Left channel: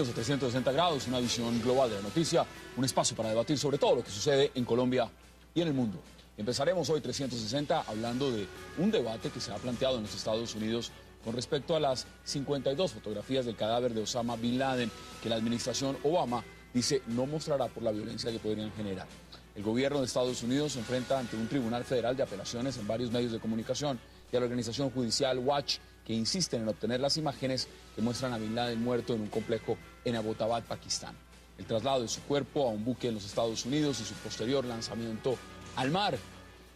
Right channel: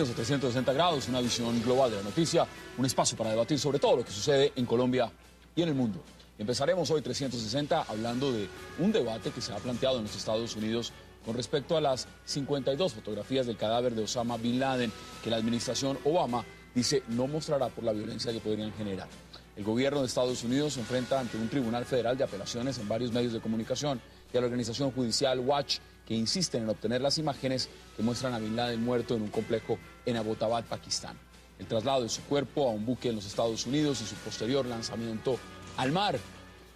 Bienvenidos a 360 grados, una visión global de la noticia, un espacio para debatir sobre todo lo que sucede en Colombia y en el mundo. Empezaremos hoy 360 hablando de un debate que se ha planteado en los Estados Unidos con respecto a las 52 fotografías del cadáver de Osama Bin Laden que la administración Obama dice no mostrará por la violencia que podrían generar. El gobierno de Estados Unidos se enfrenta ante un tribunal federal de apelaciones en varios medios de comunicación y a la organización judicial Watch, que insiste en obtener las imágenes que muestran a Bin Laden muerto en un complejo en Abbottabad, Pakistán. El traslado de su cuerpo a un buque en los Estados Unidos y su posterior lanzamiento al mar.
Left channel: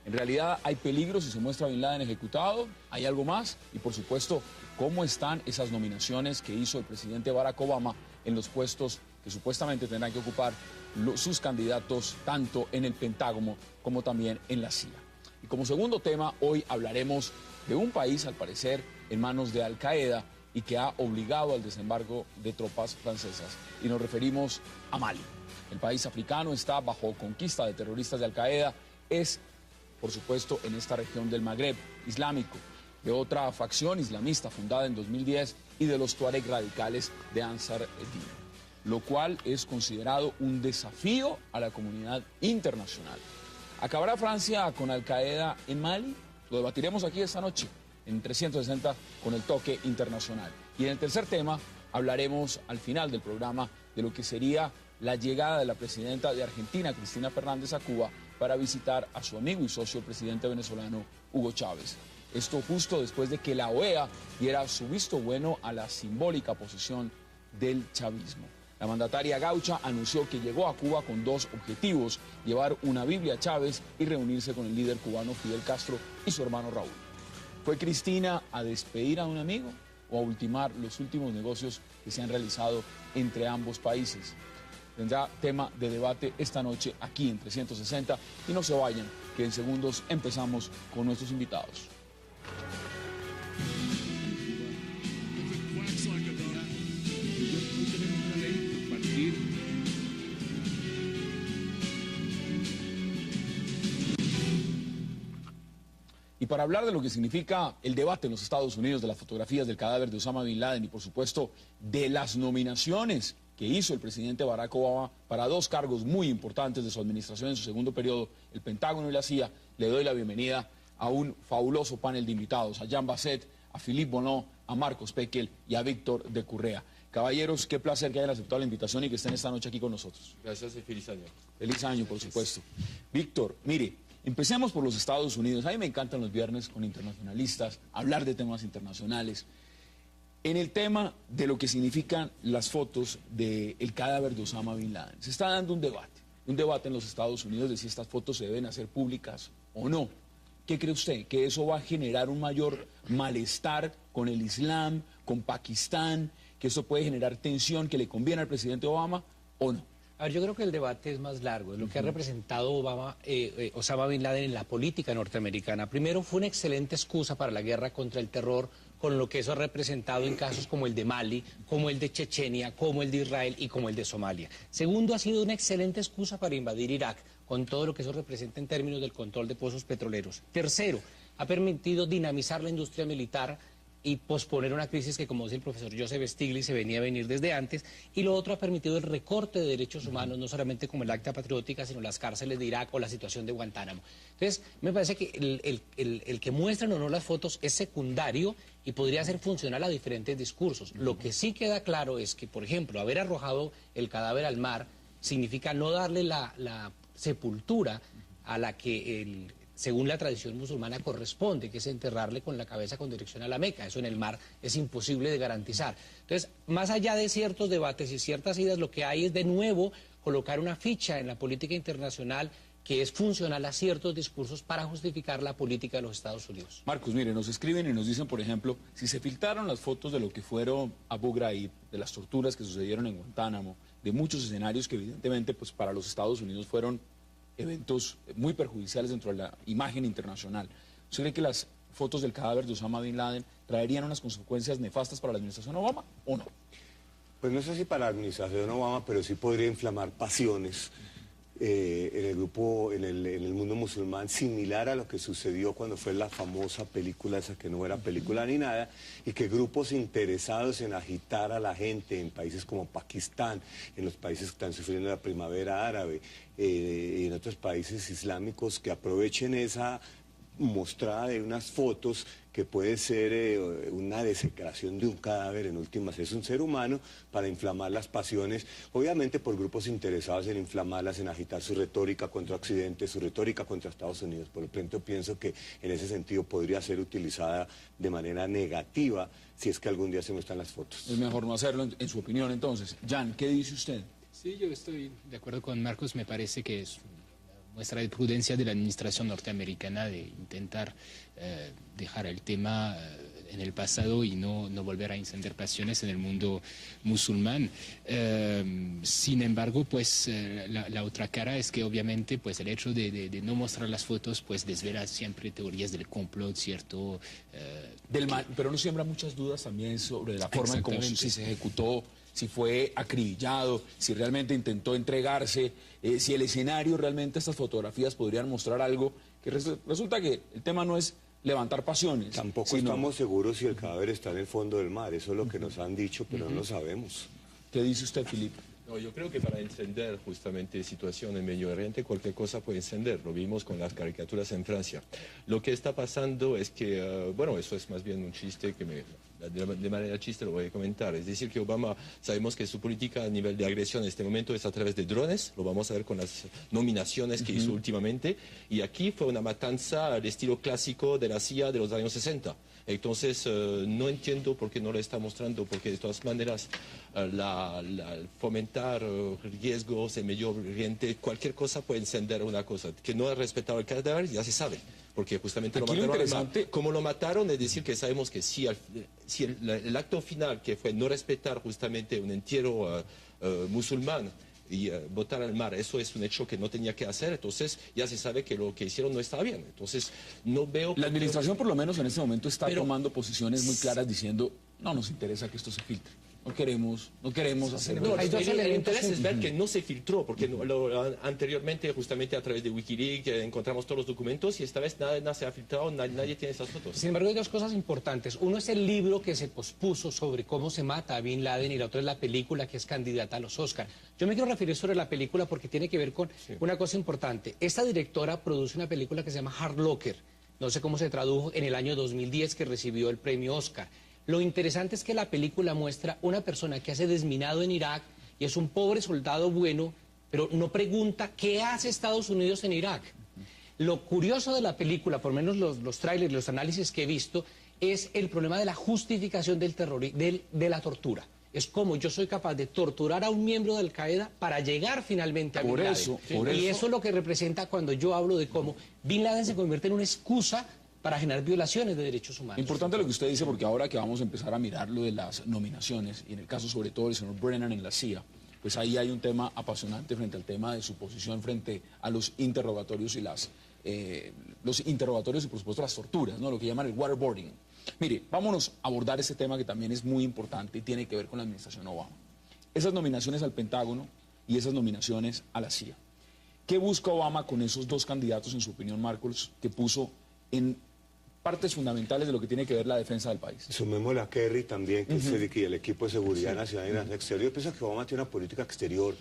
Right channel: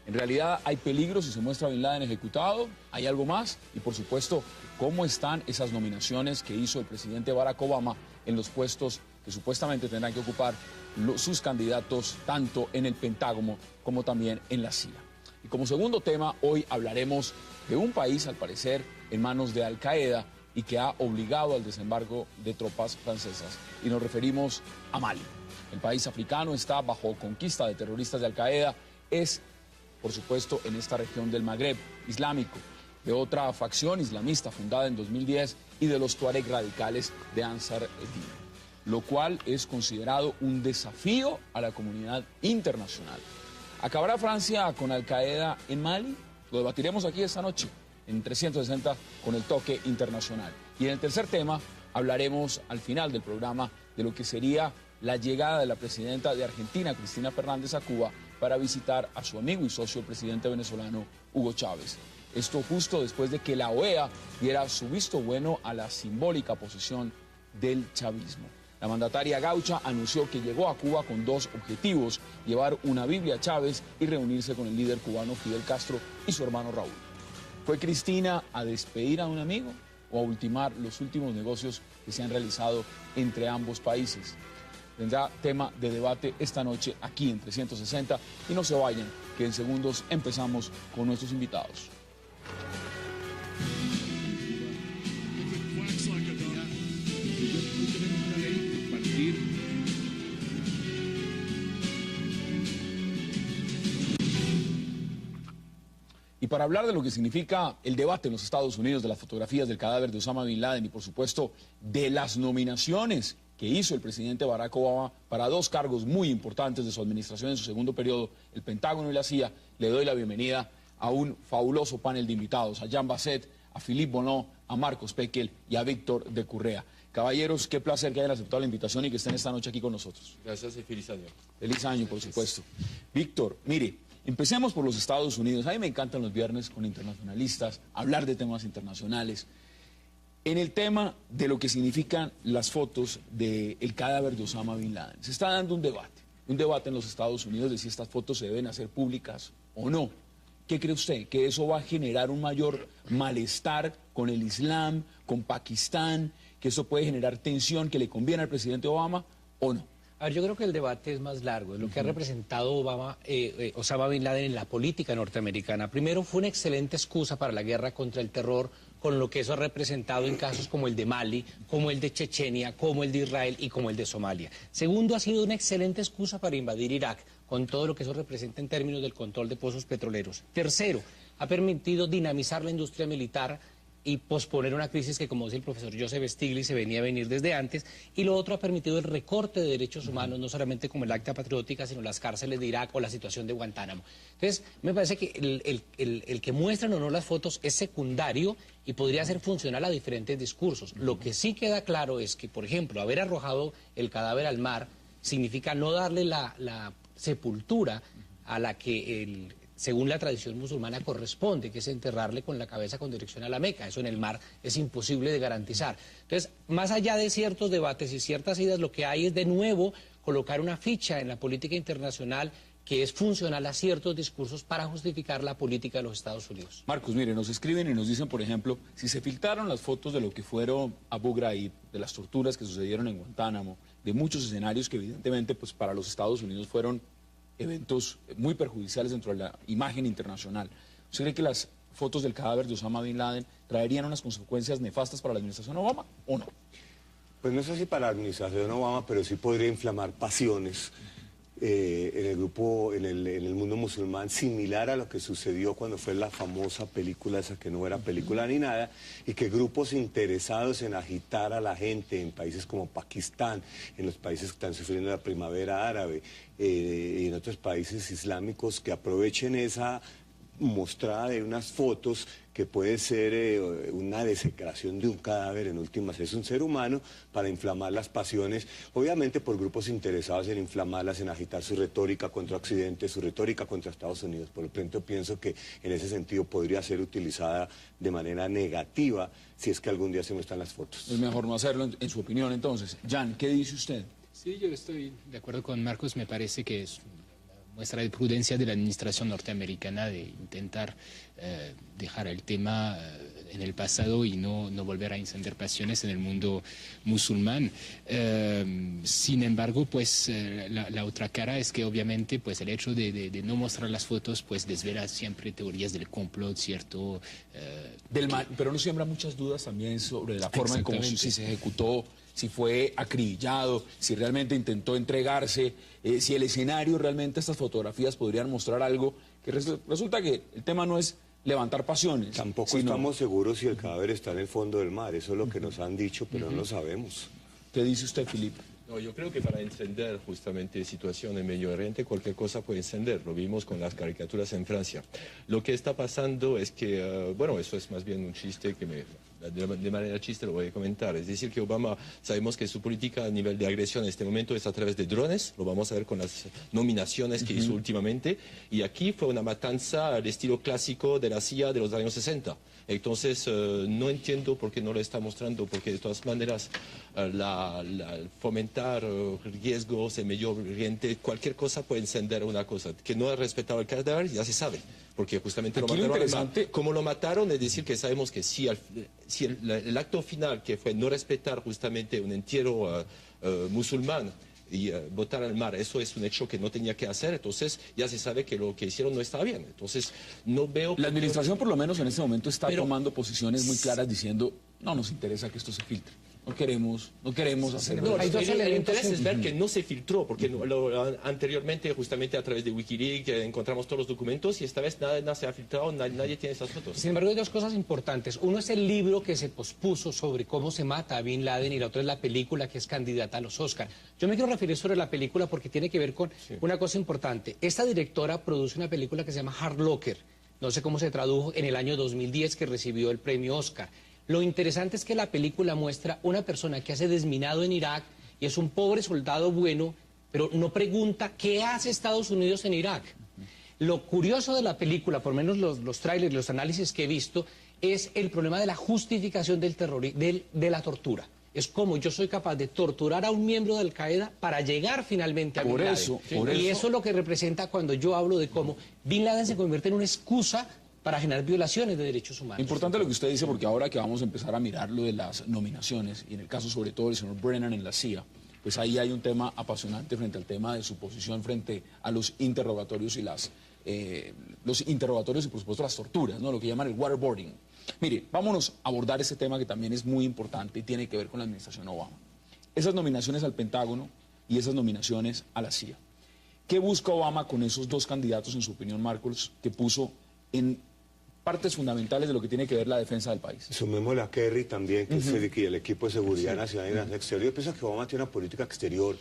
En realidad hay peligro si se muestra a Bin Laden ejecutado, hay algo más y por supuesto cómo están esas nominaciones que hizo el presidente Barack Obama en los puestos que supuestamente tendrán que ocupar sus candidatos tanto en el Pentágono como también en la CIA. Y como segundo tema, hoy hablaremos de un país, al parecer, en manos de Al Qaeda y que ha obligado al desembarco de tropas francesas. Y nos referimos a Mali. El país africano está bajo conquista de terroristas de Al Qaeda, es, por supuesto, en esta región del Magreb islámico, de otra facción islamista fundada en 2010 y de los tuareg radicales de Ansar el-Din, lo cual es considerado un desafío a la comunidad internacional. ¿Acabará Francia con Al Qaeda en Mali? Lo debatiremos aquí esta noche en 360 con el toque internacional. Y en el tercer tema hablaremos al final del programa de lo que sería la llegada de la presidenta de Argentina, Cristina Fernández, a Cuba para visitar a su amigo y socio, el presidente venezolano Hugo Chávez. Esto justo después de que la OEA diera su visto bueno a la simbólica posición del chavismo. La mandataria gaucha anunció que llegó a Cuba con dos objetivos: llevar una Biblia a Chávez y reunirse con el líder cubano Fidel Castro y su hermano Raúl. ¿Fue Cristina a despedir a un amigo o a ultimar los últimos negocios que se han realizado entre ambos países? Tendrá tema de debate esta noche aquí en 360 y no se vayan, que en segundos empezamos con nuestros invitados. Y para hablar de lo que significa el debate en los Estados Unidos de las fotografías del cadáver de Osama Bin Laden y por supuesto de las nominaciones que hizo el presidente Barack Obama para dos cargos muy importantes de su administración en su segundo periodo, el Pentágono y la CIA, le doy la bienvenida a un fabuloso panel de invitados, a Jean Basset, a Philippe Bonneau, a Marcos Pekel y a Víctor de Currea. Caballeros, qué placer que hayan aceptado la invitación y que estén esta noche aquí con nosotros. Gracias y feliz año. Feliz año, por supuesto. Víctor, mire, empecemos por los Estados Unidos. A mí me encantan los viernes con internacionalistas, hablar de temas internacionales. En el tema de lo que significan las fotos del cadáver de Osama Bin Laden, se está dando un debate en los Estados Unidos de si estas fotos se deben hacer públicas o no. ¿Qué cree usted? ¿Que eso va a generar un mayor malestar con el Islam, con Pakistán? ¿Que eso puede generar tensión que le conviene al presidente Obama o no? A ver, yo creo que el debate es más largo, es lo que ha representado Osama Bin Laden en la política norteamericana. Primero, fue una excelente excusa para la guerra contra el terror, con lo que eso ha representado en casos como el de Mali, como el de Chechenia, como el de Israel y como el de Somalia. Segundo, ha sido una excelente excusa para invadir Irak, con todo lo que eso representa en términos del control de pozos petroleros. Tercero, ha permitido dinamizar la industria militar y posponer una crisis que, como dice el profesor Joseph Stiglitz, se venía a venir desde antes. Y lo otro, ha permitido el recorte de derechos humanos, no solamente como el Acta Patriótica, sino las cárceles de Irak o la situación de Guantánamo. Entonces, me parece que el que muestran o no las fotos es secundario y podría ser funcional a diferentes discursos. Lo que sí queda claro es que, por ejemplo, haber arrojado el cadáver al mar significa no darle la sepultura a la que según la tradición musulmana corresponde, que es enterrarle con la cabeza con dirección a la Meca. Eso en el mar es imposible de garantizar. Entonces, más allá de ciertos debates y ciertas ideas, lo que hay es de nuevo colocar una ficha en la política internacional que es funcional a ciertos discursos para justificar la política de los Estados Unidos. Marcos, mire, nos escriben y nos dicen, por ejemplo, si se filtraron las fotos de lo que fueron Abu Ghraib, de las torturas que sucedieron en Guantánamo, de muchos escenarios que evidentemente pues, para los Estados Unidos fueron eventos muy perjudiciales dentro de la imagen internacional. ¿Usted cree que las fotos del cadáver de Osama Bin Laden traerían unas consecuencias nefastas para la administración Obama o no? Pues no sé si para la administración Obama, pero sí podría inflamar pasiones en el grupo, en el mundo musulmán, similar a lo que sucedió cuando fue la famosa película esa que no era película ni nada, y que grupos interesados en agitar a la gente en países como Pakistán, en los países que están sufriendo la primavera árabe, y en otros países islámicos, que aprovechen esa mostrada de unas fotos que puede ser una desecración de un cadáver, en últimas es un ser humano, para inflamar las pasiones, obviamente por grupos interesados en inflamarlas, en agitar su retórica contra Occidente, su retórica contra Estados Unidos. Por lo tanto, pienso que en ese sentido podría ser utilizada de manera negativa si es que algún día se muestran las fotos. Es mejor no hacerlo, en su opinión, entonces. Jan, ¿qué dice usted? Sí, yo estoy de acuerdo con Marcos, me parece que es muestra de prudencia de la administración norteamericana de intentar dejar el tema en el pasado y no volver a encender pasiones en el mundo musulmán. Sin embargo, pues la otra cara es que obviamente pues el hecho de no mostrar las fotos pues desvela siempre teorías del complot, ¿cierto? Pero no siembra muchas dudas también sobre la forma en cómo si se ejecutó, si fue acribillado, si realmente intentó entregarse, si el escenario realmente, estas fotografías podrían mostrar algo, que resulta que el tema no es levantar pasiones. Tampoco estamos seguros si el cadáver está en el fondo del mar, eso es lo que nos han dicho, pero no lo sabemos. ¿Qué dice usted, Filipe? No, yo creo que para encender justamente situación en Medio Oriente, cualquier cosa puede encender. Lo vimos con las caricaturas en Francia. Lo que está pasando es que, bueno, eso es más bien un chiste que de manera chiste lo voy a comentar. Es decir, que Obama, sabemos que su política a nivel de agresión en este momento es a través de drones. Lo vamos a ver con las nominaciones que hizo últimamente. Y aquí fue una matanza al estilo clásico de la CIA de los años 60. Entonces, no entiendo por qué no lo está mostrando, porque de todas maneras, fomentar riesgos en Medio Oriente, cualquier cosa puede encender una cosa. Que no ha respetado el cadáver, ya se sabe, porque justamente aquí lo mataron. Como lo mataron, es decir, que sabemos que si el acto final, que fue no respetar justamente un entierro musulmán, y botar al mar, eso es un hecho que no tenía que hacer, entonces ya se sabe que lo que hicieron no está bien, entonces no veo... La administración por lo menos en este momento está tomando posiciones muy claras diciendo, no nos interesa que esto se filtre, no queremos hacer... No, el interés es ver que no se filtró, porque anteriormente justamente a través de Wikileaks encontramos todos los documentos y esta vez nada se ha filtrado, nadie tiene esas fotos. Sin embargo, hay dos cosas importantes. Uno es el libro que se pospuso sobre cómo se mata a Bin Laden y la otra es la película que es candidata a los Oscar. Yo me quiero referir sobre la película porque tiene que ver con una cosa importante. Esta directora produce una película que se llama Hard Locker, no sé cómo se tradujo, en el año 2010, que recibió el premio Oscar. Lo interesante es que la película muestra una persona que hace desminado en Irak y es un pobre soldado bueno, pero no pregunta qué hace Estados Unidos en Irak. Lo curioso de la película, por lo menos los trailers, los análisis que he visto, es el problema de la justificación del terror, de la tortura. Es como yo soy capaz de torturar a un miembro de Al-Qaeda para llegar finalmente a Bin Laden. Y eso es lo que representa cuando yo hablo de cómo Bin Laden se convierte en una excusa para generar violaciones de derechos humanos. Importante lo que usted dice, porque ahora que vamos a empezar a mirar lo de las nominaciones, y en el caso sobre todo del señor Brennan en la CIA, pues ahí hay un tema apasionante frente al tema de su posición frente a los interrogatorios y los interrogatorios y por supuesto las torturas, ¿no? Lo que llaman el waterboarding. Mire, vámonos a abordar este tema que también es muy importante y tiene que ver con la administración Obama. Esas nominaciones al Pentágono y esas nominaciones a la CIA. ¿Qué busca Obama con esos dos candidatos, en su opinión, Marcos, que puso en partes fundamentales de lo que tiene que ver la defensa del país? Sumémosle a Kerry también, que es el equipo de seguridad nacional y nacional exterior. Yo pienso que Obama tiene una política exterior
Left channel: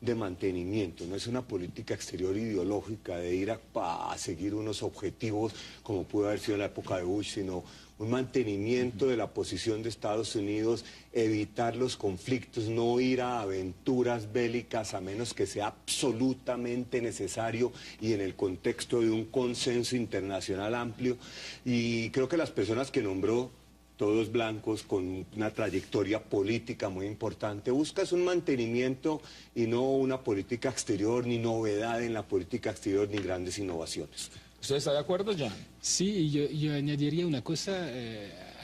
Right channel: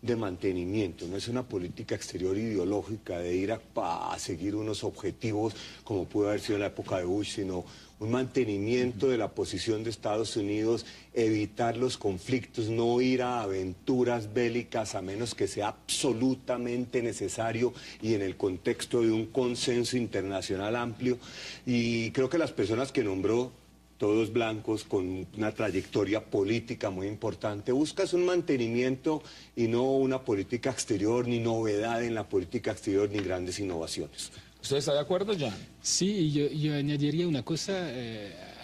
de mantenimiento, no es una política exterior ideológica de ir a seguir unos objetivos como pudo haber sido en la época de Bush, sino un mantenimiento de la posición de Estados Unidos, evitar los conflictos, no ir a aventuras bélicas a menos que sea absolutamente necesario y en el contexto de un consenso internacional amplio. Y creo que las personas que nombró, todos blancos, con una trayectoria política muy importante, buscas un mantenimiento y no una política exterior, ni novedad en la política exterior, ni grandes innovaciones. ¿Usted está de acuerdo, Jan? Sí, yo añadiría una cosa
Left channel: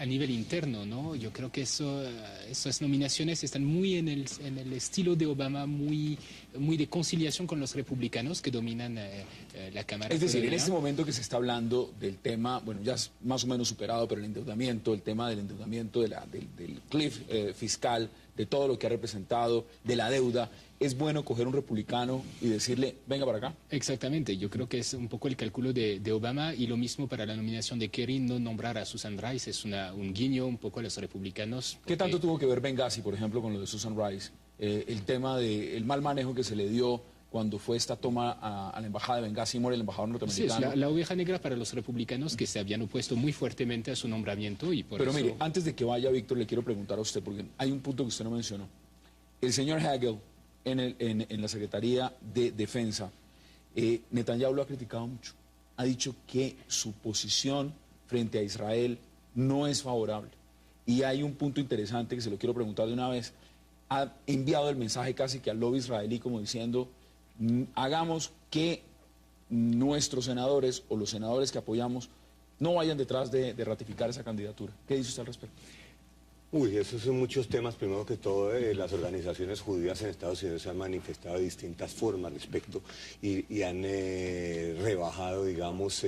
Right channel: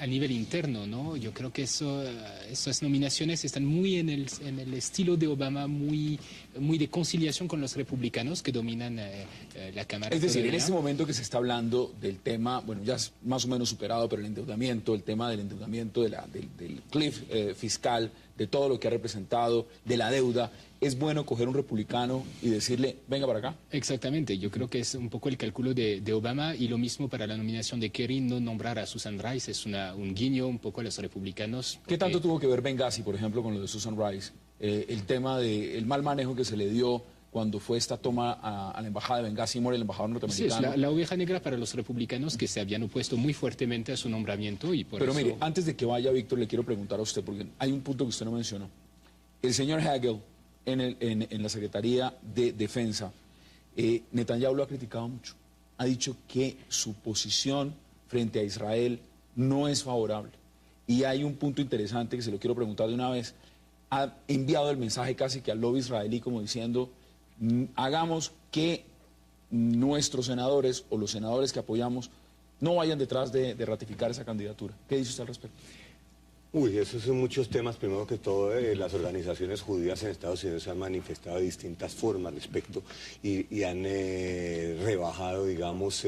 a nivel interno, ¿no? Yo creo que esas nominaciones están muy en el estilo de Obama, muy muy de conciliación con los republicanos que dominan la Cámara. Es decir, en Federal. este momento que se está hablando del tema, bueno, ya es más o menos superado, pero el tema del endeudamiento, del cliff fiscal, de todo lo que ha representado, de la deuda, es bueno coger un republicano y decirle, venga para acá. Exactamente, yo creo que es un poco el cálculo de Obama, y lo mismo para la nominación de Kerry, no nombrar a Susan Rice es un guiño un poco a los republicanos. ¿Qué tanto tuvo que ver Benghazi, por ejemplo, con lo de Susan Rice? El tema del mal manejo que se le dio cuando fue esta toma a la embajada de Benghazi, muere el embajador Sí, es norteamericano. la oveja negra para los republicanos que se habían opuesto muy fuertemente a su nombramiento, y por Pero eso... mire, antes de que vaya Víctor, le quiero preguntar a usted, porque hay un punto que usted no mencionó. El señor Hagel, en la Secretaría de Defensa, Netanyahu lo ha criticado mucho. Ha dicho que su posición frente a Israel no es favorable. Y hay un punto interesante que se lo quiero preguntar de una vez. Ha enviado el mensaje casi que al lobby israelí como diciendo, hagamos que nuestros senadores o los senadores que apoyamos no vayan detrás de ratificar esa candidatura. ¿Qué dice usted al respecto? Uy, esos son muchos temas. Primero que todo, las organizaciones judías en Estados Unidos se han manifestado de distintas formas al respecto y han rebajado, digamos,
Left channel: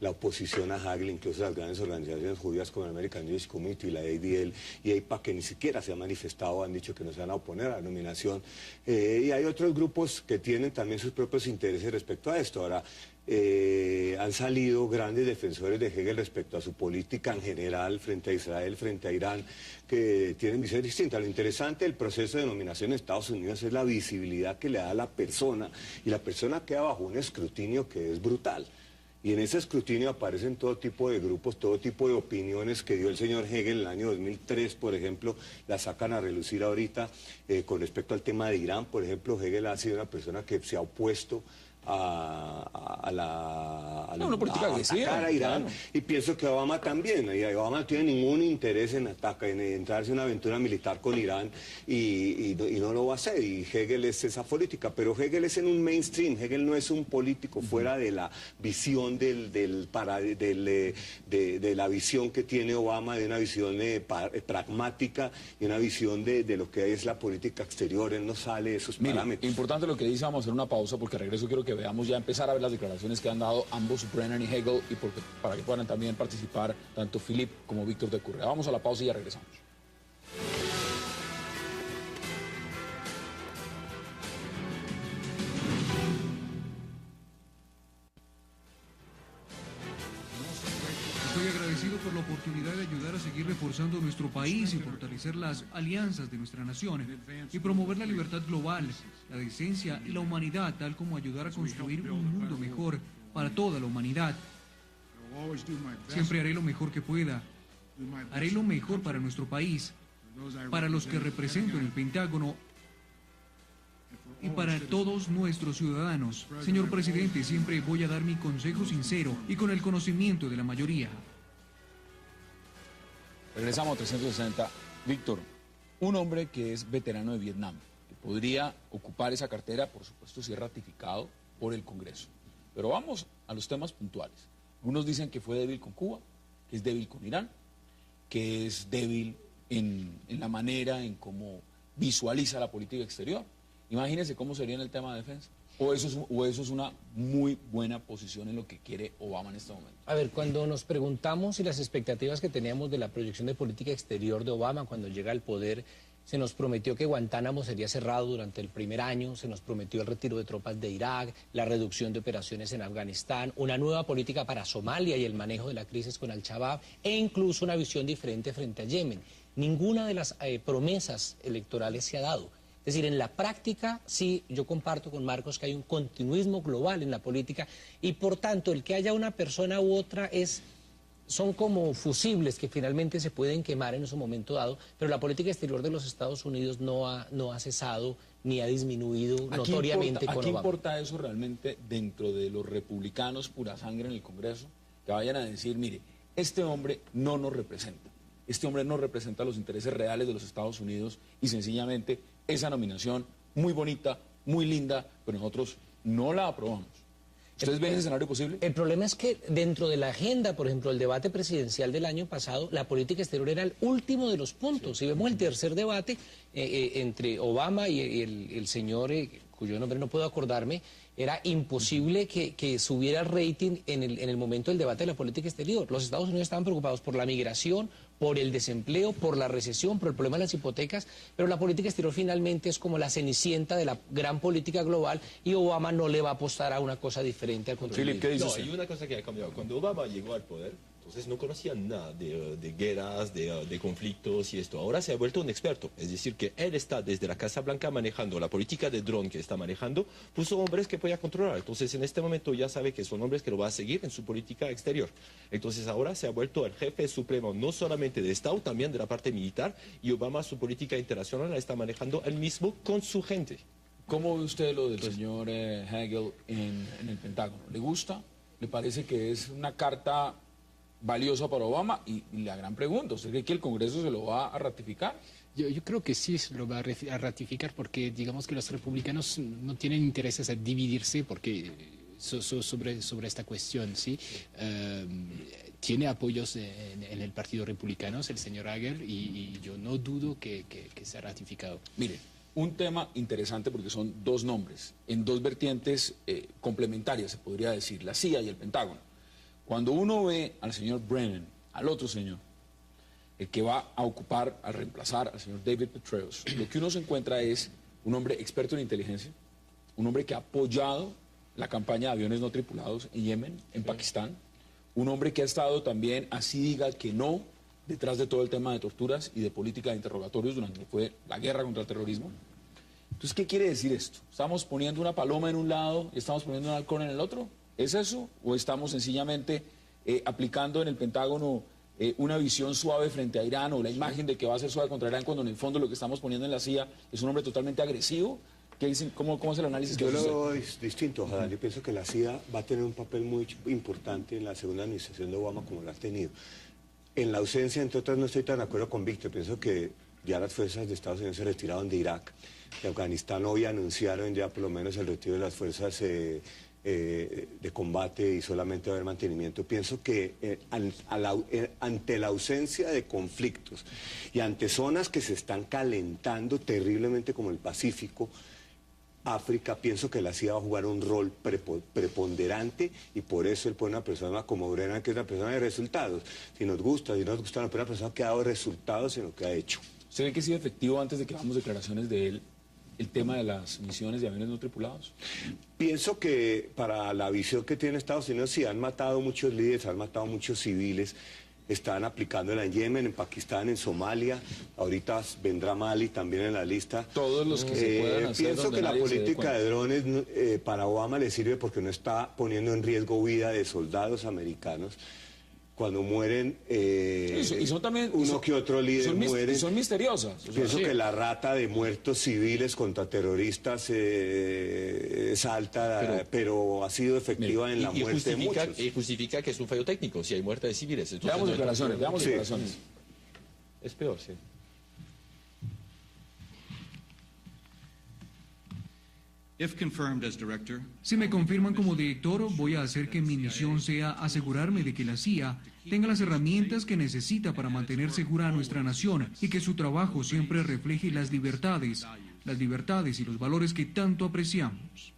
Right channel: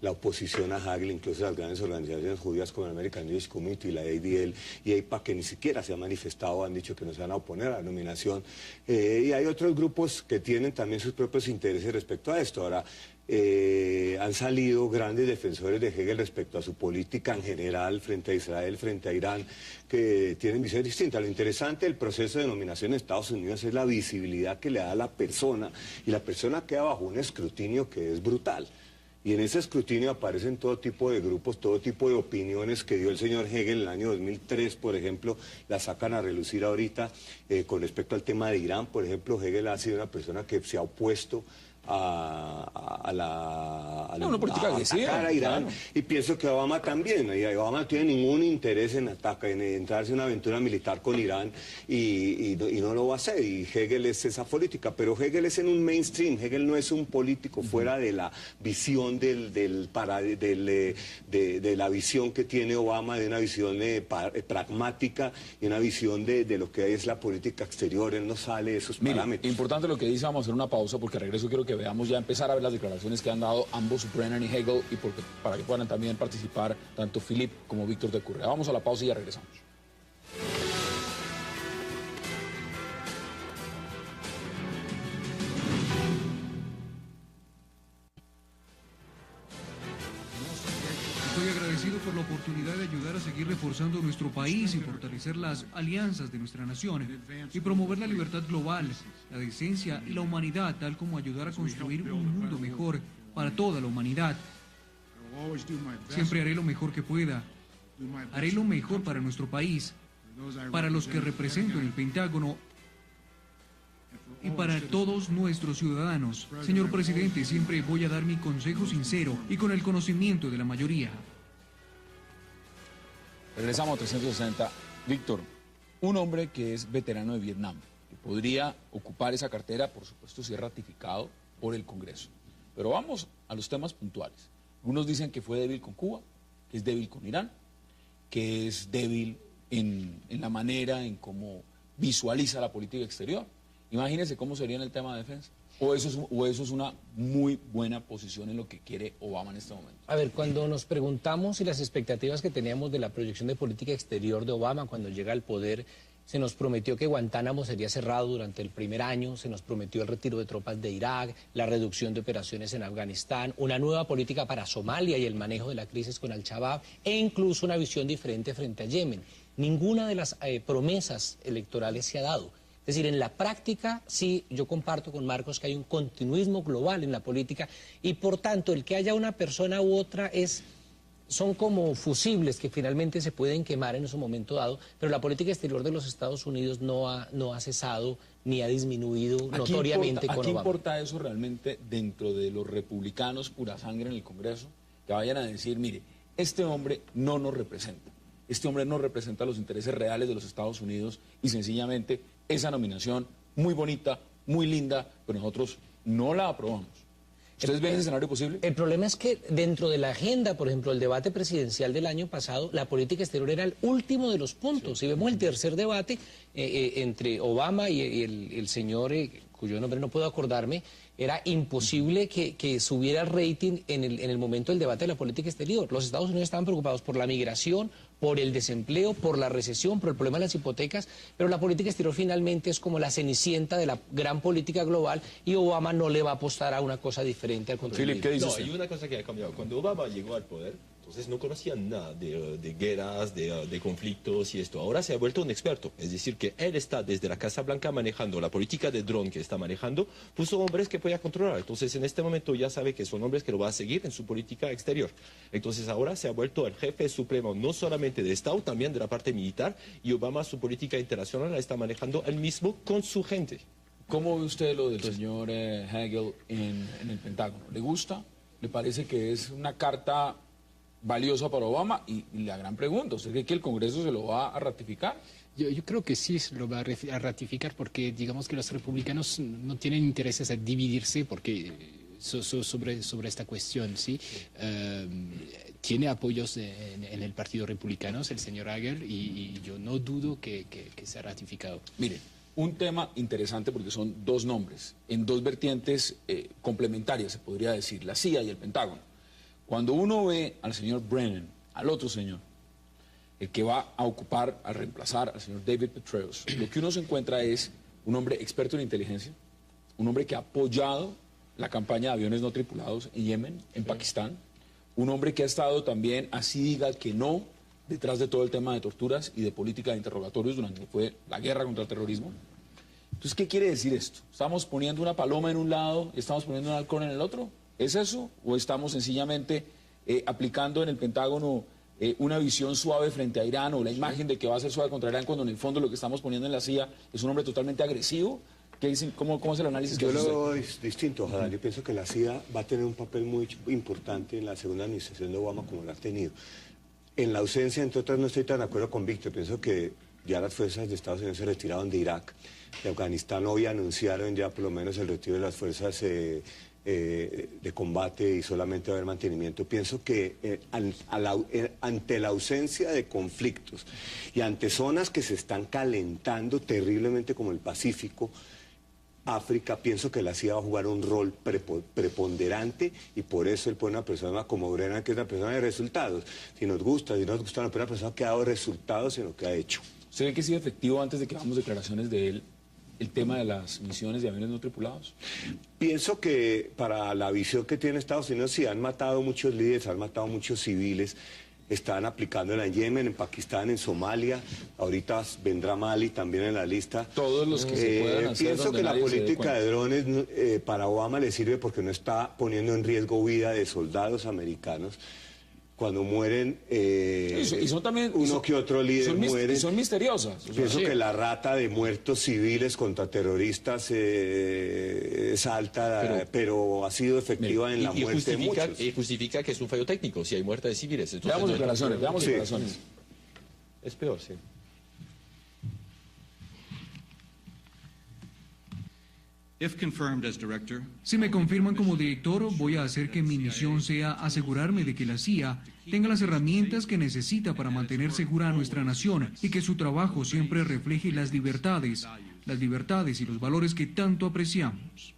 la oposición a Hagel, incluso las grandes organizaciones judías como el American Jewish Committee, la ADL y AIPAC, que ni siquiera se han manifestado, han dicho que no se van a oponer a la nominación. Y hay otros grupos que tienen también sus propios intereses respecto a esto. Ahora, han salido grandes defensores de Hegel respecto a su política en general frente a Israel, frente a Irán, que tienen visiones distintas. Lo interesante del proceso de nominación en Estados Unidos es la visibilidad que le da a la persona, y la persona queda bajo un escrutinio que es brutal. Y en ese escrutinio aparecen todo tipo de grupos, todo tipo de opiniones que dio el señor Hegel en el año 2003, por ejemplo, las sacan a relucir ahorita. Con respecto al tema de Irán, por ejemplo, Hegel ha sido una persona que se ha opuesto a Una política agresiva, atacar a Irán, claro. y pienso que Obama también. Y Obama no tiene ningún interés en entrarse en una aventura militar con Irán, y no lo va a hacer, y Hegel es esa política, pero Hegel es en un mainstream. Hegel no es un político fuera de la visión de la visión que tiene Obama, de una visión pragmática y una visión de lo que es la política exterior. Él no sale de esos Mira, parámetros. importante lo que dice, vamos a hacer una pausa porque regreso quiero que veamos ya empezar a ver las declaraciones que han dado ambos, Brennan y Hegel, y para que puedan también participar tanto Philip como Víctor de Currea. Vamos a la pausa y ya regresamos. Estoy agradecido por la oportunidad de ayudar a seguir reforzando nuestro país y fortalecer las alianzas de nuestra nación y promover la libertad global, la decencia y la humanidad, tal como ayudar a construir un mundo mejor para toda la humanidad. Siempre haré lo mejor que pueda. Haré lo mejor para nuestro país, para los que represento en el Pentágono y para todos nuestros ciudadanos. Señor presidente, siempre voy a dar mi consejo sincero y con el conocimiento de la mayoría. Regresamos a 360. Víctor, un hombre que es veterano de Vietnam, que podría ocupar esa cartera, por supuesto, si es ratificado por el Congreso. Pero vamos a los temas puntuales. Unos dicen que fue débil con Cuba, que es débil con Irán, que es débil en la manera en cómo visualiza la política exterior. Imagínense cómo sería en el tema de defensa. O eso es una muy buena posición en lo que quiere Obama en este momento. A ver, cuando nos preguntamos si las expectativas que teníamos de la proyección de política exterior de Obama cuando llega al poder, se nos prometió que Guantánamo sería cerrado durante el primer año, se nos prometió el retiro de tropas de Irak, la reducción de operaciones en Afganistán, una nueva política para Somalia y el manejo de la crisis con Al-Shabaab, e incluso una visión diferente frente a Yemen. Ninguna de las promesas electorales se ha dado. Es decir, en la práctica, sí, yo comparto con Marcos que hay un continuismo global en la política y, por tanto, el que haya una persona u otra son como fusibles que finalmente se pueden quemar en su momento dado, pero la política exterior de los Estados Unidos no ha cesado ni ha disminuido notoriamente con ¿A qué Obama. importa eso realmente dentro de los republicanos pura sangre en el Congreso? Que vayan a decir, mire, este hombre no nos representa. Este hombre no representa los intereses reales de los Estados Unidos y sencillamente esa nominación, muy bonita, muy linda, pero nosotros no la aprobamos. ¿Ustedes ven ese escenario posible? El problema es que dentro de la agenda, por ejemplo, el debate presidencial del año pasado, la política exterior era el último de los puntos. Si vemos el tercer debate entre Obama y el señor cuyo nombre no puedo acordarme, era imposible que subiera el rating en el momento del debate de la política exterior. Los Estados Unidos estaban preocupados por la migración, por el desempleo, por la recesión, por el problema de las hipotecas, pero la política exterior finalmente es como la cenicienta de la gran política global y Obama no le va a apostar a una cosa diferente al contrario. Philip, ¿qué dice No, usted? y una cosa que ha cambiado. Cuando Obama llegó al poder, entonces no conocía nada de guerras, de conflictos y esto. Ahora se ha vuelto un experto. Es decir, que él está desde la Casa Blanca manejando la política de dron que está manejando, puso hombres que podía controlar. Entonces, en este momento ya sabe que son hombres que lo va a seguir en su política exterior. Entonces, ahora se ha vuelto el jefe supremo, no solamente de Estado, también de la parte militar, y Obama su política internacional la está manejando él mismo con su gente. ¿Cómo ve usted lo del señor Hagel en el Pentágono? ¿Le gusta? ¿Le parece que es una carta valiosa para Obama? Y la gran pregunta, ¿usted cree que el Congreso se lo va a ratificar? Yo creo que sí lo va a ratificar porque digamos que los republicanos no tienen intereses en dividirse porque sobre esta cuestión, ¿sí? Tiene apoyos en el Partido Republicano, el señor Hagel, y yo no dudo que sea ratificado. Mire, un tema interesante porque son dos nombres, en dos vertientes complementarias, se podría decir, la CIA y el Pentágono. Cuando uno ve al señor Brennan, al otro señor, el que va a ocupar, a reemplazar al señor David Petraeus, lo que uno se encuentra es un hombre experto en inteligencia, un hombre que ha apoyado la campaña de aviones no tripulados en Yemen, en Pakistán, un hombre que ha estado también, así diga que no, detrás de todo el tema de torturas y de política de interrogatorios durante lo que fue la guerra contra el terrorismo. Entonces, ¿qué quiere decir esto? ¿Estamos poniendo una paloma en un lado y estamos poniendo un halcón en el otro? ¿Es eso? ¿O estamos sencillamente aplicando en el Pentágono una visión suave frente a Irán o la imagen de que va a ser suave contra Irán cuando en el fondo lo que estamos poniendo en la CIA es un hombre totalmente agresivo? ¿Qué dicen? ¿Cómo es el análisis que Yo hace lo usted? veo distinto, ojalá. Yo pienso que la CIA va a tener un papel muy importante en la segunda administración de Obama como lo ha tenido. En la ausencia, entre otras, no estoy tan de acuerdo con Víctor. Pienso que ya las fuerzas de Estados Unidos se retiraron de Irak. De Afganistán hoy anunciaron ya por lo menos el retiro de las fuerzas de combate y solamente va a haber mantenimiento. Pienso que ante la ausencia de conflictos y ante zonas que se están calentando terriblemente como el Pacífico, África, pienso que la CIA va a jugar un rol preponderante y por eso él pone una persona como Brennan, que es la persona de resultados. Si nos gusta, si no nos gusta, no, pero una persona que ha dado resultados en lo que ha hecho. ¿Usted ve que ha sido efectivo antes de que hagamos declaraciones de él el tema de las misiones de aviones no tripulados? Pienso que para la visión que tiene Estados Unidos, sí, han matado muchos líderes, han matado muchos civiles, están aplicándola en Yemen, en Pakistán, en Somalia, ahorita vendrá Mali también en la lista. Todos los que se puedan hacer Pienso que la ordinarios se den política de cuenta. drones para Obama le sirve porque no está poniendo en riesgo vida de soldados americanos. Cuando mueren, y son también, uno que otro líder muere. son misteriosas. Pienso que la rata de muertos civiles contra terroristas es alta, pero ha sido efectiva en la muerte de muchos. Y justifica que es un fallo técnico, si hay muerte de civiles. Entonces, Veamos declaraciones, veamos Sí. declaraciones. es peor, sí. If confirmed as director, Si me confirman como director, voy a hacer que mi misión sea asegurarme de que la CIA tenga las herramientas que necesita para mantener segura a nuestra nación y que su trabajo siempre refleje las libertades y los valores que tanto apreciamos.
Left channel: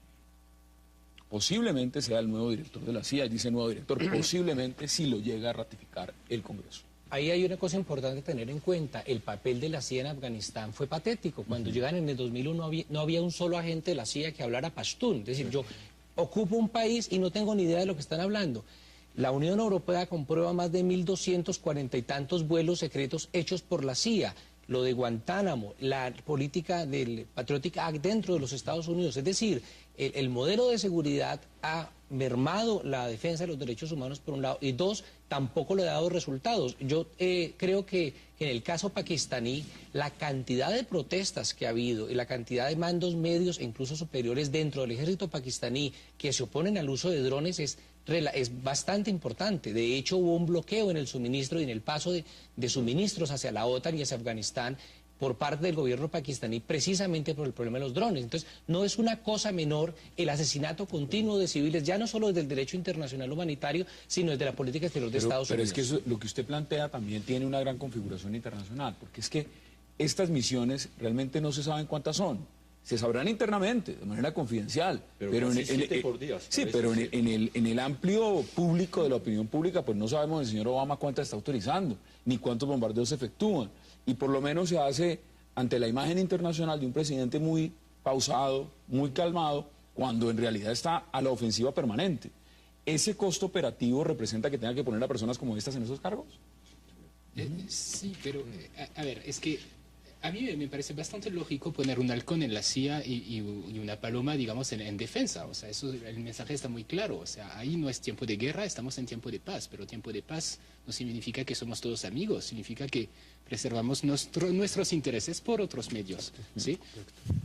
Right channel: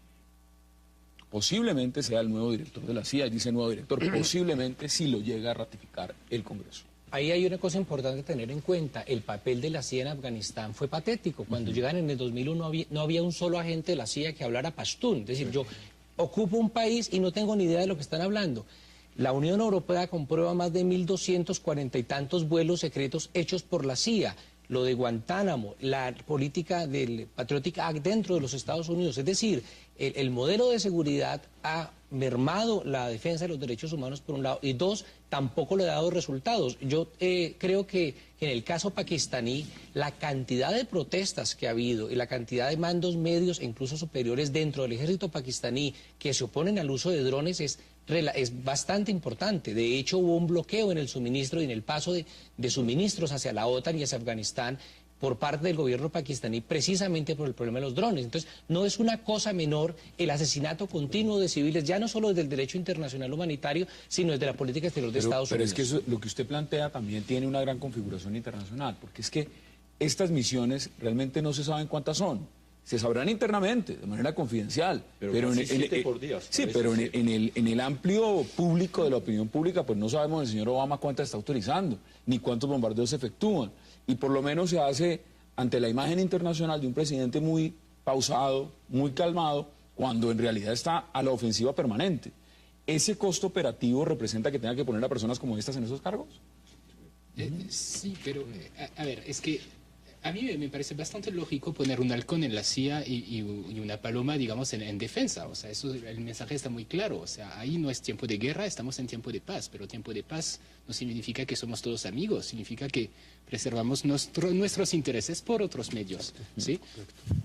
Posiblemente sea el nuevo director de la CIA, dice nuevo director, posiblemente si lo llega a ratificar el Congreso. Ahí hay una cosa importante a tener en cuenta. El papel de la CIA en Afganistán fue patético. Cuando llegan en el 2001 no había un solo agente de la CIA que hablara pastún. Es decir, yo ocupo un país y no tengo ni idea de lo que están hablando. La Unión Europea comprueba más de 1.240 y tantos vuelos secretos hechos por la CIA. Lo de Guantánamo, la política del Patriotic Act dentro de los Estados Unidos. Es decir, el modelo de seguridad ha mermado la defensa de los derechos humanos por un lado y dos, tampoco le ha dado resultados. Yo creo que en el caso pakistaní la cantidad de protestas que ha habido y la cantidad de mandos medios e incluso superiores dentro del ejército pakistaní que se oponen al uso de drones es bastante importante. De hecho, hubo un bloqueo en el suministro y en el paso de suministros hacia la OTAN y hacia Afganistán por parte del gobierno pakistaní precisamente por el problema de los drones. Entonces, no es una cosa menor el asesinato continuo de civiles, ya no solo desde el derecho internacional humanitario, sino desde la política exterior de Estados Pero Unidos. es que eso, lo que usted plantea también tiene una gran configuración internacional, porque es que estas misiones realmente no se saben cuántas son. se sabrán internamente, de manera confidencial. Pero casi 7 por día. Sí, pero en el amplio público de la opinión pública, pues no sabemos el señor Obama cuántas está utilizando, ni cuántos bombardeos se efectúan. Y por lo menos se hace ante la imagen internacional de un presidente muy pausado, muy calmado, cuando en realidad está a la ofensiva permanente. ¿Ese costo operativo representa que tenga que poner a personas como estas en esos cargos? Sí, pero a ver, es que a mí me parece bastante lógico poner un halcón en la CIA y una paloma, digamos, en defensa. O sea, eso, el mensaje está muy claro. O sea, ahí no es tiempo de guerra, estamos en tiempo de paz. Pero tiempo de paz no significa que somos todos amigos, significa que preservamos nuestros intereses por otros medios, ¿sí?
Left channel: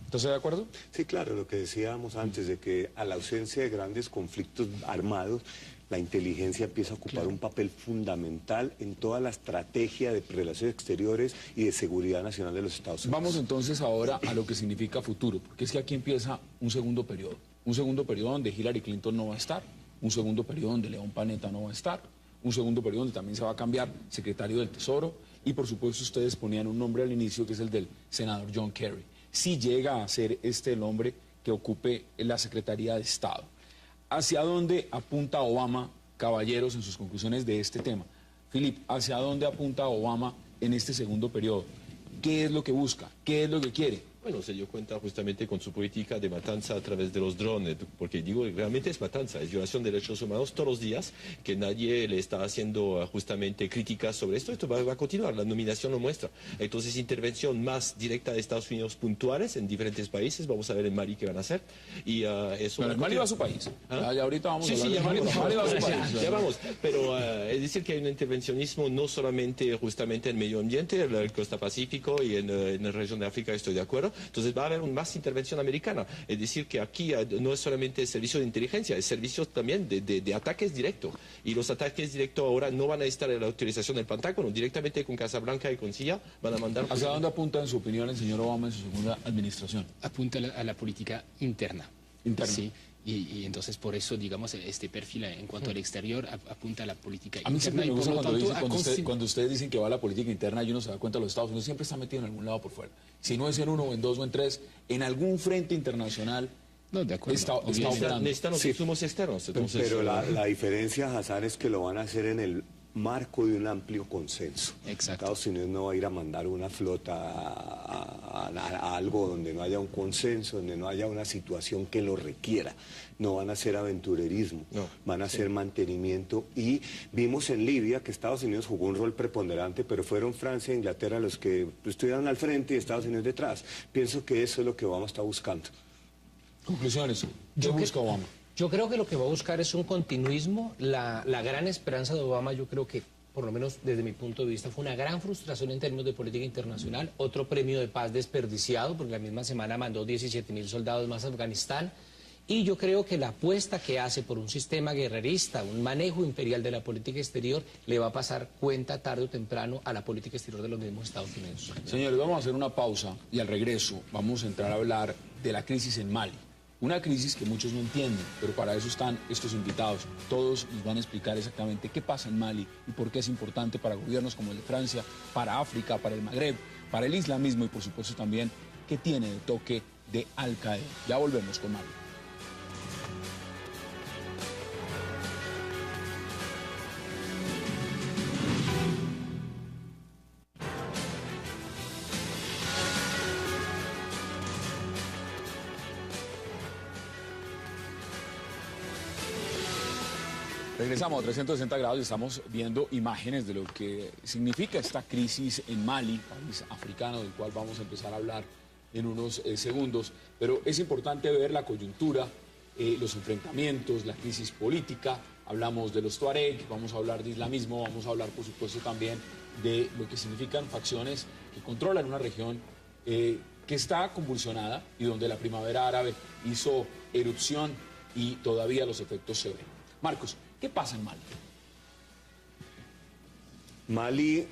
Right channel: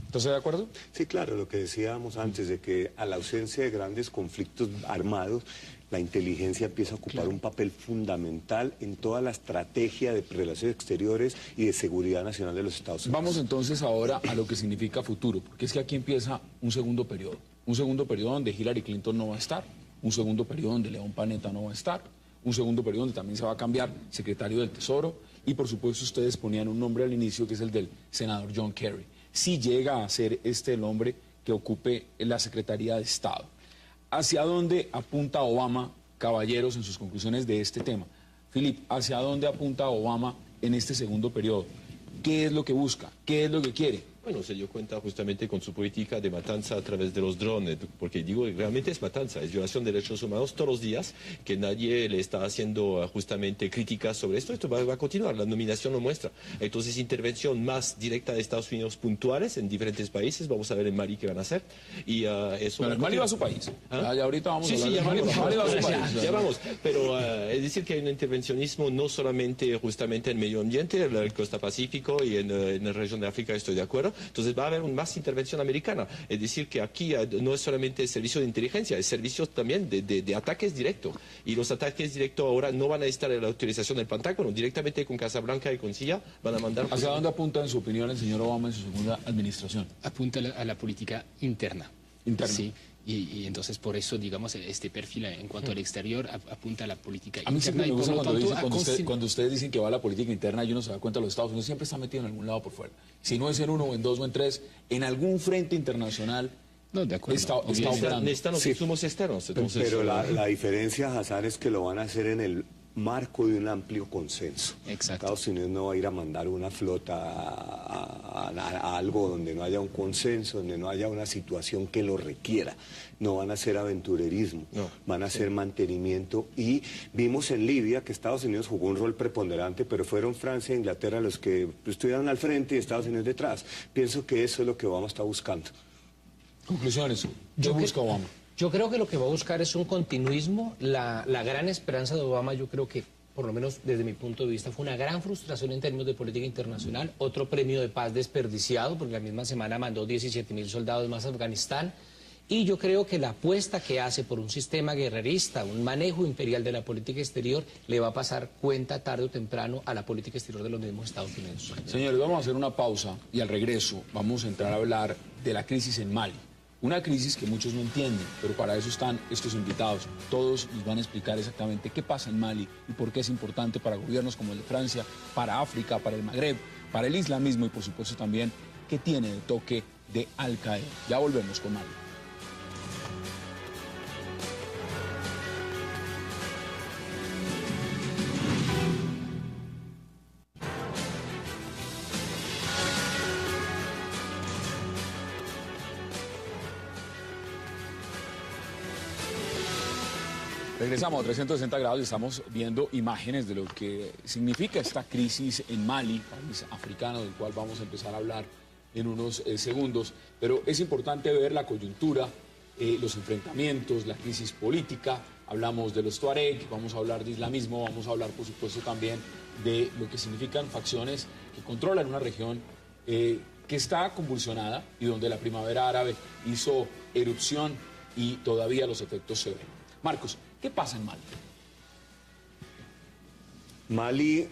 ¿Estás de acuerdo? Sí, claro, lo que decíamos antes, de que a la ausencia de grandes conflictos armados, la inteligencia empieza a ocupar un papel fundamental en toda la estrategia de relaciones exteriores y de seguridad nacional de los Estados Unidos. Vamos entonces ahora a lo que significa futuro, porque es que aquí empieza un segundo periodo donde Hillary Clinton no va a estar, un segundo periodo donde León Panetta no va a estar, un segundo periodo donde también se va a cambiar secretario del Tesoro, y por supuesto ustedes ponían un nombre al inicio que es el del senador John Kerry. Si llega a ser este el hombre que ocupe la Secretaría de Estado. ¿Hacia dónde apunta Obama, caballeros, en sus conclusiones de este tema? Philip, ¿hacia dónde apunta Obama en este segundo periodo? ¿Qué es lo que busca? ¿Qué es lo que quiere? Bueno, se dio cuenta justamente con su política de matanza a través de los drones, porque digo, realmente es matanza, es violación de derechos humanos todos los días, que nadie le está haciendo justamente críticas sobre esto. Esto va a continuar, la nominación lo muestra. Entonces, intervención más directa de Estados Unidos puntuales en diferentes países, vamos a ver en Mali qué van a hacer. Y eso... Pero el Mali va a su país. ¿Ah? Ahorita vamos a Sí, hablar de Mali va a su país. ya vamos. Pero es decir que hay un intervencionismo no solamente justamente en medio ambiente, en el Costa Pacífico y en la región de África, estoy de acuerdo. Entonces va a haber más intervención americana. Es decir, que aquí no es solamente el servicio de inteligencia, es servicio también de ataques directos. Y los ataques directos ahora no van a estar en la autorización del Pentágono, directamente con Casablanca y con CIA van a mandar... ¿Hacia dónde apunta, en su opinión, el señor Obama en su segunda administración? Apunta a la política interna. Interna. Sí. Y entonces por eso, digamos, este perfil en cuanto al exterior apunta a la política A mí siempre interna. me gusta cuando ustedes dicen que va a la política interna y uno se da cuenta de los Estados Unidos siempre está metido en algún lado por fuera. Si no es en uno o en dos o en tres, en algún frente internacional No, de acuerdo. está operando. Necesitan los insumos externos. Entonces, Pero la diferencia, Hazar, es que lo van a hacer en el marco de un amplio consenso. Exacto. Estados Unidos no va a ir a mandar una flota a algo donde no haya un consenso, donde no haya una situación que lo requiera. No van a hacer aventurerismo, No. van a hacer mantenimiento. Y vimos en Libia que Estados Unidos jugó un rol preponderante, pero fueron Francia e Inglaterra los que estuvieron al frente y Estados Unidos detrás. Pienso que eso es lo que Obama está buscando. Conclusiones. ¿Qué busca Obama? Yo creo que lo que va a buscar es un continuismo. La gran esperanza de Obama, yo creo que, por lo menos desde mi punto de vista, fue una gran frustración en términos de política internacional. Otro premio de paz desperdiciado, porque la misma semana mandó 17.000 soldados más a Afganistán. Y yo creo que la apuesta que hace por un sistema guerrerista, un manejo imperial de la política exterior, le va a pasar cuenta tarde o temprano a la política exterior de los mismos Estados Unidos. Señores, vamos a hacer una pausa y al regreso vamos a entrar a hablar de la crisis en Mali. Una crisis que muchos no entienden, pero para eso están estos invitados. Todos nos van a explicar exactamente qué pasa en Mali y por qué es importante para gobiernos como el de Francia, para África, para el Magreb, para el islamismo y por supuesto también qué tiene de toque de Al-Qaeda. Ya volvemos con Mali. Regresamos a 360 grados y estamos viendo imágenes de lo que significa esta crisis en Mali, país africano del cual vamos a empezar a hablar en unos segundos. Pero es importante ver la coyuntura, los enfrentamientos, la crisis política. Hablamos de los Tuareg, vamos a hablar de islamismo, vamos a hablar por supuesto también de lo que significan facciones que controlan una región que está convulsionada y donde la primavera árabe hizo erupción y todavía los efectos se ven. Marcos, ¿qué pasa en Mali? Mali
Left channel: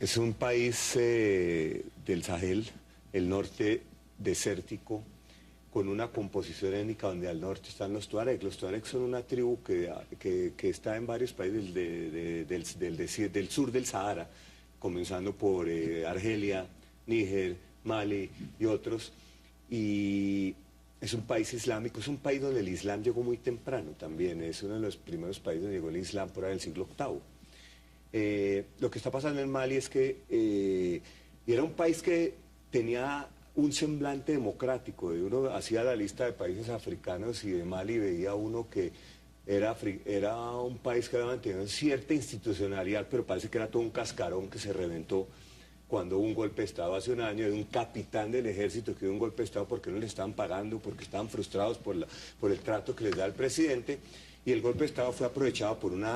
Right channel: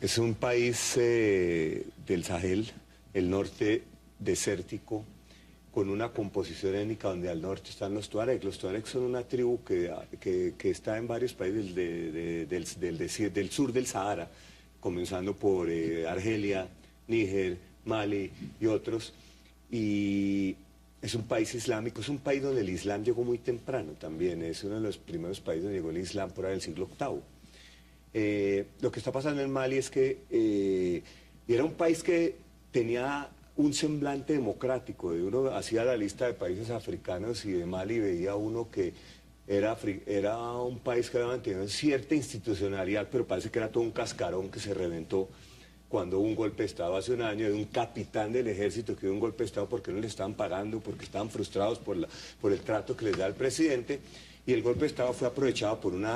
es un país del Sahel, el norte desértico, con una composición étnica donde al norte están los Tuareg. Los Tuareg son una tribu que está en varios países del sur del Sahara, comenzando por Argelia, Níger, Mali y otros. y es un país islámico, es un país donde el Islam llegó muy temprano también, es uno de los primeros países donde llegó el Islam por ahí del siglo VIII. Lo que está pasando en Mali es que era un país que tenía un semblante democrático, uno hacía la lista de países africanos y de Mali veía uno que era un país que había mantenido cierta institucionalidad, pero parece que era todo un cascarón que se reventó cuando hubo un golpe de Estado hace un año de un capitán del ejército que dio un golpe de Estado porque no le estaban pagando, porque estaban frustrados por el trato que les da el presidente, y el golpe de Estado fue aprovechado por un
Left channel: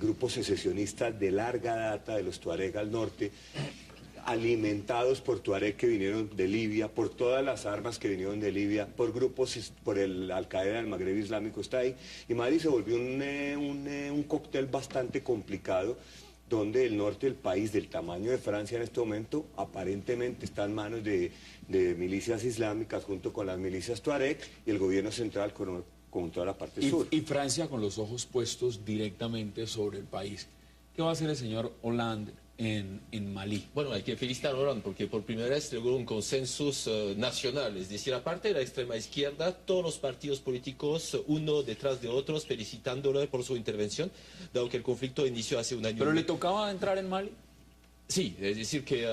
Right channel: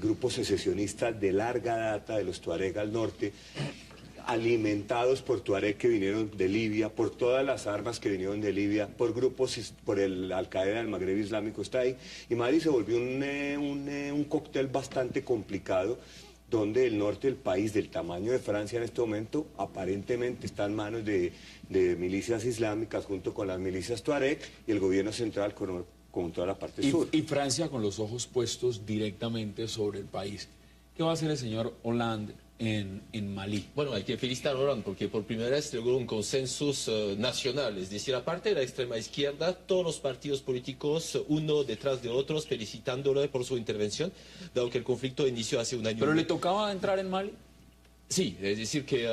grupo secesionista de larga data de los Tuareg al norte, alimentados por Tuareg que vinieron de Libia, por todas las armas que vinieron de Libia, por grupos, por el Al-Qaeda del Magreb Islámico está ahí, y Mali se volvió un cóctel bastante complicado, donde el norte del país, del tamaño de Francia en este momento, aparentemente está en manos de milicias islámicas junto con las milicias Tuareg y el gobierno central con toda la parte sur. Y Francia con los ojos puestos directamente sobre el país. ¿Qué va a hacer el señor Hollande en Malí? Bueno, hay que felicitar a Hollande porque por primera vez logró un consenso nacional, es decir, aparte de la extrema izquierda, todos los partidos políticos, uno detrás de otros, felicitándole por su intervención, dado que el conflicto inició hace un año. ¿Pero le tocaba entrar en Mali? Sí, es decir que,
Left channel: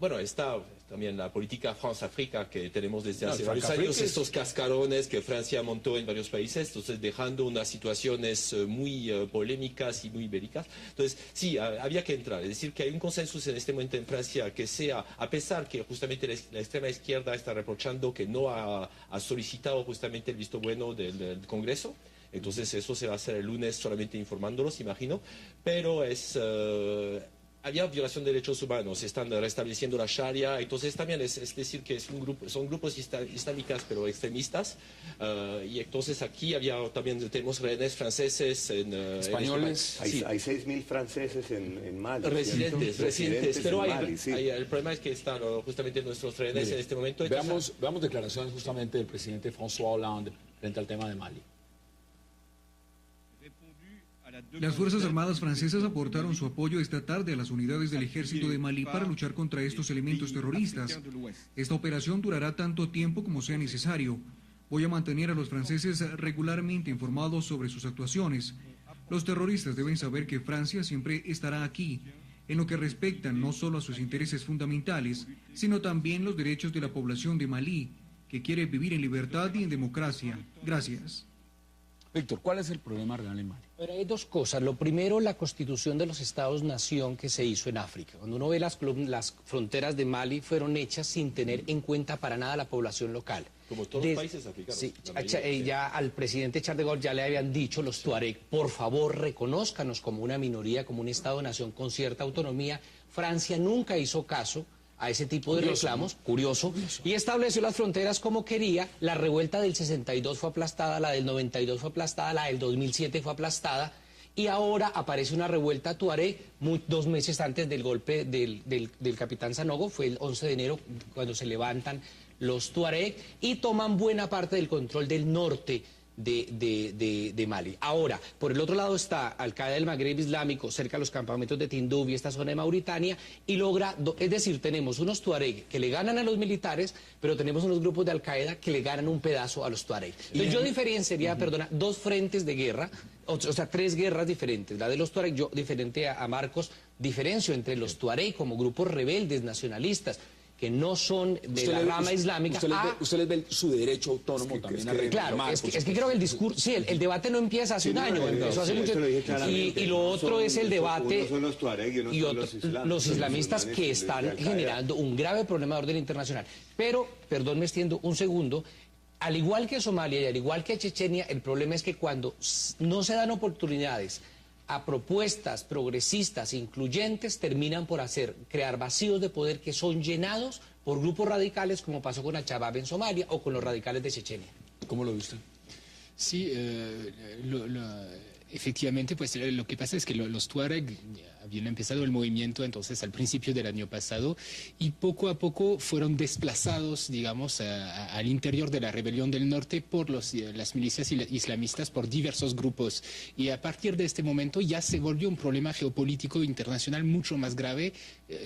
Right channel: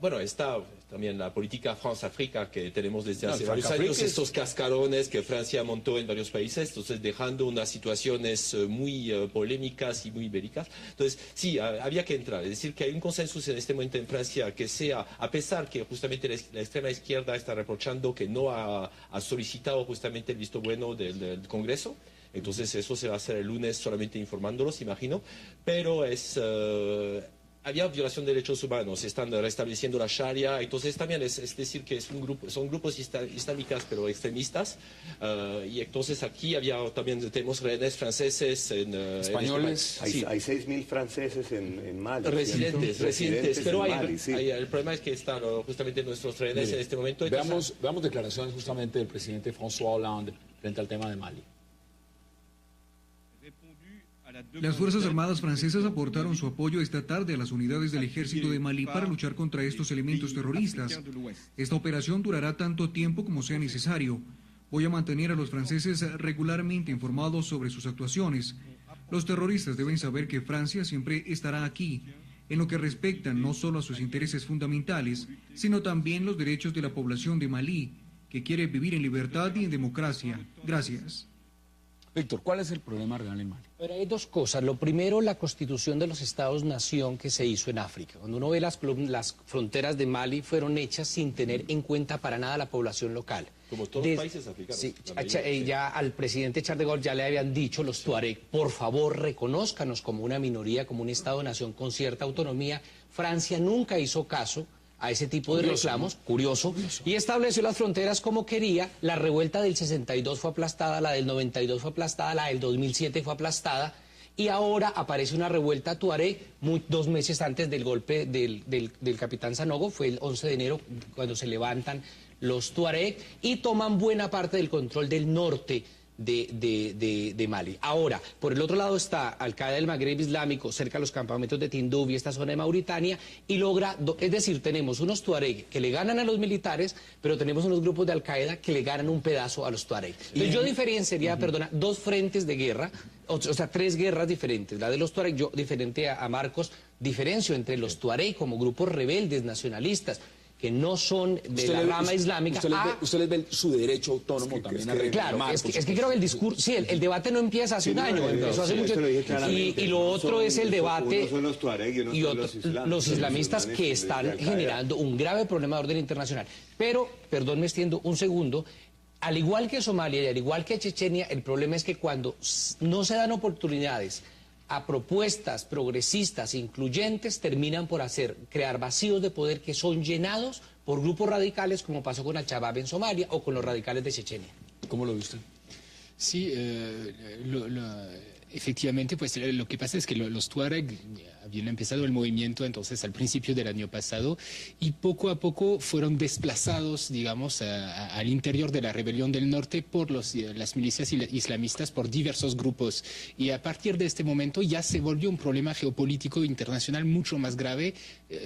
bueno, está también la política France-África que tenemos desde hace varios años, estos cascarones que Francia montó en varios países, entonces dejando unas situaciones muy polémicas y muy bélicas. Entonces, sí, había que entrar, es decir que hay un consenso en este momento en Francia que sea, a pesar que justamente la extrema izquierda está reprochando que no ha solicitado justamente el visto bueno del Congreso. Entonces eso se va a hacer el lunes solamente informándolos, imagino, pero había violación de derechos humanos, están restableciendo la Sharia, entonces también es decir que son grupos islámicos pero extremistas, y entonces aquí tenemos rehenes franceses, españoles. Hay 6.000 franceses en Mali. Residentes, pero Mali, sí. el problema es que están justamente nuestros rehenes en este momento. Veamos declaraciones justamente del presidente François Hollande frente al tema de Mali. Las Fuerzas Armadas francesas aportaron su apoyo esta tarde a las unidades del ejército de Malí para luchar contra estos elementos terroristas. Esta operación durará tanto tiempo como sea necesario. Voy a mantener a los franceses regularmente informados sobre sus actuaciones. Los terroristas deben saber que Francia siempre estará aquí, en lo que respecta no solo a sus intereses fundamentales, sino también los derechos de la población de Malí, que quiere vivir en libertad y en democracia. Gracias. Víctor, ¿cuál es el problema real en Mali? Pero hay dos cosas. Lo primero, la constitución de los Estados-nación que se hizo en África. Cuando uno ve las fronteras de Mali fueron hechas sin tener en cuenta para nada la población local. Como todos los países africanos. Sí, ya al presidente Charles de Gaulle ya le habían dicho los Tuareg, por favor reconózcanos como una minoría, como un Estado-nación con cierta autonomía. Francia nunca hizo caso a ese tipo de reclamos, curioso, y estableció las fronteras como quería. La revuelta del 62 fue aplastada, la del 92 fue aplastada, la del 2007 fue aplastada, y ahora aparece una revuelta tuareg 2 meses antes del golpe del capitán Sanogo, fue el 11 de enero cuando se levantan los tuareg y toman buena parte del control del norte de Mali. Ahora, por el otro lado está Al-Qaeda del Magreb Islámico, cerca de los campamentos de Tinduf y esta zona de Mauritania, y es decir, tenemos unos tuareg que le ganan a los militares, pero tenemos unos grupos de Al-Qaeda que le ganan un pedazo a los tuareg. Entonces yo diferenciaría, dos frentes de guerra, o sea, 3 guerras diferentes. La de los tuareg, yo diferente a Marcos, diferencio entre los tuareg como grupos rebeldes, nacionalistas, que no son de la rama islámica. Usted les ve su derecho autónomo también. Claro, es que creo que el discurso, sí, el debate no empieza hace un año, empezó hace mucho. Y lo otro es el debate y los islamistas que están generando un grave problema de orden internacional. Pero, perdón, me extiendo un segundo. Al igual que Somalia y al igual que Chechenia, el problema es que cuando no se dan oportunidades a propuestas progresistas incluyentes, terminan por crear vacíos de poder que son llenados por grupos radicales, como pasó con Al-Shabaab en Somalia o con los radicales de Chechenia. ¿Cómo lo viste? Sí, Efectivamente, pues lo que pasa es que los Tuareg habían empezado el movimiento entonces al principio del año pasado y poco a poco fueron desplazados, digamos, al interior de la rebelión del norte por las milicias islamistas, por diversos grupos. Y a partir de este momento ya se volvió un problema geopolítico internacional mucho más grave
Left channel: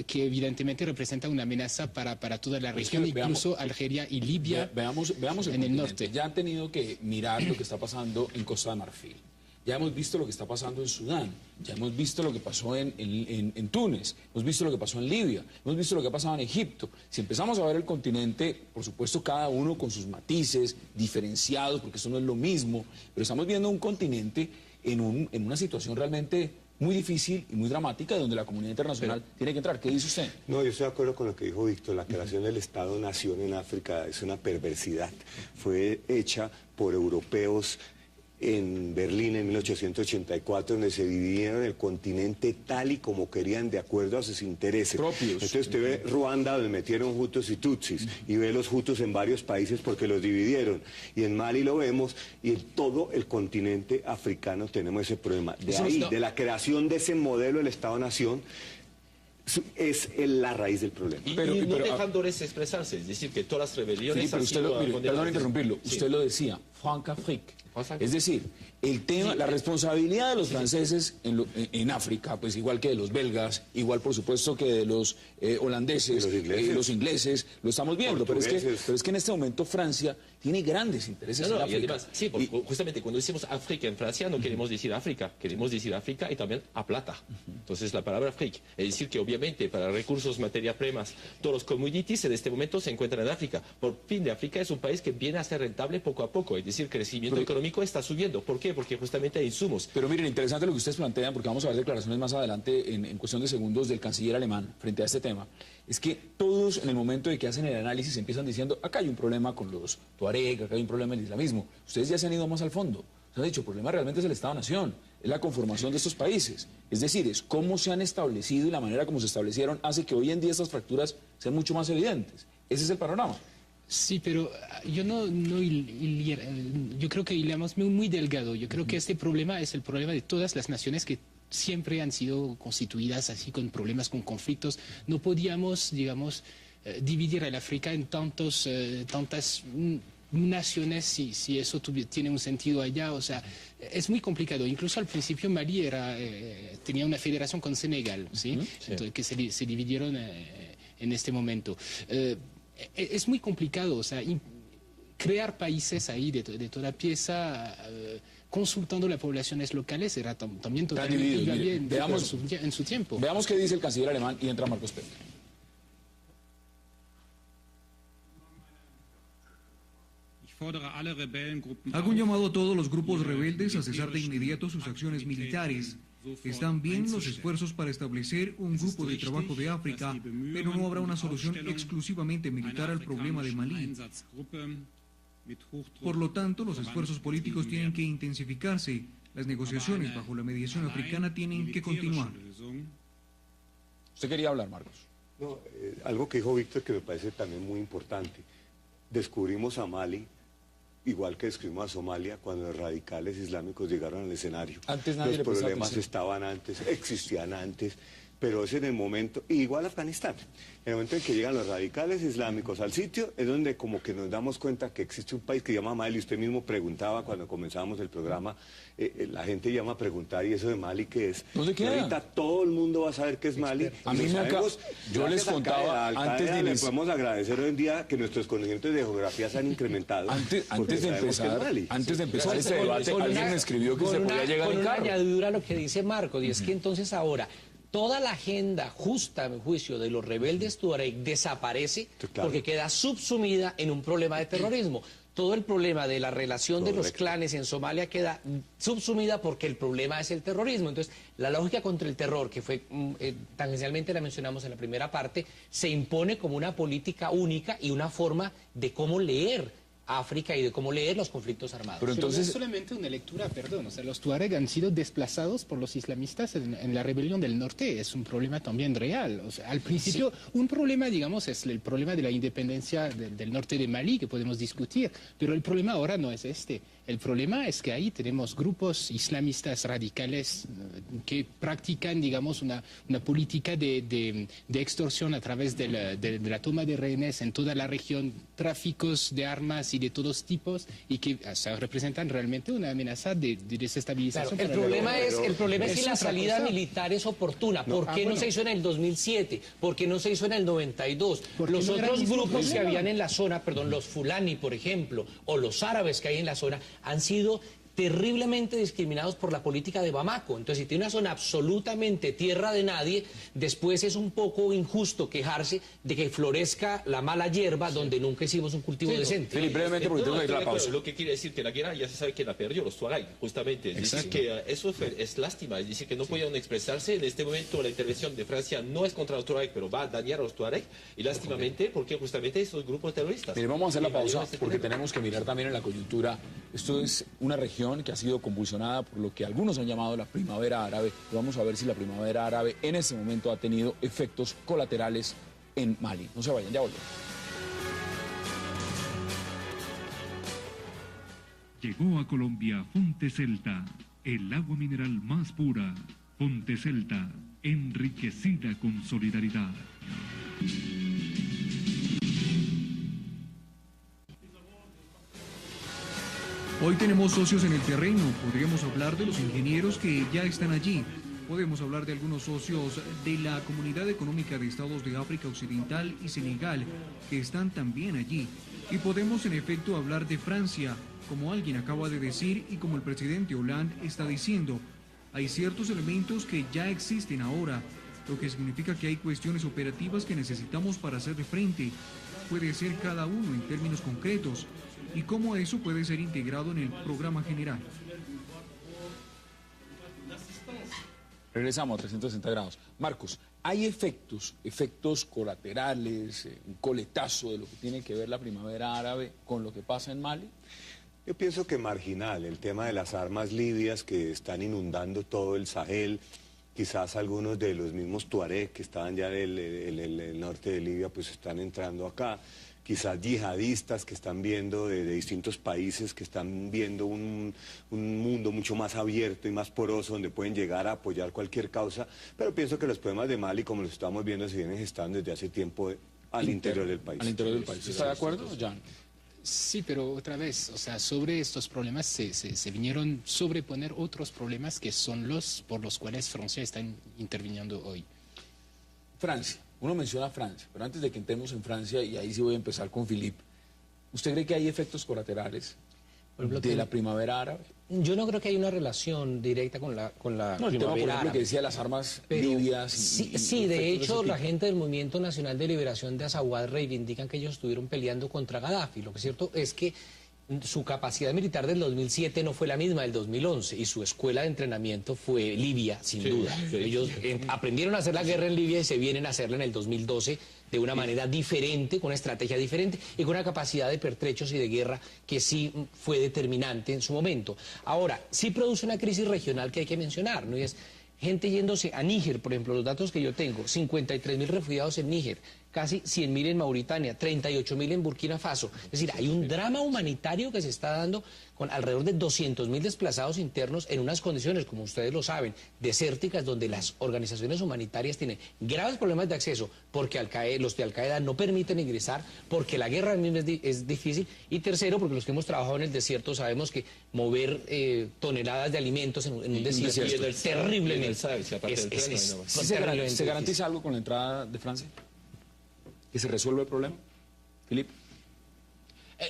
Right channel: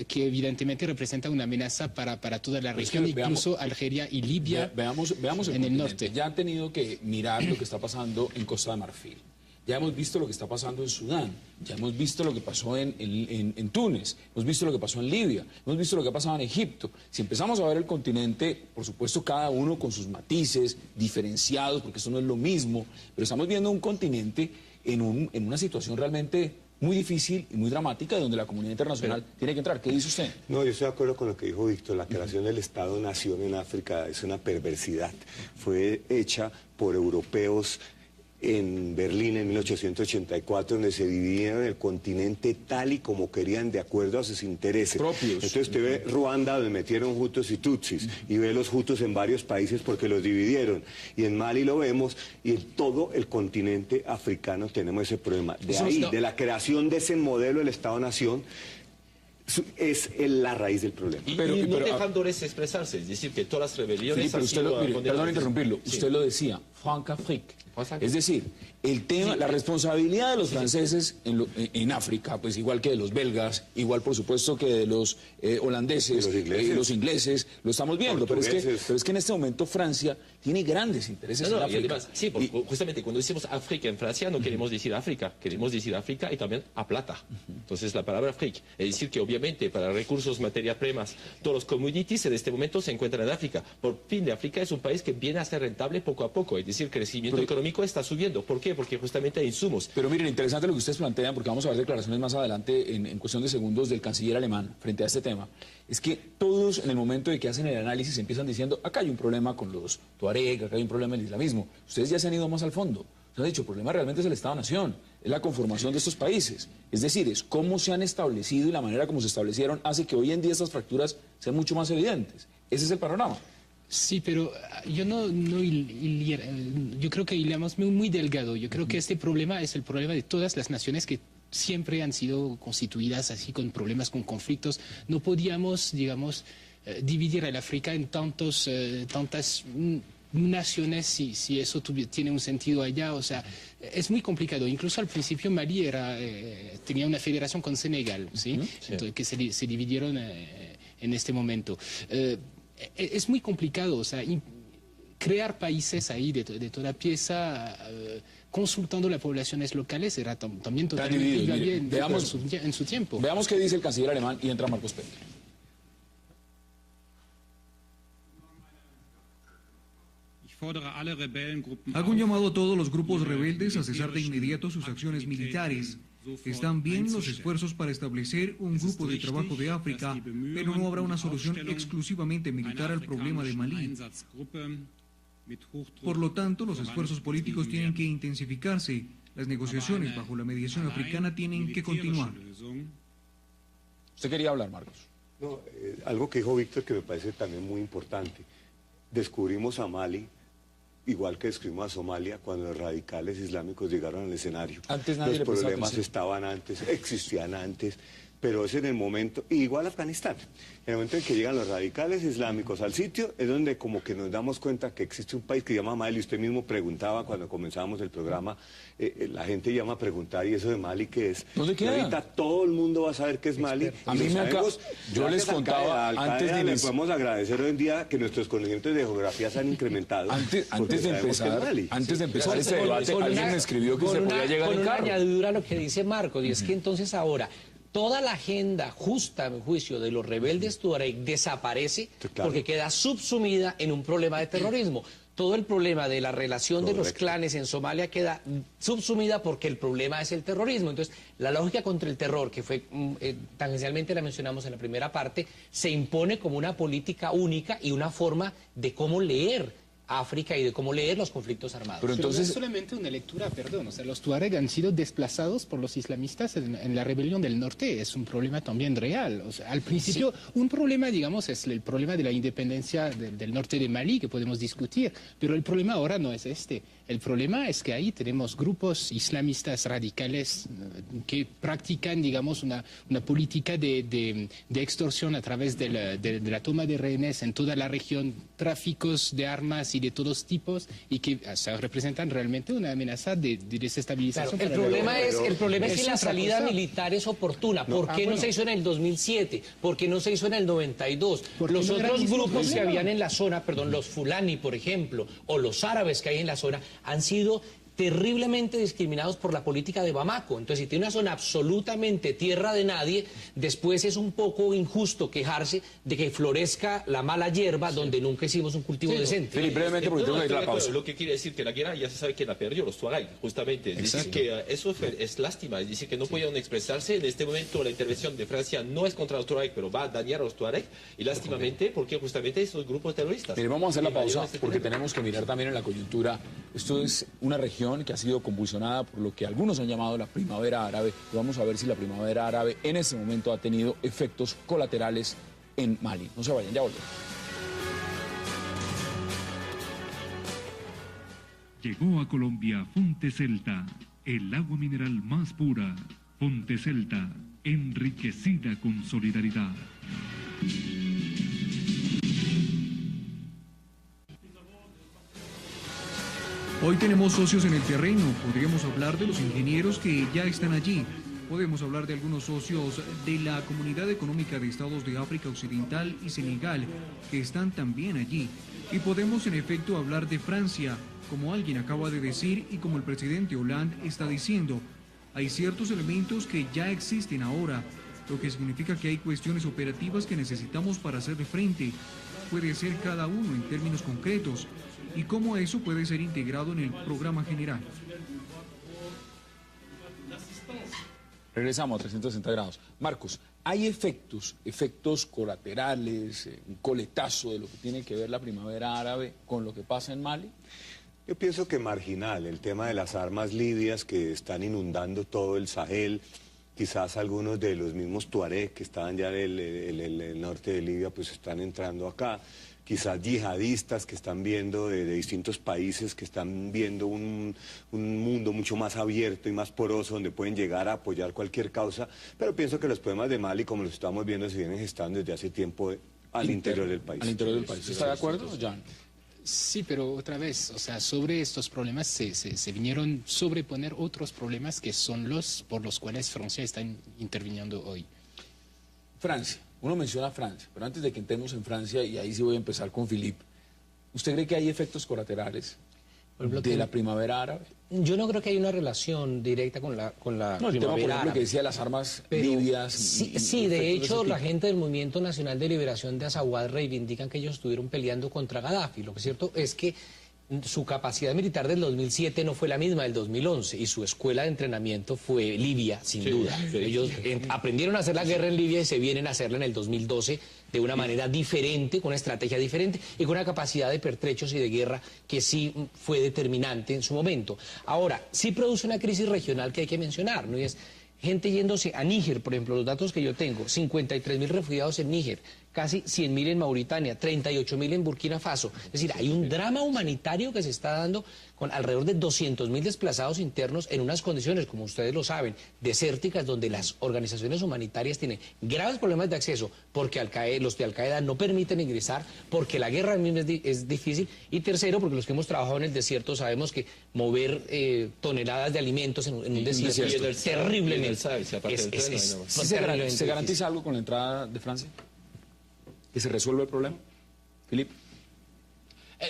que evidentemente representa una amenaza para toda la región, incluso Algeria y Libia. Veamos en el norte. Ya han tenido que mirar lo que está pasando en Costa de Marfil. Ya hemos visto lo que está pasando en Sudán, ya hemos visto lo que pasó en Túnez, hemos visto lo que pasó en Libia, hemos visto lo que ha pasado en Egipto. Si empezamos a ver el continente, por supuesto cada uno con sus matices diferenciados, porque eso no es lo mismo, pero estamos viendo un continente en una situación realmente muy difícil y muy dramática, donde la comunidad internacional tiene que entrar. ¿Qué dice usted? No, yo estoy de acuerdo con lo que dijo Víctor. La creación del Estado-Nación en África es una perversidad. Fue hecha por europeos en Berlín en 1884, donde se dividieron el continente tal y como querían, de acuerdo a sus intereses. Entonces usted ve Ruanda, donde metieron Hutus y Tutsis, y ve los Hutus en varios países porque los dividieron. Y en Mali lo vemos, y en todo el continente africano tenemos ese problema. De ahí, de la creación de ese modelo del Estado-Nación, es la raíz del problema. Y no dejándoles expresarse, es decir, que todas las rebeliones... Sí, pero usted perdón interrumpirlo, sí. Usted lo decía, Franc-Afrique. Es decir, el tema, la responsabilidad de los franceses en África, pues igual que de los belgas, igual por supuesto que de los holandeses, los ingleses, lo estamos viendo, pero es que en este momento Francia tiene grandes intereses en África. Y además, sí, porque justamente cuando decimos África en Francia no queremos decir África, queremos decir África y también a plata. Entonces la palabra Afrique, es decir que obviamente para recursos, materias primas, todos los commodities en este momento se encuentran en África. Por fin, África es un país que viene a ser rentable poco a poco, es decir, que el crecimiento económico está subiendo. ¿Por qué? Porque justamente hay insumos. Pero miren, interesante lo que ustedes plantean, porque vamos a ver declaraciones más adelante en cuestión de segundos del canciller alemán frente a este tema. Es que todos en el momento de que hacen el análisis empiezan diciendo, acá hay un problema con los Tuareg, acá hay un problema en el islamismo. Ustedes ya se han ido más al fondo. Se han dicho, el problema realmente es el Estado-Nación, es la conformación de estos países. Es decir, es cómo se han establecido y la manera como se establecieron hace que hoy en día estas fracturas sean mucho más evidentes. Ese es el panorama. Sí, pero yo yo creo que hilamos muy delgado. Yo creo que este problema es el problema de todas las naciones que siempre han sido constituidas así con problemas, con conflictos. No podíamos, digamos, dividir el África en tantas naciones si eso tiene un sentido allá. O sea, es muy complicado. Incluso al principio Mali tenía una federación con Senegal, ¿sí? Entonces, que se dividieron en este momento. Es muy complicado, o sea, crear países ahí de toda pieza, consultando las poblaciones locales, era también totalmente en su tiempo. Veamos qué dice el canciller alemán y entra Marcos Pérez. Hago un llamado a todos los grupos rebeldes a cesar de inmediato sus acciones militares. Están bien los esfuerzos para establecer un grupo de trabajo de África, pero no habrá una solución exclusivamente militar al problema de Malí. Por lo tanto, los esfuerzos políticos tienen que intensificarse. Las negociaciones bajo la mediación africana tienen que continuar. Usted quería hablar, Marcos. No, algo que dijo Víctor que me parece también muy importante. Descubrimos a Mali, igual que descubrimos a Somalia, cuando los radicales islámicos llegaron al escenario. Los problemas estaban antes, existían antes, pero es en el momento, igual Afganistán, en el momento en que llegan los radicales islámicos al sitio, es donde como que nos damos cuenta que existe un país que se llama Mali. Usted mismo preguntaba cuando comenzábamos el programa, la gente llama a preguntar, ¿y eso de Mali qué es? ¿Dónde queda? Ahorita todo el mundo va a saber qué es Mali. A mí nunca, yo les contaba, antes de le podemos agradecer hoy en día que nuestros conocimientos de geografía se han incrementado. Antes de empezar este debate, alguien escribió que se podía llegar con en una carro. añadidura a lo que dice Marcos, y es que entonces ahora toda la agenda justa, en juicio, de los rebeldes Tuareg desaparece porque queda subsumida en un problema de terrorismo. Todo el problema de la relación de los clanes en Somalia queda subsumida porque el problema es el terrorismo. Entonces, la lógica contra el terror, que fue tangencialmente la mencionamos en la primera parte, se impone como una política única y una forma de cómo leer África y de cómo leer los conflictos armados. Pero entonces... No es solamente una lectura, perdón, o sea, los tuareg han sido desplazados por los islamistas en la rebelión del norte, es un problema también real. O sea, al principio, un problema, digamos, es el problema de la independencia del norte de Mali, que podemos discutir, pero el problema ahora no es este. El problema es que ahí tenemos grupos islamistas radicales que practican, digamos, una política de extorsión a través de la toma de rehenes en toda la región, tráficos de armas y de todos tipos, y que representan realmente una amenaza de desestabilización. Claro, el problema es que la salida militar es oportuna. ¿Por qué no se hizo en el 2007? ¿Por qué no se hizo en el 92? Los otros grupos que habían en la zona, perdón, los fulani, por ejemplo, o los árabes que hay en la zona, han sido terriblemente discriminados por la política de Bamako. Entonces, si tiene una zona absolutamente tierra de nadie, después es un poco injusto quejarse de que florezca la mala hierba donde nunca hicimos un cultivo decente. Felipe, brevemente, porque tengo que ir a la pausa. Lo que quiere decir que la guerra ya se sabe que la perdió los tuareg, justamente. Es decir, que eso es lástima, es decir, que no podían expresarse. En este momento la intervención de Francia no es contra los tuareg, pero va a dañar a los tuareg, y lástimamente porque justamente esos grupos terroristas. Pero vamos a hacer la pausa porque tenemos que mirar también en la coyuntura. Esto es una región que ha sido convulsionada por lo que algunos han llamado la primavera árabe. Vamos a ver si la primavera árabe en este momento ha tenido efectos colaterales en Mali. No se vayan, ya volvemos. Llegó a Colombia Fonte Celta, el agua mineral más pura. Fonte Celta, enriquecida con solidaridad. Hoy tenemos socios en el terreno. Podríamos hablar de los ingenieros que ya están allí. Podemos hablar de algunos socios de la Comunidad Económica de Estados de África Occidental y Senegal, que están también allí. Y podemos en efecto hablar de Francia, como alguien acaba de decir y como el presidente Hollande está diciendo. Hay ciertos elementos que ya existen ahora, lo que significa que hay cuestiones operativas que necesitamos para hacerle frente. Puede ser cada uno en términos concretos, y cómo eso puede ser integrado en el programa general. Regresamos a 360 grados. Marcos, ¿hay efectos colaterales, un coletazo de lo que tiene que ver la primavera árabe con lo que pasa en Mali? Yo pienso que marginal, el tema de las armas libias que están inundando todo el Sahel, quizás algunos de los mismos tuareg que estaban ya en el norte de Libia, pues están entrando acá. Quizás yihadistas que están viendo de distintos países, que están viendo un mundo mucho más abierto y más poroso, donde pueden llegar a apoyar cualquier causa. Pero pienso que los problemas de Mali, como los estamos viendo, se vienen gestando desde hace tiempo al interior del país. Al interior del país. ¿Está de acuerdo, Jan? Sí, pero otra vez, o sea, sobre estos problemas se vinieron sobreponer otros problemas que son los por los cuales Francia está interviniendo hoy. Francia. Uno menciona Francia, pero antes de que entremos en Francia, y ahí sí voy a empezar con Philippe, ¿usted cree que hay efectos colaterales de la primavera árabe? Yo no creo que haya una relación directa con la primavera árabe. Que decía las armas libias. Sí, de hecho, la gente del Movimiento Nacional de Liberación de Azawad reivindican que ellos estuvieron peleando contra Gaddafi. Lo que es cierto es que su capacidad militar del 2007 no fue la misma del 2011 y su escuela de entrenamiento fue Libia, sin duda. Ellos aprendieron a hacer la guerra en Libia y se vienen a hacerla en el 2012 de una manera diferente, con una estrategia diferente y con una capacidad de pertrechos y de guerra que sí fue determinante en su momento. Ahora, sí produce una crisis regional que hay que mencionar, ¿no? Y es gente yéndose a Níger, por ejemplo, los datos que yo tengo, 53.000 refugiados en Níger, casi 100.000 en Mauritania, 38.000 en Burkina Faso. Es decir, hay un drama humanitario que se está dando con alrededor de 200.000 desplazados internos en unas condiciones, como ustedes lo saben, desérticas, donde las organizaciones humanitarias tienen graves problemas de acceso, porque los de Al-Qaeda no permiten ingresar, porque la guerra misma es difícil, y tercero, porque los que hemos trabajado en el desierto sabemos que mover toneladas de alimentos en un desierto es terriblemente. ¿Se garantiza algo con la entrada de Francia? ¿Que se resuelve el problema? Philippe.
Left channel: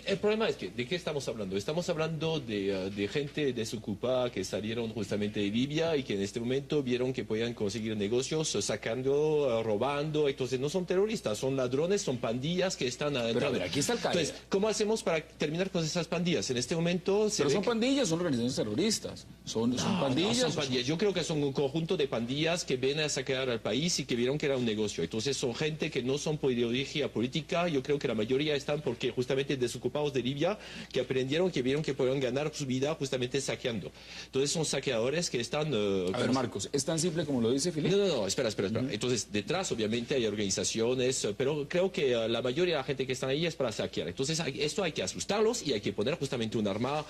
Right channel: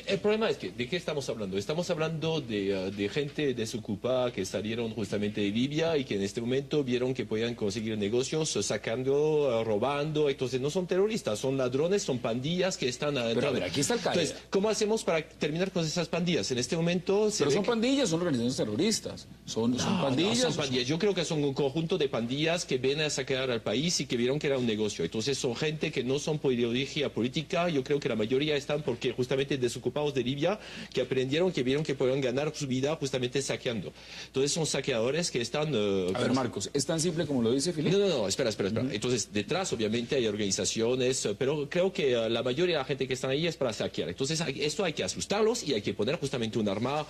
El problema es que, ¿de qué estamos hablando? Estamos hablando de gente desocupada que salieron justamente de Libia y que en este momento vieron que podían conseguir negocios sacando, robando. Entonces no son terroristas, son ladrones, son pandillas que están adentro. Pero aquí está el caso. Entonces, ¿cómo hacemos para terminar con esas pandillas? En este momento... Pero son pandillas, son organizaciones terroristas. Son pandillas. No son pandillas. Yo creo que son un conjunto de pandillas que vienen a saquear al país y que vieron que era un negocio. Entonces son gente que no son por ideología política. Yo creo que la mayoría están porque justamente desocupados desocupados de Libia que aprendieron, que vieron que podían ganar su vida justamente saqueando. Entonces son saqueadores que están... A ver, Marcos, ¿es tan simple como lo dice Filipe? No, espera. Entonces, detrás, obviamente, hay organizaciones, pero creo que la mayoría de la gente que está ahí es para saquear. Entonces, esto hay que asustarlos y hay que poner justamente un arma,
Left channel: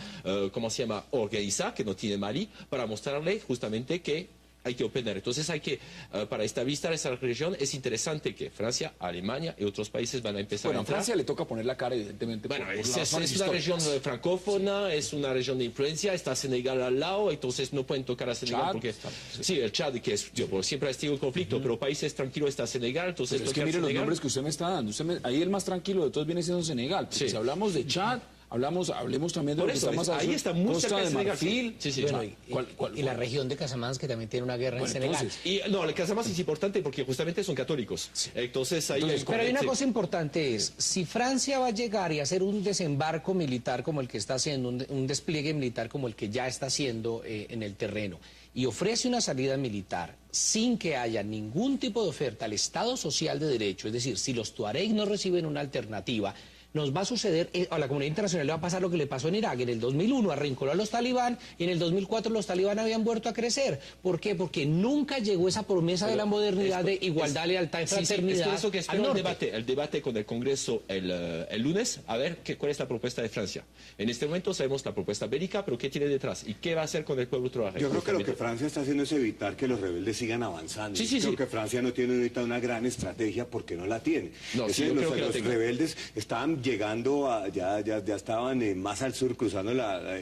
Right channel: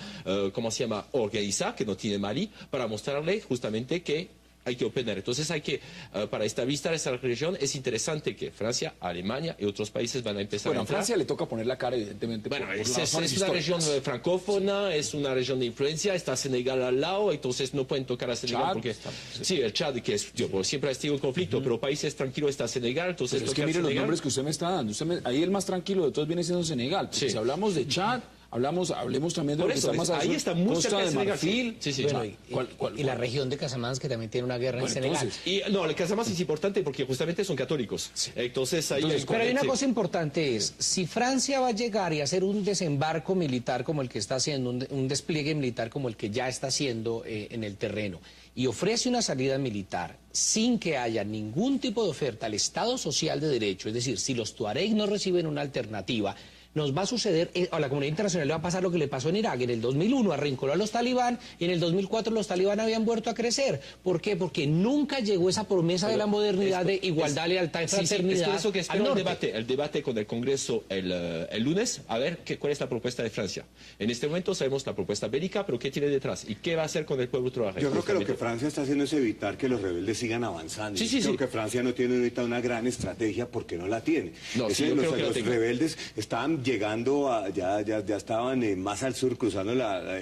¿cómo se llama?, organizada, que no tiene Mali, para mostrarle justamente que hay que operar. Entonces hay que, para estabilizar esa región, es interesante que Francia, Alemania y otros países van a empezar a entrar. A Francia le toca poner la cara, evidentemente. Bueno, por es razones una región históricas. francófona, es una región de influencia, está Senegal al lado, entonces no pueden tocar a Senegal Chad, porque... Sí, el Chad, que es, siempre ha sido un conflicto, pero países tranquilos está Senegal, entonces... Pero es que miren los nombres que usted me está dando. Ahí el más tranquilo de todos viene siendo Senegal. Porque si hablamos de Chad, hablemos también de Por lo que eso, está más ahí está muy cerca de Senegal. Marfil. Sí. Y la región de Casamance, que también tiene una guerra en Senegal. Entonces, Y no, el Casamance es importante porque justamente son católicos. Entonces ahí... Pero hay una cosa importante es, si Francia va a llegar y hacer un desembarco militar como el que está haciendo, un despliegue militar como el que ya está haciendo en el terreno, y ofrece una salida militar sin que haya ningún tipo de oferta al Estado social de derecho, es decir, si los tuaregs no reciben una alternativa, nos va a suceder, a la comunidad internacional le va a pasar lo que le pasó en Irak. En el 2001 arrinconó a los talibán, en el 2004 los talibán habían vuelto a crecer. ¿Por qué? Porque nunca llegó esa promesa de la modernidad, de igualdad, lealtad y fraternidad. Es por eso que espero al norte. el debate con el Congreso el lunes, a ver cuál es la propuesta de Francia. En este momento sabemos la propuesta bélica, pero ¿qué tiene detrás? ¿Y qué va a hacer con el pueblo trabajador? Yo creo que lo que Francia está haciendo es evitar que los rebeldes sigan avanzando. Sí. Creo que Francia no tiene ahorita una gran estrategia porque no la tiene. No, Es sí, decir, yo creo que la los tengo. rebeldes estaban llegando ya estaban más al sur, cruzando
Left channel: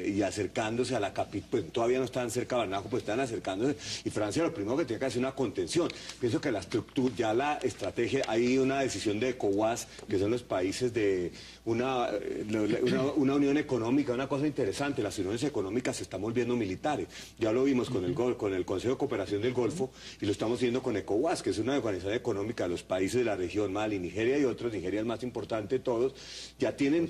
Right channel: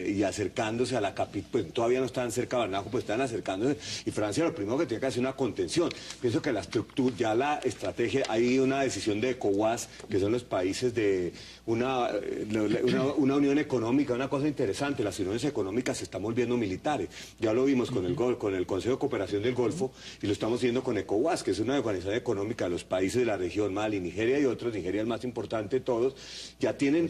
y acercándose a la capital, pues todavía no estaban cerca de Bamako, pues estaban acercándose, y Francia lo primero que tiene que hacer es una contención. Pienso que la estructura, ya la estrategia, hay una decisión de ECOWAS, que son los países de una unión económica, una cosa interesante, las uniones económicas se están volviendo militares. Ya lo vimos con el Consejo de Cooperación del Golfo, y lo estamos viendo con ECOWAS, que es una organización económica de los países de la región, Mali, Nigeria y otros. Nigeria es el más importante de todos, ya tienen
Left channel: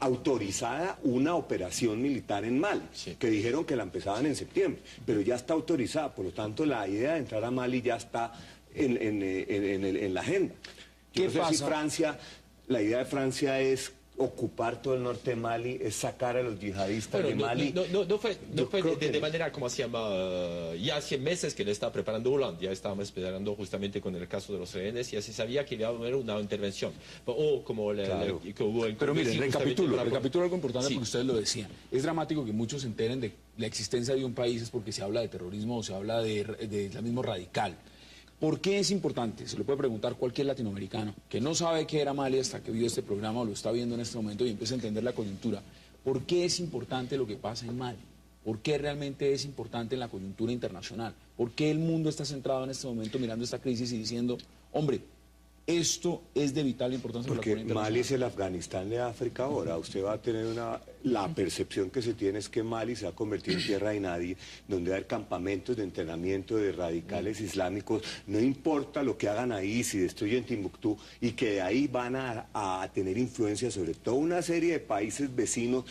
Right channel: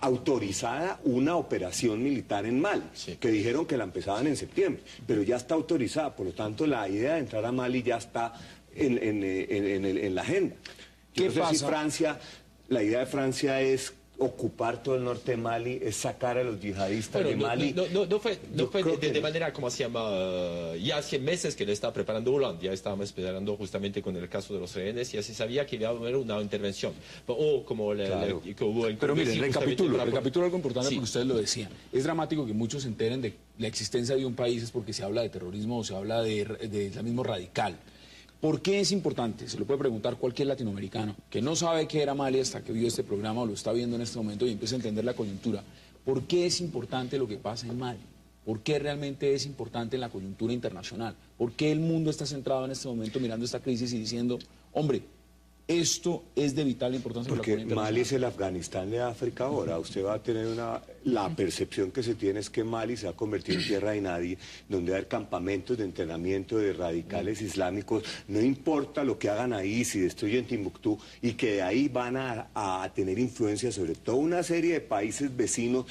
autorizada una operación militar en Mali, que dijeron que la empezaban en septiembre, pero ya está autorizada, por lo tanto la idea de entrar a Mali ya está en la agenda. ¿Qué No sé si pasa? la idea de Francia es ocupar todo el norte de Mali, es sacar a los yihadistas de Mali. No fue creo de manera, como se llama, ya hace meses que le está preparando Hollande, ya estábamos esperando justamente con el caso de los rehenes, ya se sabía que iba a haber una intervención. Pero miren, recapitulo algo importante porque ustedes lo decían. Es dramático que muchos se enteren de la existencia de un país es porque se habla de terrorismo o se habla de islamismo radical. ¿Por qué es importante? Se lo puede preguntar cualquier latinoamericano que no sabe qué era Mali hasta que vio este programa o lo está viendo en este momento y empieza a entender la coyuntura. ¿Por qué es importante lo que pasa en Mali? ¿Por qué realmente es importante en la coyuntura internacional? ¿Por qué el mundo está centrado en este momento mirando esta crisis y diciendo, hombre, esto es de vital importancia para la Porque comunidad Mali es internacional? el Afganistán de África ahora. Usted va a tener la percepción que se tiene es que Mali se va a convertir en tierra de nadie, donde va a haber campamentos de entrenamiento de radicales islámicos. No importa lo que hagan ahí, si destruyen Timbuktu, y que de ahí van a tener influencia sobre toda una serie de países vecinos,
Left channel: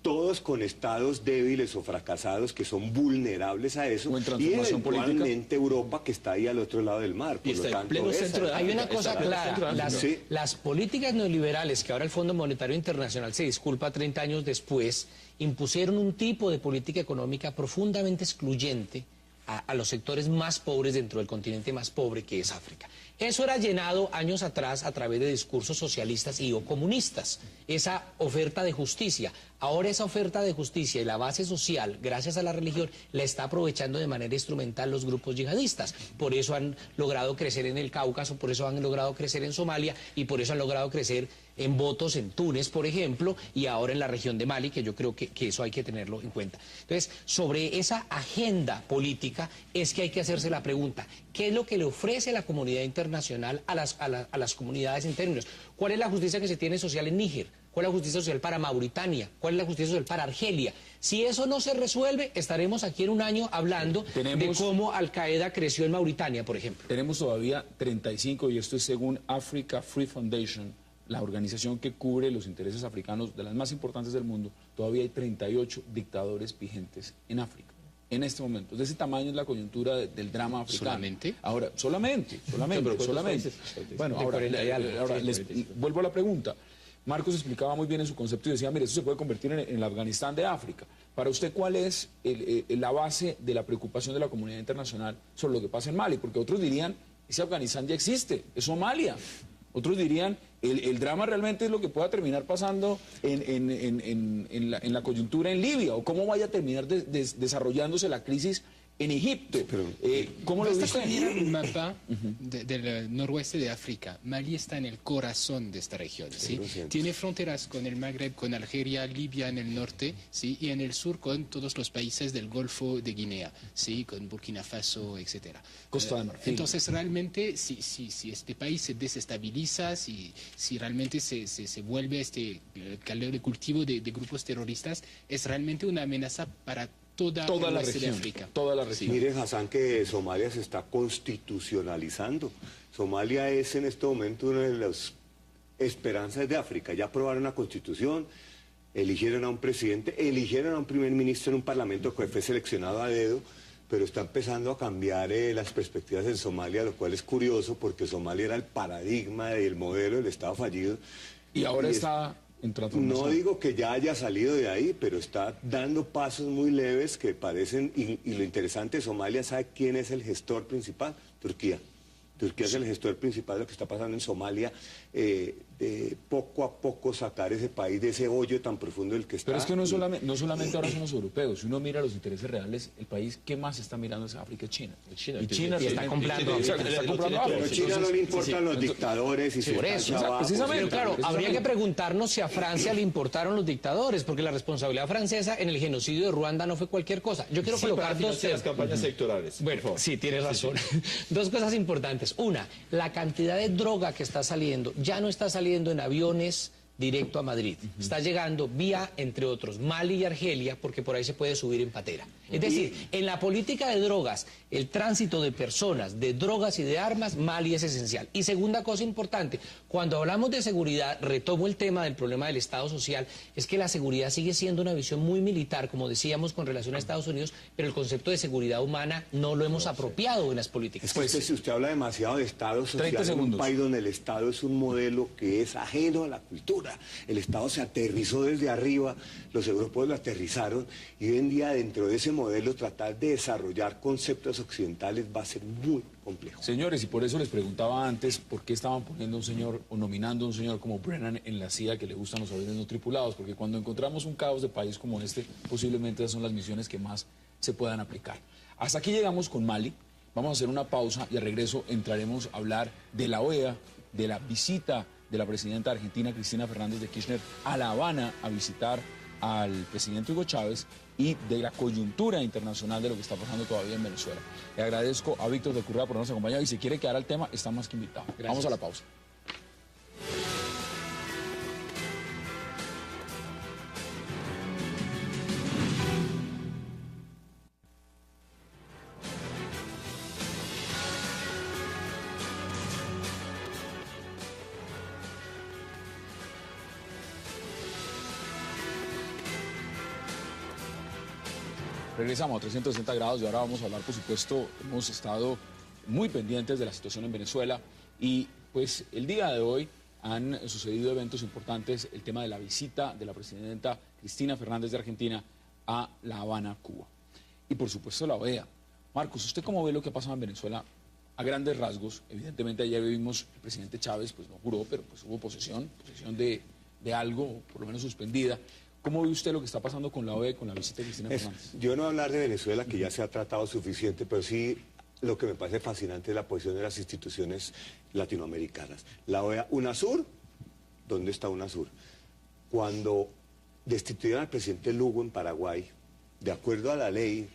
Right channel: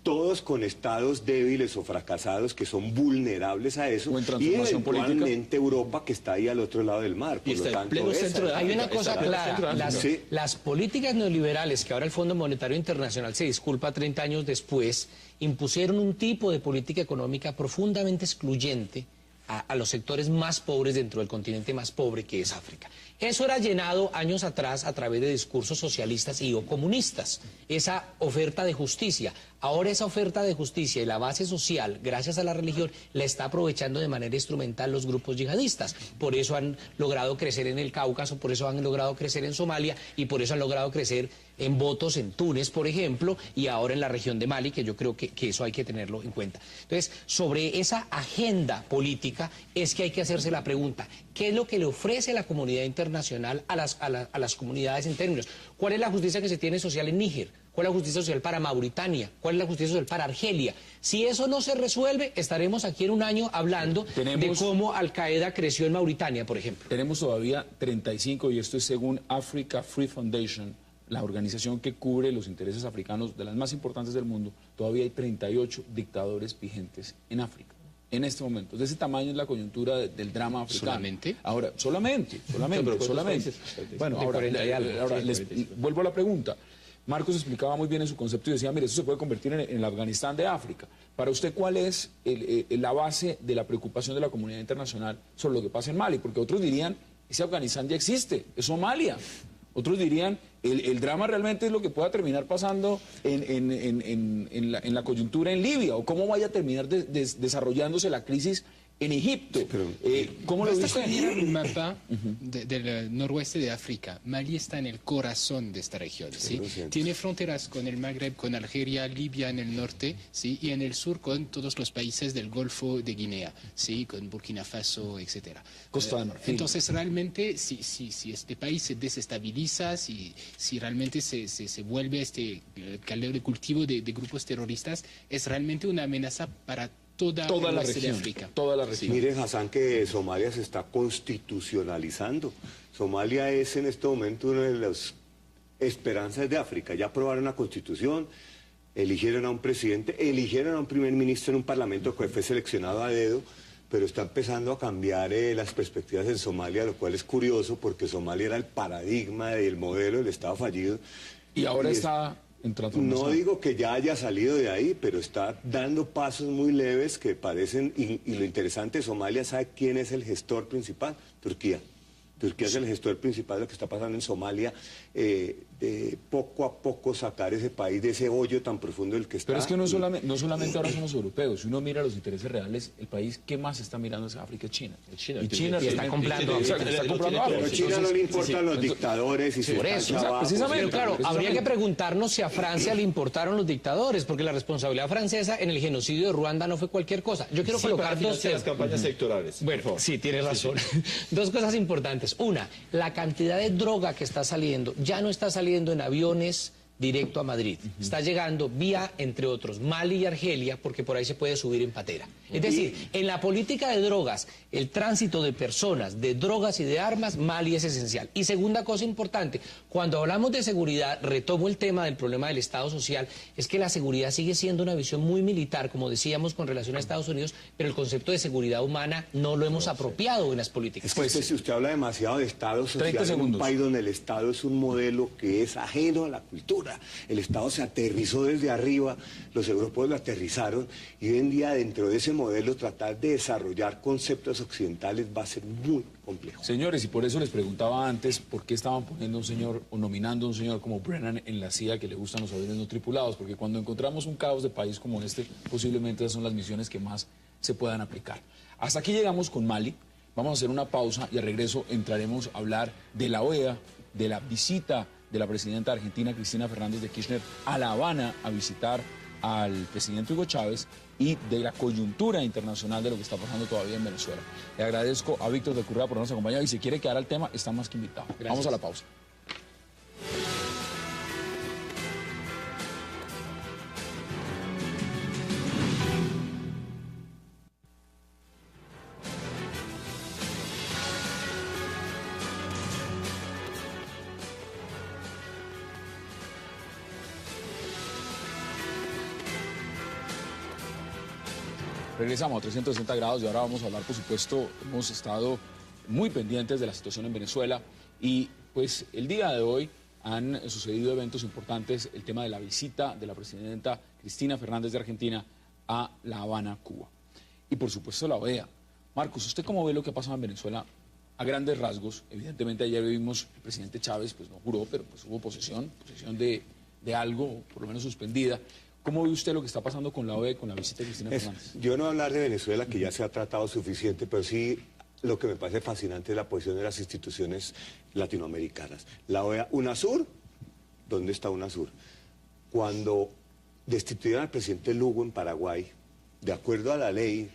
todos con estados débiles o fracasados que son vulnerables a eso, O en y transformación política. eventualmente Europa, que está ahí al otro lado del mar. Y Por lo está en tanto, pleno esa- centro de Hay una cosa Está en el centro de clara, África. Sí. las políticas neoliberales que ahora el Fondo Monetario Internacional se disculpa 30 años después, impusieron un tipo de política económica profundamente excluyente a los sectores más pobres dentro del continente más pobre que es África. Eso era llenado años atrás a través de discursos socialistas y o comunistas, esa oferta de justicia. Ahora esa oferta de justicia y la base social, gracias a la religión, la está aprovechando de manera instrumental los grupos yihadistas. Por eso han logrado crecer en el Cáucaso, por eso han logrado crecer en Somalia y por eso han logrado crecer en votos en Túnez, por ejemplo, y ahora en la región de Mali, que yo creo que eso hay que tenerlo en cuenta. Entonces, sobre esa agenda política es que hay que hacerse la pregunta, ¿qué es lo que le ofrece la comunidad internacional a las comunidades en términos? ¿Cuál es la justicia que se tiene social en Níger? ¿Cuál es la justicia social para Mauritania? ¿Cuál es la justicia social para Argelia? Si eso no se resuelve, estaremos aquí en un año hablando de cómo Al Qaeda creció en Mauritania, por ejemplo. Tenemos todavía 35, y esto es según Africa Free Foundation, la organización que cubre los intereses africanos de las más importantes del mundo, todavía hay 38 dictadores vigentes en África. En este momento, de ese tamaño es la coyuntura del drama africano. ¿Solamente? Ahora, solamente. pero ¿cuántos Bueno, países? ahora vuelvo a la pregunta. Marcos explicaba muy bien en su concepto y decía, mire, eso se puede convertir en el Afganistán de África. Para usted, ¿cuál es la base de la preocupación de la comunidad internacional sobre lo que pasa en Mali? Porque otros dirían, ese Afganistán ya existe, es Somalia. Otros dirían, el drama realmente es lo que pueda terminar pasando en la coyuntura en Libia, o cómo vaya a terminar desarrollándose la crisis en Egipto. ¿Cómo lo Basta dice? mirar un mapa del noroeste de África. Mali está en el corazón de esta región, ¿sí? Tiene fronteras con el Magreb, con Algeria, Libia en el norte, ¿sí? Y en el sur con todos los países del Golfo de Guinea, ¿sí? Con Burkina Faso, etcétera. Costa de Marfil. Entonces, realmente, si este país se desestabiliza, si realmente se vuelve caldero de cultivo de grupos terroristas, es realmente una amenaza para toda la región de África. Toda la región. Mire, Hassan, que Somalia se está constitucionalizando. Somalia es en este momento una de las esperanzas de África. Ya aprobaron una constitución, eligieron a un presidente, eligieron a un primer ministro en un parlamento que fue seleccionado a dedo, pero está empezando a cambiar las perspectivas en Somalia, lo cual es curioso porque Somalia era el paradigma y el modelo del Estado fallido. Y ahora está... No digo que ya haya salido de ahí, pero está dando pasos muy leves que parecen, y lo interesante de Somalia, ¿sabe quién es el gestor principal? Turquía. Turquía es el gestor principal de lo que está pasando en Somalia, de poco a poco sacar ese país de ese hoyo tan profundo del que está. Pero es que no solamente ahora son los europeos, si uno mira los intereses reales, el país que más está mirando es África y China. Y China le está comprando. Pero a China no le importan los dictadores y por eso, pero claro, habría que preguntarnos si a Francia le importaron los dictadores, porque la responsabilidad francesa en el genocidio de Ruanda no fue cualquier cosa. Yo quiero colocar las campañas electorales. Bueno, sí, tiene razón. Dos cosas importantes. Una, la cantidad de droga que está saliendo, ya no está saliendo en aviones directo a Madrid. Está llegando vía, entre otros, Mali y Argelia, porque por ahí se puede subir en patera. Es decir, en la política de drogas, el tránsito de personas, de drogas y de armas, Mali es esencial. Y segunda cosa importante, cuando hablamos de seguridad, retomo el tema del problema del Estado social, es que la seguridad sigue siendo una visión muy militar, como decíamos, con relación a Estados Unidos, pero el concepto de seguridad humana no lo hemos apropiado en las políticas. Pues si usted habla demasiado de Estado social en un país donde el Estado es un modelo que es ajeno a la cultura. El Estado se aterrizó desde arriba, los europeos lo aterrizaron, y hoy en día dentro de ese modelo tratar de desarrollar conceptos occidentales va a ser muy complejo. Señores, y por eso les preguntaba antes por qué estaban poniendo a un señor o nominando a un señor como Brennan en la CIA que le gustan los aviones no tripulados, porque cuando encontramos un caos de país como este, posiblemente esas son las misiones que más se puedan aplicar. Hasta aquí llegamos con Mali. Vamos a hacer una pausa y al regreso entraremos a hablar de la OEA, de la visita de la presidenta de Argentina, Cristina Fernández de Kirchner, a La Habana a visitar al presidente Hugo Chávez y de la coyuntura internacional de lo que está pasando todavía en Venezuela. Le agradezco a Víctor de Currea por habernos acompañado y si quiere quedar al tema, está más que invitado. Gracias. Vamos a la pausa. Regresamos a 360 grados y ahora vamos a hablar, por supuesto, hemos estado muy pendientes de la situación en Venezuela y pues el día de hoy han sucedido eventos importantes, el tema de la visita de la presidenta Cristina Fernández de Argentina a La Habana, Cuba. Y por supuesto la OEA. Marcos, ¿usted cómo ve lo que ha pasado en Venezuela? A grandes rasgos, evidentemente ayer vimos el presidente Chávez, pues no juró, pero pues hubo posesión de algo, por lo menos suspendida. ¿Cómo ve usted lo que está pasando con la OEA, con la visita de Cristina Fernández? Yo no hablar de Venezuela, que ya se ha tratado suficiente, pero sí lo que me parece fascinante es la posición de las instituciones latinoamericanas. La OEA, UNASUR, ¿dónde está UNASUR? Cuando destituyeron al presidente Lugo en Paraguay, de acuerdo a la ley,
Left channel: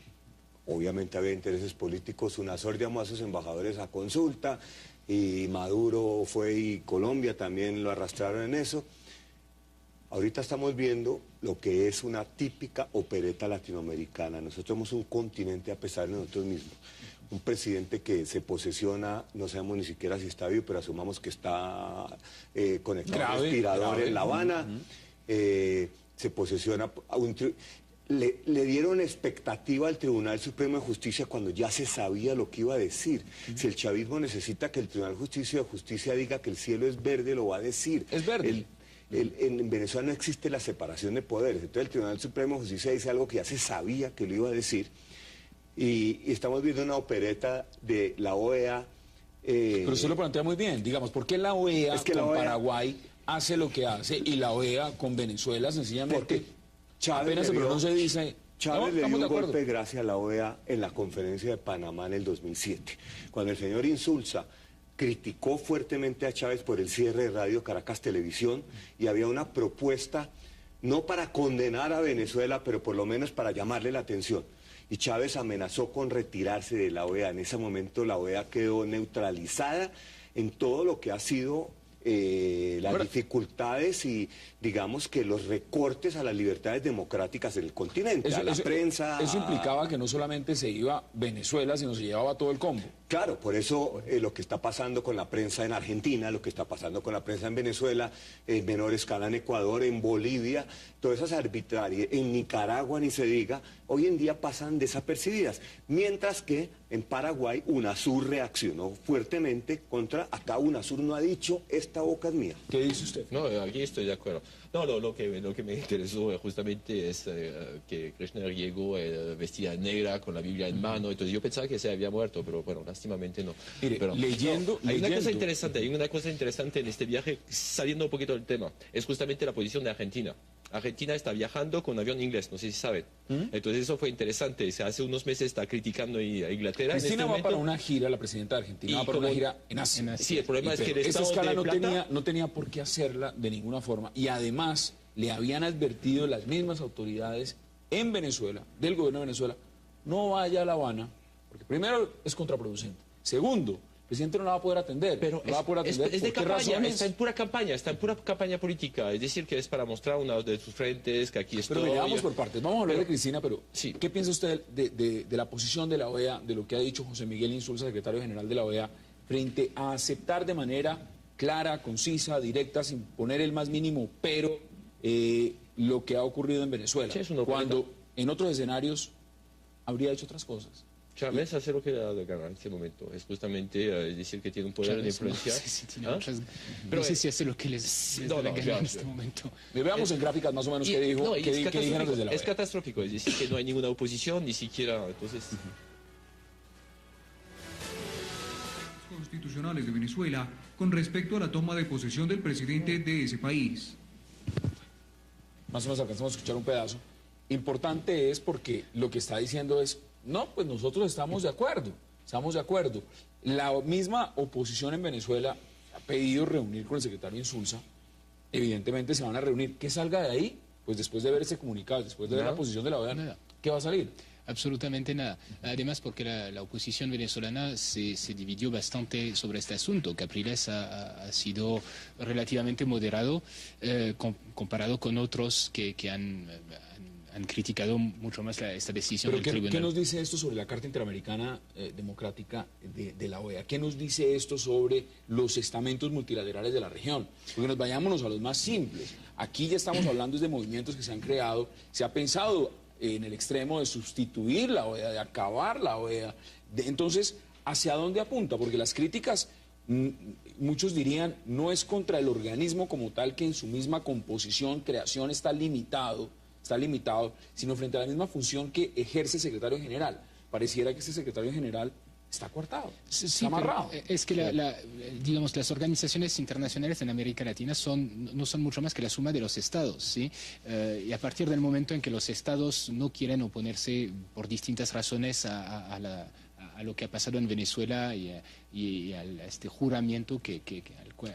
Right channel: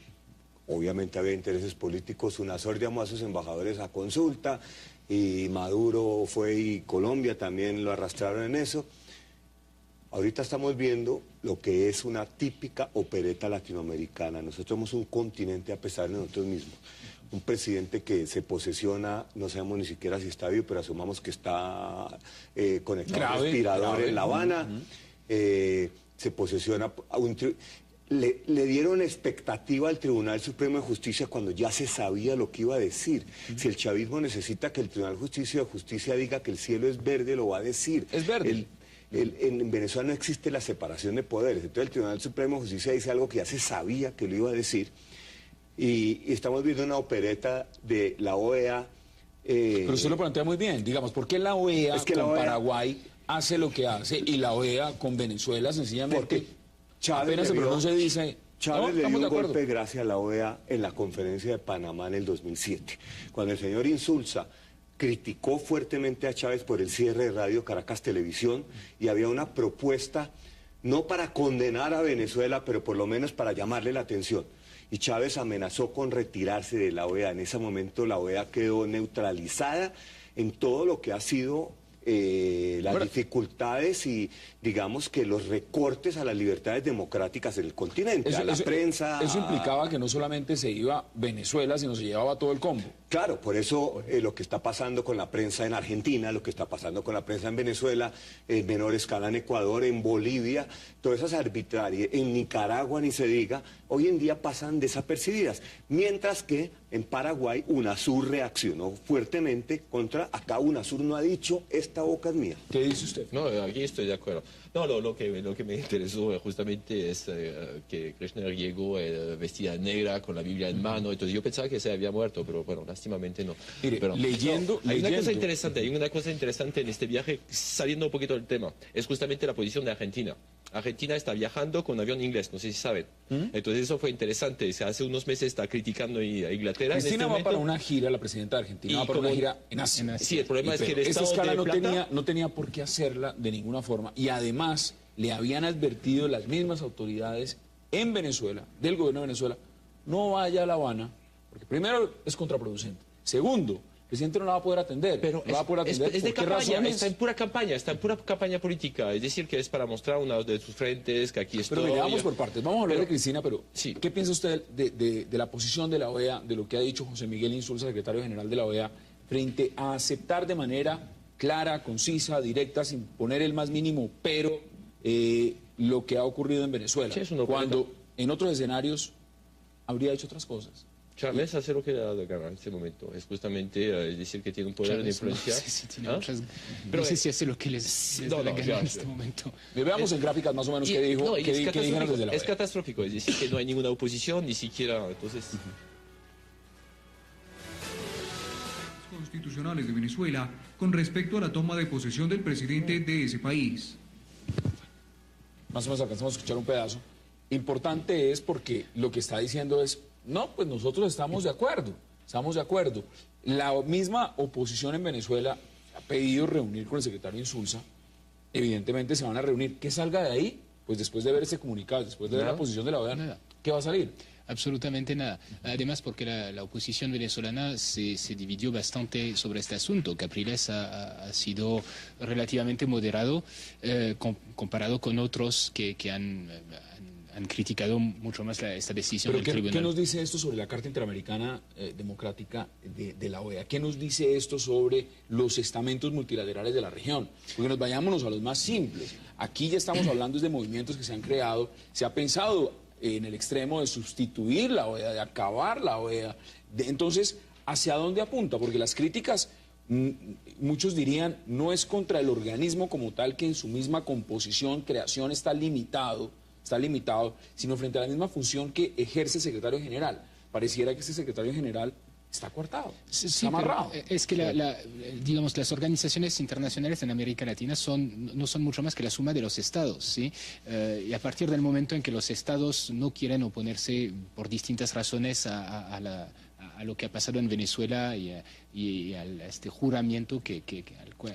obviamente había intereses políticos, UNASUR llamó a sus embajadores a consulta, y Maduro fue y Colombia también lo arrastraron en eso. Ahorita estamos viendo lo que es una típica opereta latinoamericana. Nosotros somos un continente a pesar de nosotros mismos. Un presidente que se posesiona, no sabemos ni siquiera si está vivo, pero asumamos que está conectado a un respirador en La Habana. Se posesiona le dieron expectativa al Tribunal Supremo de Justicia cuando ya se sabía lo que iba a decir. Si el chavismo necesita que el Tribunal de Justicia diga que el cielo es verde, lo va a decir. Es verde. En Venezuela no existe la separación de poderes. Entonces el Tribunal Supremo de Justicia dice algo que ya se sabía que lo iba a decir. Y estamos viendo una opereta de la OEA. Pero usted lo plantea muy bien, digamos, ¿por qué la OEA con Paraguay hace lo que hace y la OEA con Venezuela sencillamente Porque Chávez apenas se pronuncia y dice... Chávez no, le dio un golpe gracias a la OEA en la conferencia de Panamá en el 2007, cuando el señor Insulza criticó fuertemente a Chávez por el cierre de Radio Caracas Televisión y había una propuesta, no para condenar a Venezuela, pero por lo menos para llamarle la atención. Y Chávez amenazó con retirarse de la OEA. En ese momento la OEA quedó neutralizada en todo lo que ha sido las dificultades y digamos que los recortes a las libertades democráticas del continente, a la prensa. Eso implicaba que no solamente se iba Venezuela, sino se llevaba todo el combo. Claro, por eso lo que está pasando con la prensa en Argentina, lo que está pasando con la prensa en Venezuela, en menor escala en Ecuador, en Bolivia, todas esas arbitrarias, en Nicaragua ni se diga, hoy en día pasan desapercibidas. Mientras que en Paraguay UNASUR reaccionó fuertemente contra, acá UNASUR no ha dicho, esta boca es mía. ¿Qué dice usted? No, aquí estoy de acuerdo. No, lo que me interesó justamente es que Kirchner llegó vestida negra con la Biblia en mano, entonces yo pensaba que se había muerto, pero bueno, lástimamente no. Mire, pero, leyendo... Hay una cosa interesante en este viaje, saliendo un poquito del tema, es justamente la posición de Argentina. Argentina está viajando con avión inglés, no sé si saben. Entonces eso fue interesante. Hace unos meses está criticando a Inglaterra. Cristina va para una gira, la presidenta de Argentina va para una gira en Asia. Sí, el problema es que esta escala no tenía por qué hacerla de ninguna forma. Y además le habían advertido las mismas autoridades en Venezuela, del gobierno de Venezuela, no vaya a La Habana, porque primero es contraproducente. Segundo, el presidente no la va a poder atender. Pero no va a poder atender. Es de campaña, está en pura campaña política. Es decir, que es para mostrar una de sus frentes, que aquí estoy. Pero vamos por partes. Vamos a hablar de Cristina, pero sí. ¿Qué piensa usted de la posición de la OEA, de lo que ha dicho José Miguel Insulza, secretario general de la OEA, frente a aceptar de manera clara, concisa, directa, sin poner el más mínimo pero lo que ha ocurrido en Venezuela? Sí, cuando en otros escenarios habría hecho otras cosas. Chávez hace lo que le ha dado gana en este momento. Es justamente decir que tiene un poder de influencia. No sé si hace lo que les da la gana en este momento. Veamos en gráficas más o menos qué dijo. No, es catastrófico. Es decir, que no hay ninguna oposición, ni siquiera. Entonces. Constitucionales de Venezuela con respecto a la toma de posesión del presidente de ese país. Más o menos alcanzamos a escuchar un pedazo. Importante es porque lo que está diciendo es, no, pues nosotros estamos de acuerdo. La misma oposición en Venezuela ha pedido reunir con el secretario Insulza. Evidentemente se van a reunir. ¿Qué salga de ahí? Pues después de ver ese comunicado, después de ver la posición de la OEA, ¿qué va a salir? Absolutamente nada. Además, porque la oposición venezolana se dividió bastante sobre este asunto. Capriles ha sido relativamente moderado comparado con otros que han criticado mucho más esta decisión del tribunal. ¿Qué nos dice esto sobre la Carta Interamericana Democrática de la OEA? ¿Qué nos dice esto sobre los estamentos multilaterales de la región? Porque nos vayámonos a los más simples. Aquí ya estamos hablando de movimientos que se han creado, se ha pensado en el extremo de sustituir la OEA, de acabar la OEA. Entonces, ¿hacia dónde apunta? Porque las críticas, muchos dirían, no es contra el organismo como tal, que en su misma composición, creación está limitado, sino frente a la misma función que ejerce el secretario general. Pareciera que ese secretario general está coartado, está amarrado. Es que digamos, las organizaciones internacionales en América Latina no son mucho más que la suma de los estados, ¿sí? Y a partir del momento en que los estados no quieren oponerse por distintas razones a lo que ha pasado en Venezuela y a este juramento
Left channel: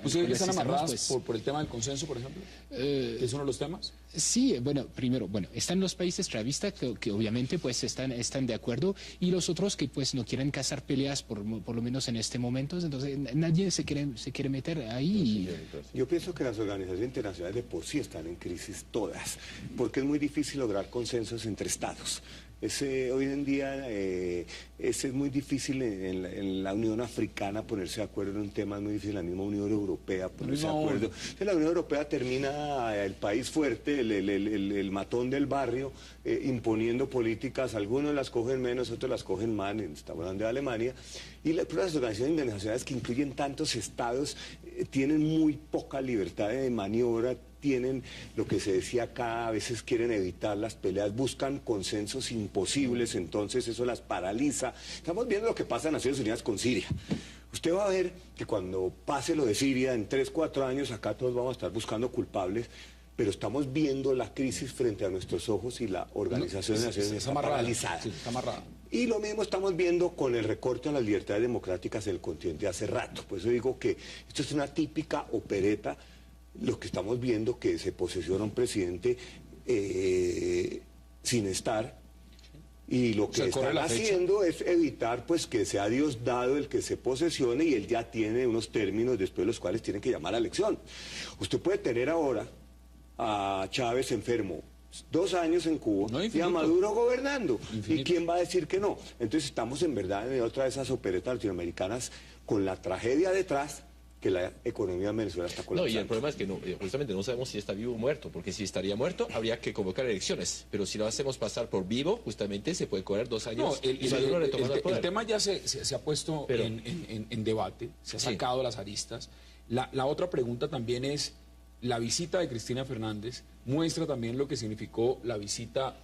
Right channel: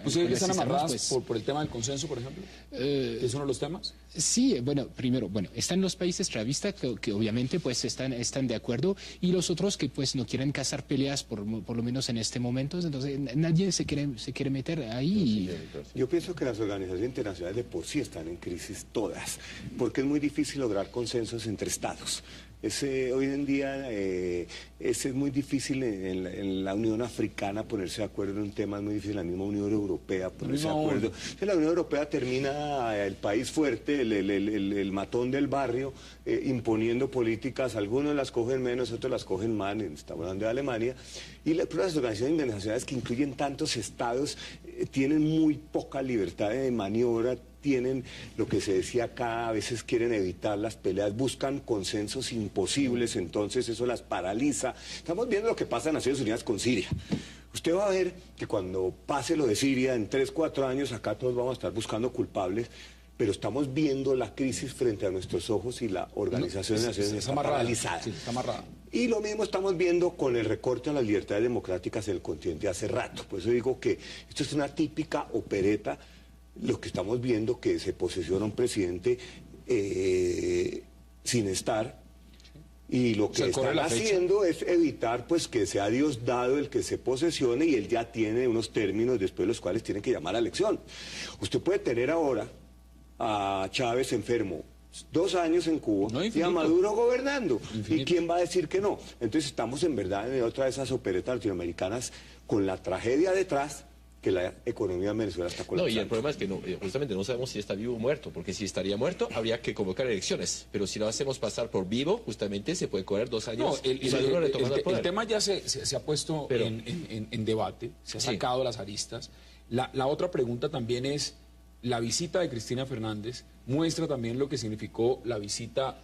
¿Ustedes que están amarradas por el tema del consenso, por ejemplo? ¿Es uno de los temas? Sí, primero, están los países chavistas que obviamente pues están de acuerdo y los otros que pues no quieren cazar peleas por lo menos en este momento, entonces nadie se quiere meter ahí. Yo pienso que las organizaciones internacionales de por sí están en crisis todas, porque es muy difícil lograr consensos entre estados. Hoy en día es muy difícil en la Unión Africana ponerse de acuerdo en un tema, es muy difícil en la misma Unión Europea ponerse de acuerdo. Entonces la Unión Europea termina el país fuerte, el matón del barrio, imponiendo políticas, algunos las cogen menos, otros las cogen más, está hablando de Alemania, y las organizaciones internacionales que incluyen tantos estados, tienen muy poca libertad de maniobra, tienen lo que se decía acá, a veces quieren evitar las peleas, buscan consensos imposibles, entonces eso las paraliza. Estamos viendo lo que pasa en Naciones Unidas con Siria. Usted va a ver que cuando pase lo de Siria, en 3, 4 años, acá todos vamos a estar buscando culpables, pero estamos viendo la crisis frente a nuestros ojos y la Organización de Naciones Unidas está paralizada. Sí, está amarrada. Y lo mismo estamos viendo con el recorte a las libertades democráticas en el continente hace rato. Por eso digo que esto es una típica opereta, lo que estamos viendo que se posesiona un presidente sin estar, y lo que están haciendo es evitar pues que sea Dios dado el que se posesione, y él ya tiene unos términos después de los cuales tiene que llamar a la elección. Usted puede tener ahora a Chávez enfermo 2 años en Cuba, y a Maduro gobernando. ¿Y quién va a decir que no? Entonces estamos en verdad en otra de esas operetas latinoamericanas con la tragedia detrás, que la economía de Venezuela está colapsando. No, y el problema es que justamente no sabemos si está vivo o muerto, porque si estaría muerto habría que convocar elecciones, pero si lo hacemos pasar por vivo, justamente se puede correr 2 años. No, el tema ya se ha puesto en debate, se ha sacado las aristas. La otra pregunta también es, la visita de Cristina Fernández muestra también lo que significó la visita,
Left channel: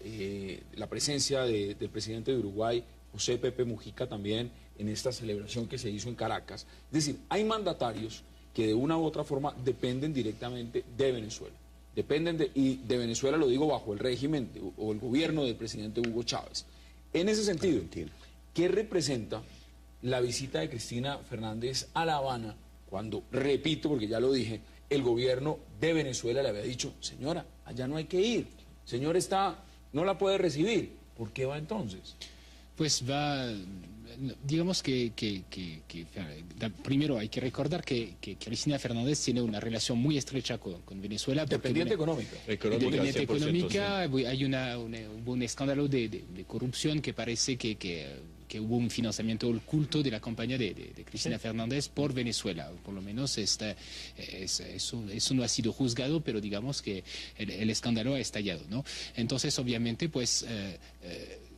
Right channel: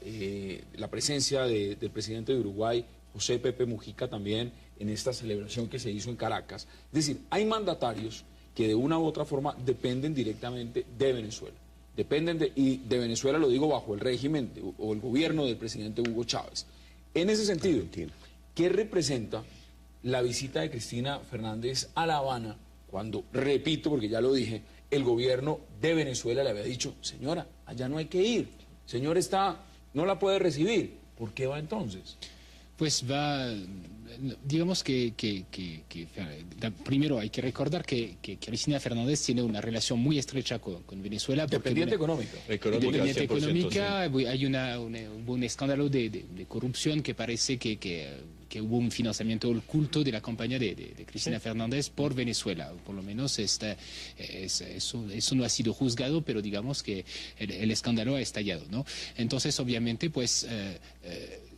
la presencia del presidente de Uruguay, José Pepe Mujica, también en esta celebración que se hizo en Caracas. Es decir, hay mandatarios que de una u otra forma dependen directamente de Venezuela. Y de Venezuela lo digo bajo el régimen o el gobierno del presidente Hugo Chávez. En ese sentido, ¿qué representa la visita de Cristina Fernández a La Habana cuando, repito, porque ya lo dije, el gobierno de Venezuela le había dicho, señora, allá no hay que ir, señor no la puede recibir? ¿Por qué va entonces? Pues va, digamos que primero hay que recordar que Cristina Fernández tiene una relación muy estrecha con Venezuela. Dependiente económica. Dependiente económica, hay un escándalo de corrupción que parece que hubo un financiamiento oculto de la campaña de Cristina Fernández por Venezuela. Por lo menos eso no ha sido juzgado, pero digamos que el escándalo ha estallado, ¿no? Entonces, obviamente, pues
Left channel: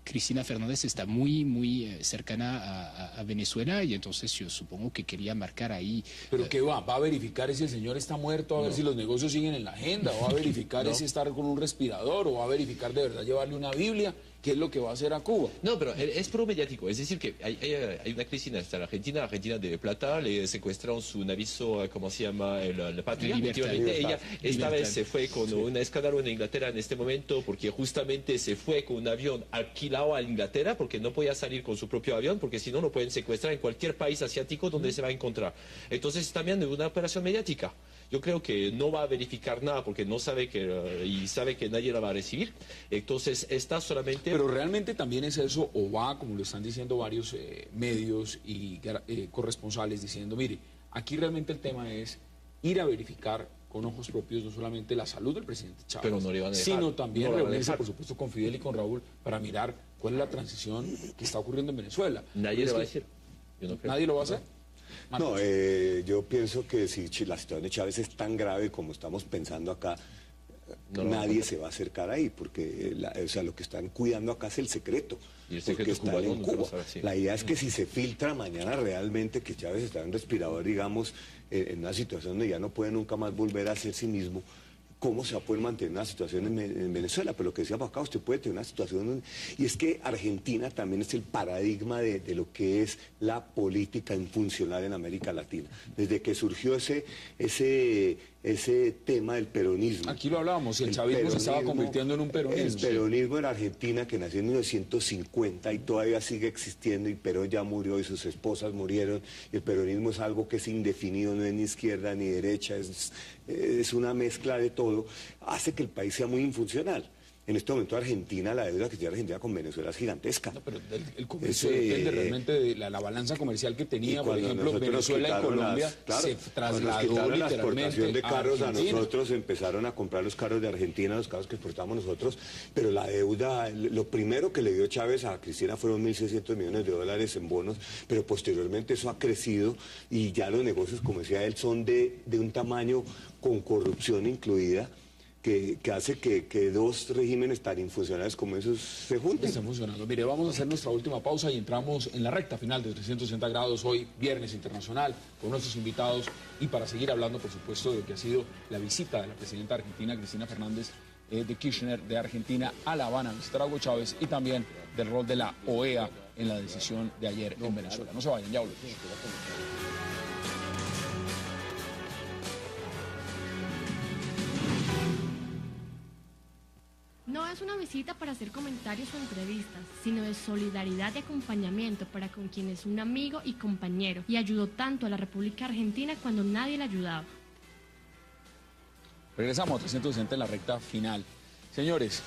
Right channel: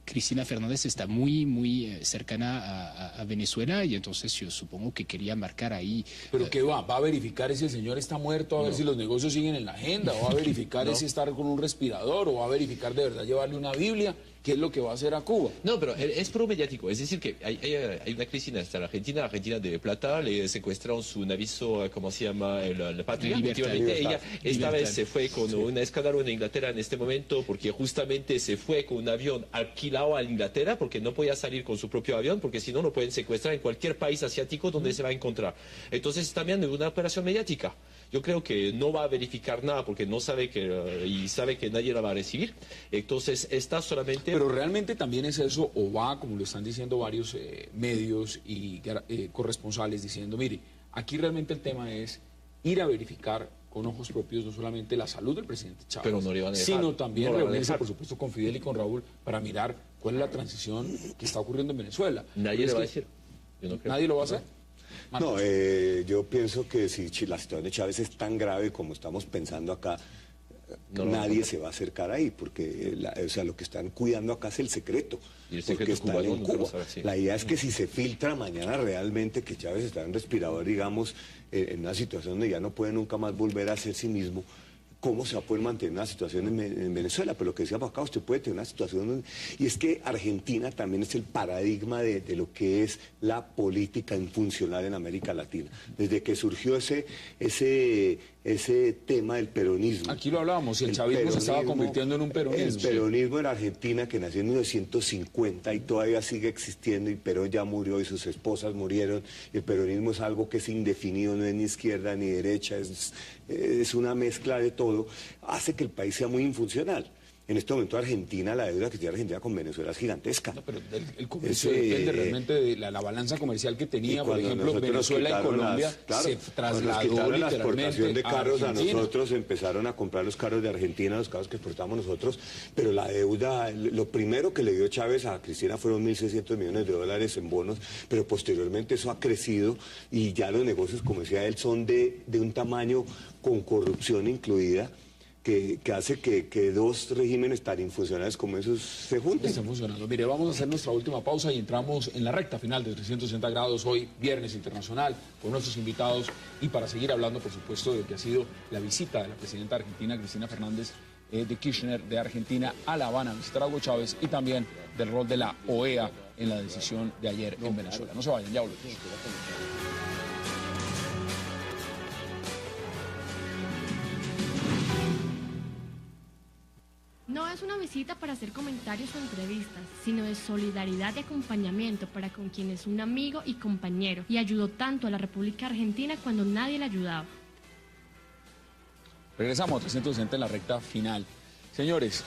Cristina Fernández está muy cercana a Venezuela, y entonces yo supongo que quería marcar ahí. ¿Pero qué va? ¿Va a verificar si el señor está muerto, a ver si los negocios siguen en la agenda? ¿Va a verificar si está con un respirador? ¿O va a verificar de verdad llevarle una Biblia? ¿Qué es lo que va a hacer a Cuba? No, pero es pro mediático. Es decir, que hay una crisis en Argentina de Plata, le secuestraron su navío, ¿cómo se llama? La Patria. Ella esta vez se fue con un escándalo en Inglaterra en este momento, porque justamente se fue con un avión alquilado a Inglaterra, porque no podía salir con su propio avión, porque si no lo pueden secuestrar en cualquier país asiático donde se va a encontrar. Entonces también de una operación mediática. Yo creo que no va a verificar nada porque no sabe y sabe que nadie la va a recibir. Entonces está solamente... Pero realmente también es eso, o va, como lo están diciendo varios medios y corresponsales, diciendo, mire, aquí realmente el tema es ir a verificar con ojos propios no solamente la salud del presidente Chávez, pero no le van a dejar, sino también reunirse, por supuesto, con Fidel y con Raúl para mirar cuál es la transición que está ocurriendo en Venezuela. Nadie lo va a decir. ¿Nadie lo va a hacer? No, yo pienso que si la situación de Chávez es tan grave como estamos pensando acá, nadie se va a acercar ahí, porque lo que están cuidando acá es el secreto, porque están en Cuba. La idea es que si se filtra mañana realmente que Chávez está en un respirador, digamos, en una situación donde ya no puede nunca más volver a ser sí mismo, ¿cómo se va a poder mantener una situación en Venezuela? Pero lo que decíamos acá, usted puede tener una situación, y es que Argentina también es el paradigma de lo que es la política infuncional en América Latina. Desde que surgió ese tema del peronismo. Aquí lo hablábamos, el chavismo se estaba convirtiendo en un peronismo. El peronismo en Argentina, que nació en 1950 y todavía sigue existiendo, y Perón ya murió y sus esposas murieron. El peronismo es algo que es indefinido, no es ni izquierda ni derecha, es una mezcla de todo, hace que el país sea muy infuncional. En este momento Argentina, la deuda que tiene Argentina con Venezuela es gigantesca. No, pero el comercio depende realmente de la balanza comercial que tenía, por ejemplo, Venezuela y Colombia se trasladó la exportación de carros a Argentina. nosotros, empezaron a comprar los carros de Argentina, los carros que exportamos nosotros, pero la deuda, lo primero que le dio Chávez a Cristina fueron 1.600 millones de dólares en bonos, pero posteriormente eso ha crecido y ya los negocios, como decía él, son de un tamaño con corrupción incluida, que hace que dos regímenes tan infuncionales como esos se junten. Están funcionando. Mire, vamos a hacer nuestra última pausa y entramos en la recta final de 360 grados, hoy viernes internacional, con nuestros invitados y para seguir hablando, por supuesto, de lo que ha sido la visita de la presidenta argentina, Cristina Fernández de Kirchner, de Argentina a La Habana, a visitar a Hugo Chávez, y también del rol de la OEA en la decisión de ayer en Venezuela. No se vayan, ya volvemos. No es una visita para hacer comentarios o entrevistas, sino de solidaridad y acompañamiento para con quien es un amigo y compañero, y ayudó tanto a la República Argentina cuando nadie le ayudaba. Regresamos a 360 en la recta final. Señores,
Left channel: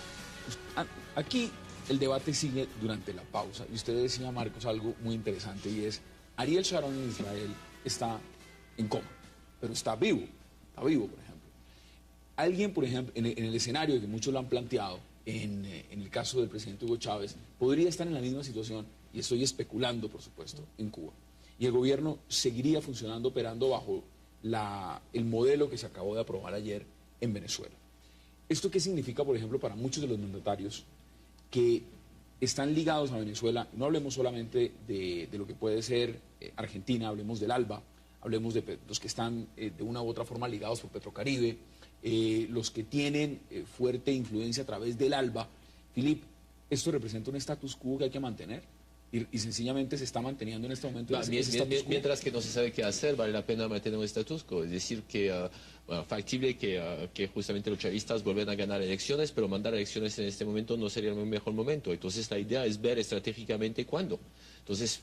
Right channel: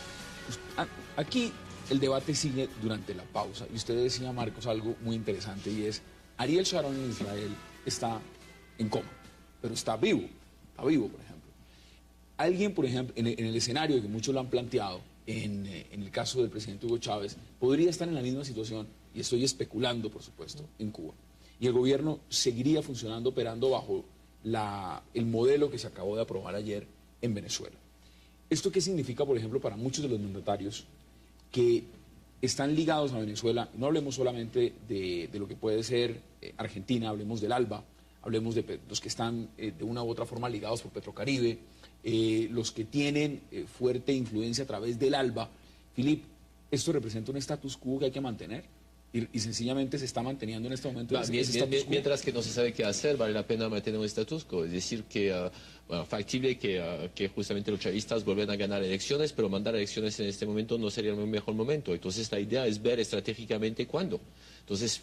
aquí el debate sigue durante la pausa, y usted decía, Marcos, algo muy interesante, y es, Ariel Sharon en Israel está en coma, pero está vivo, por ejemplo. Alguien, por ejemplo, en el escenario que muchos lo han planteado, en el caso del presidente Hugo Chávez, podría estar en la misma situación, y estoy especulando, por supuesto, en Cuba. Y el gobierno seguiría funcionando, operando bajo el modelo que se acabó de aprobar ayer en Venezuela. ¿Esto qué significa, por ejemplo, para muchos de los mandatarios que están ligados a Venezuela? No hablemos solamente de lo que puede ser Argentina, hablemos del ALBA, hablemos de los que están de una u otra forma ligados por Petrocaribe, los que tienen fuerte influencia a través del ALBA. Filip, ¿esto representa un status quo que hay que mantener? Y sencillamente se está manteniendo en este momento. Mientras que no se sabe qué hacer, vale la pena mantener un status quo. Es decir, que factible que justamente los chavistas vuelvan a ganar elecciones, pero mandar elecciones en este momento no sería el mejor momento. Entonces la idea es ver estratégicamente cuándo. Entonces,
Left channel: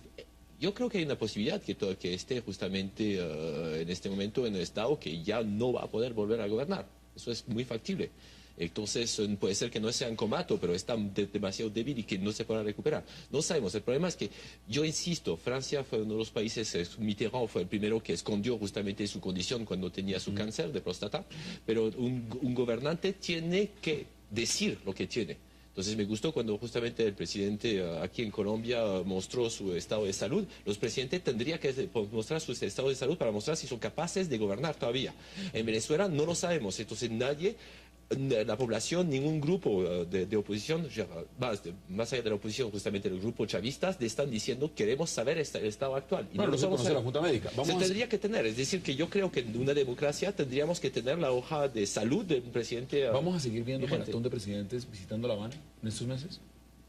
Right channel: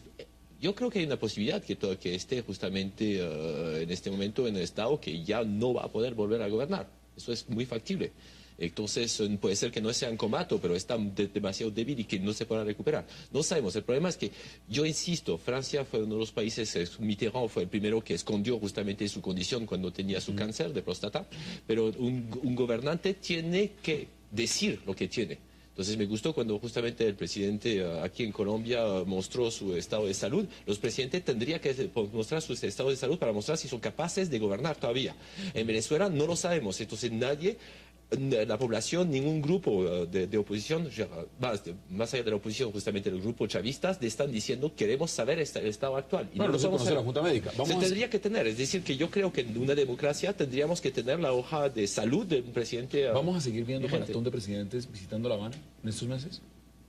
yo creo que hay una posibilidad que esté justamente en este momento en el Estado que ya no va a poder volver a gobernar. Eso es muy factible. Entonces puede ser que no sea en comato, pero está demasiado débil y que no se pueda recuperar. No sabemos. El problema es que, yo insisto, Francia fue uno de los países, Mitterrand fue el primero que escondió justamente su condición cuando tenía su cáncer de próstata, pero un gobernante tiene que decir lo que tiene. Entonces me gustó cuando justamente el presidente aquí en Colombia mostró su estado de salud. Los presidentes tendrían que mostrar su estado de salud para mostrar si son capaces de gobernar todavía. En Venezuela no lo sabemos, entonces nadie, la población, ningún grupo de oposición, más allá de la oposición, justamente el grupo chavistas, están diciendo queremos saber el estado actual. Y bueno, no se conoce la Junta Médica. Se tendría que tener, es decir, que yo creo que en una democracia tendríamos que tener la hoja de salud del presidente. ¿Vamos a seguir viendo maratón de presidentes visitando La Habana en estos meses?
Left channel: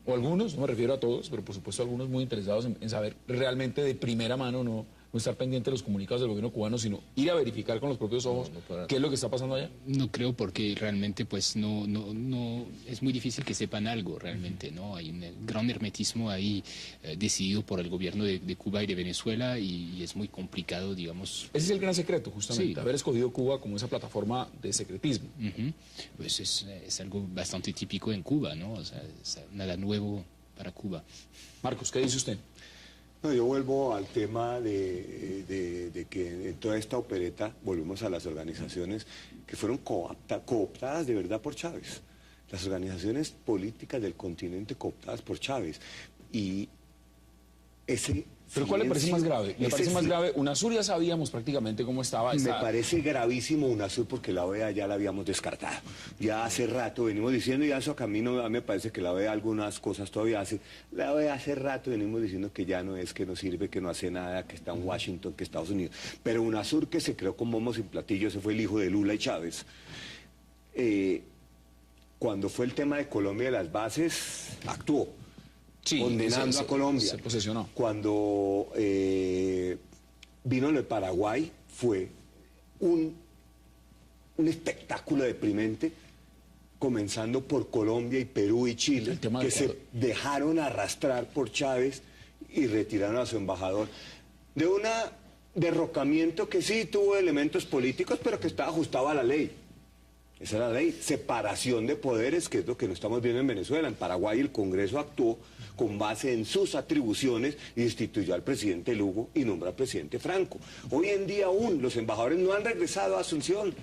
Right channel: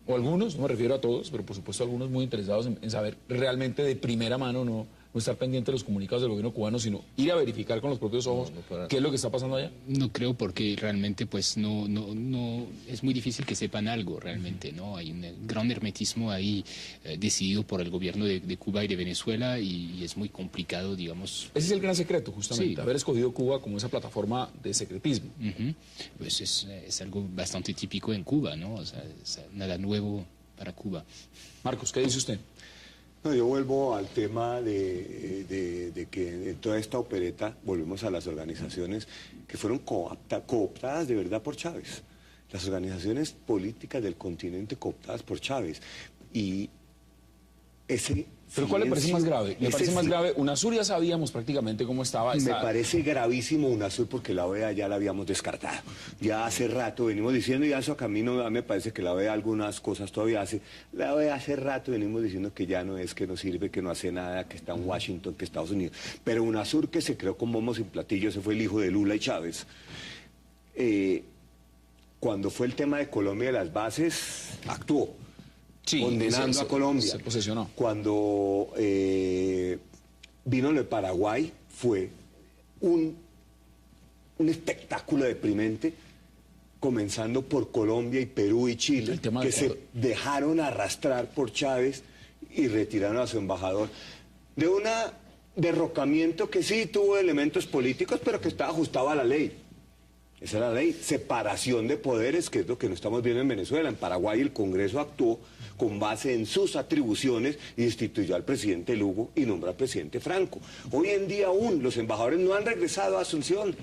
O algunos, no me refiero a todos, pero por supuesto algunos muy interesados en saber realmente de primera mano, no estar pendiente de los comunicados del gobierno cubano, sino ir a verificar con los propios ojos qué es lo que está pasando allá. No creo, porque realmente pues no es muy difícil que sepan algo realmente, ¿no? Hay un gran hermetismo ahí decidido por el gobierno de Cuba y de Venezuela, y es muy complicado, digamos. Ese es el gran secreto, justamente, sí, haber escogido Cuba como esa plataforma de secretismo. Pues es algo bastante típico en Cuba, ¿no? O sea, es nada nuevo para Cuba. Marcos, ¿qué dice usted? No, yo vuelvo al tema de que en toda esta opereta volvemos a las organizaciones que fueron cooptadas de verdad por Chávez. Las organizaciones políticas del continente cooptadas por Chávez. Y ese... ¿Pero cuál le parece más grave? ¿Le parece más grave? UNASUR ya sabíamos prácticamente cómo estaba. Me parece gravísimo UNASUR porque la OEA ya la habíamos descartado. Ya hace rato venimos diciendo, y eso a camino me parece que la OEA algunas cosas todavía hace. La OEA hace rato venimos diciendo que ya no es, que no sirve, que no hace nada, que está en Washington, que Estados Unidos. Pero UNASUR, que se creó con bombos en platillo, ese fue el hijo de Lula y Chávez. Cuando fue el tema de Colombia de las bases, actuó. Sí, condenando a Colombia. Se posesionó. Cuando vino lo de Paraguay, fue un espectáculo deprimente, comenzando por Colombia y Perú y Chile, que se dejaron arrastrar por Chávez y retiraron a su embajador de un derrocamiento que sí tuvo elementos políticos, pero que estaba ajustado a la ley. Esa era la ley, separación de poderes, que es lo que no estamos viendo en Venezuela. En Paraguay el Congreso actuó con base en sus atribuciones, instituyó al presidente Lugo y nombró al presidente Franco. Hoy en día aún los embajadores no han regresado a Asunción.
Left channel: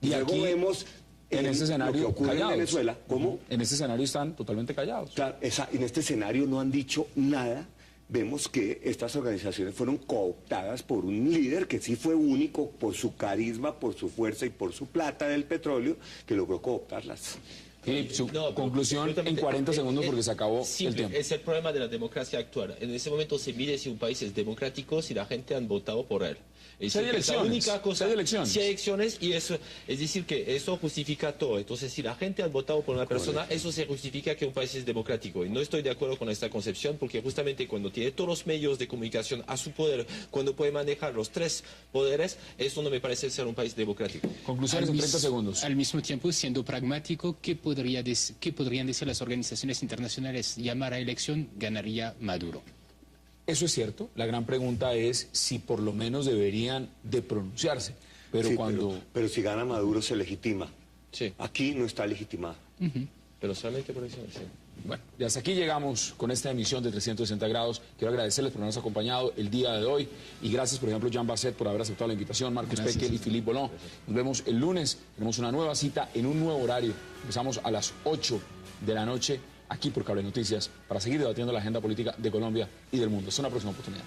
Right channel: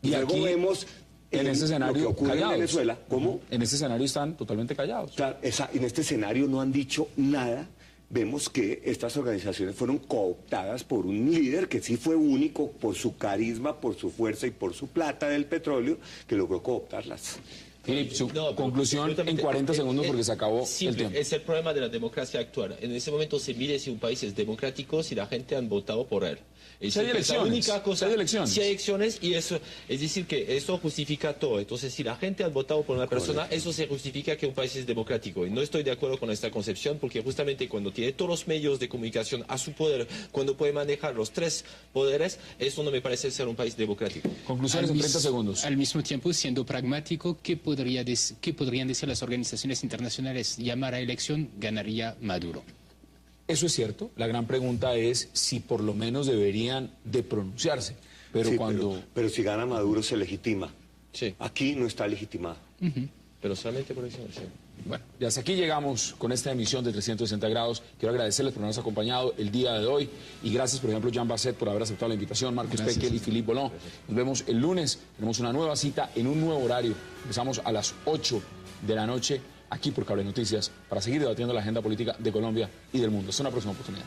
Y luego aquí vemos en este escenario ocurre callados. En Venezuela. ¿Cómo? En este escenario están totalmente callados. Claro, en este escenario no han dicho nada vemos que estas organizaciones fueron cooptadas por un líder que sí fue único por su carisma, por su fuerza y por su plata del petróleo, que logró cooptarlas. Su conclusión en 40 segundos porque se acabó el tiempo. Es el problema de la democracia actual. En ese momento se mide si un país es democrático si la gente han votado por él. Si hay elecciones, si hay elecciones, y eso, es decir, que eso justifica todo. Entonces, si la gente ha votado por una persona, eso se justifica que un país es democrático. Y no estoy de acuerdo con esta concepción, porque justamente cuando tiene todos los medios de comunicación a su poder, cuando puede manejar los tres poderes, eso no me parece ser un país democrático. Conclusiones en 30 segundos. Al mismo tiempo, siendo pragmático, ¿qué podrían decir las organizaciones internacionales? Llamar a elección, ganaría Maduro. Eso es cierto. La gran pregunta es si por lo menos deberían de pronunciarse. Pero Sí, cuando... pero si gana Maduro se legitima. Sí. Aquí no está legitimado. Pero solamente por elecciones, sí. Bueno, y hasta aquí llegamos con esta emisión de 360 grados. Quiero agradecerles por habernos acompañado el día de hoy. Y gracias, por ejemplo, Jean Basset por haber aceptado la invitación, Marcos Pequel y Philippe Bollon. Nos vemos el lunes. Tenemos una nueva cita en un nuevo horario. Empezamos a las 8 de la noche aquí por Cable Noticias para seguir debatiendo la agenda política de Colombia y del mundo. Hasta una próxima oportunidad.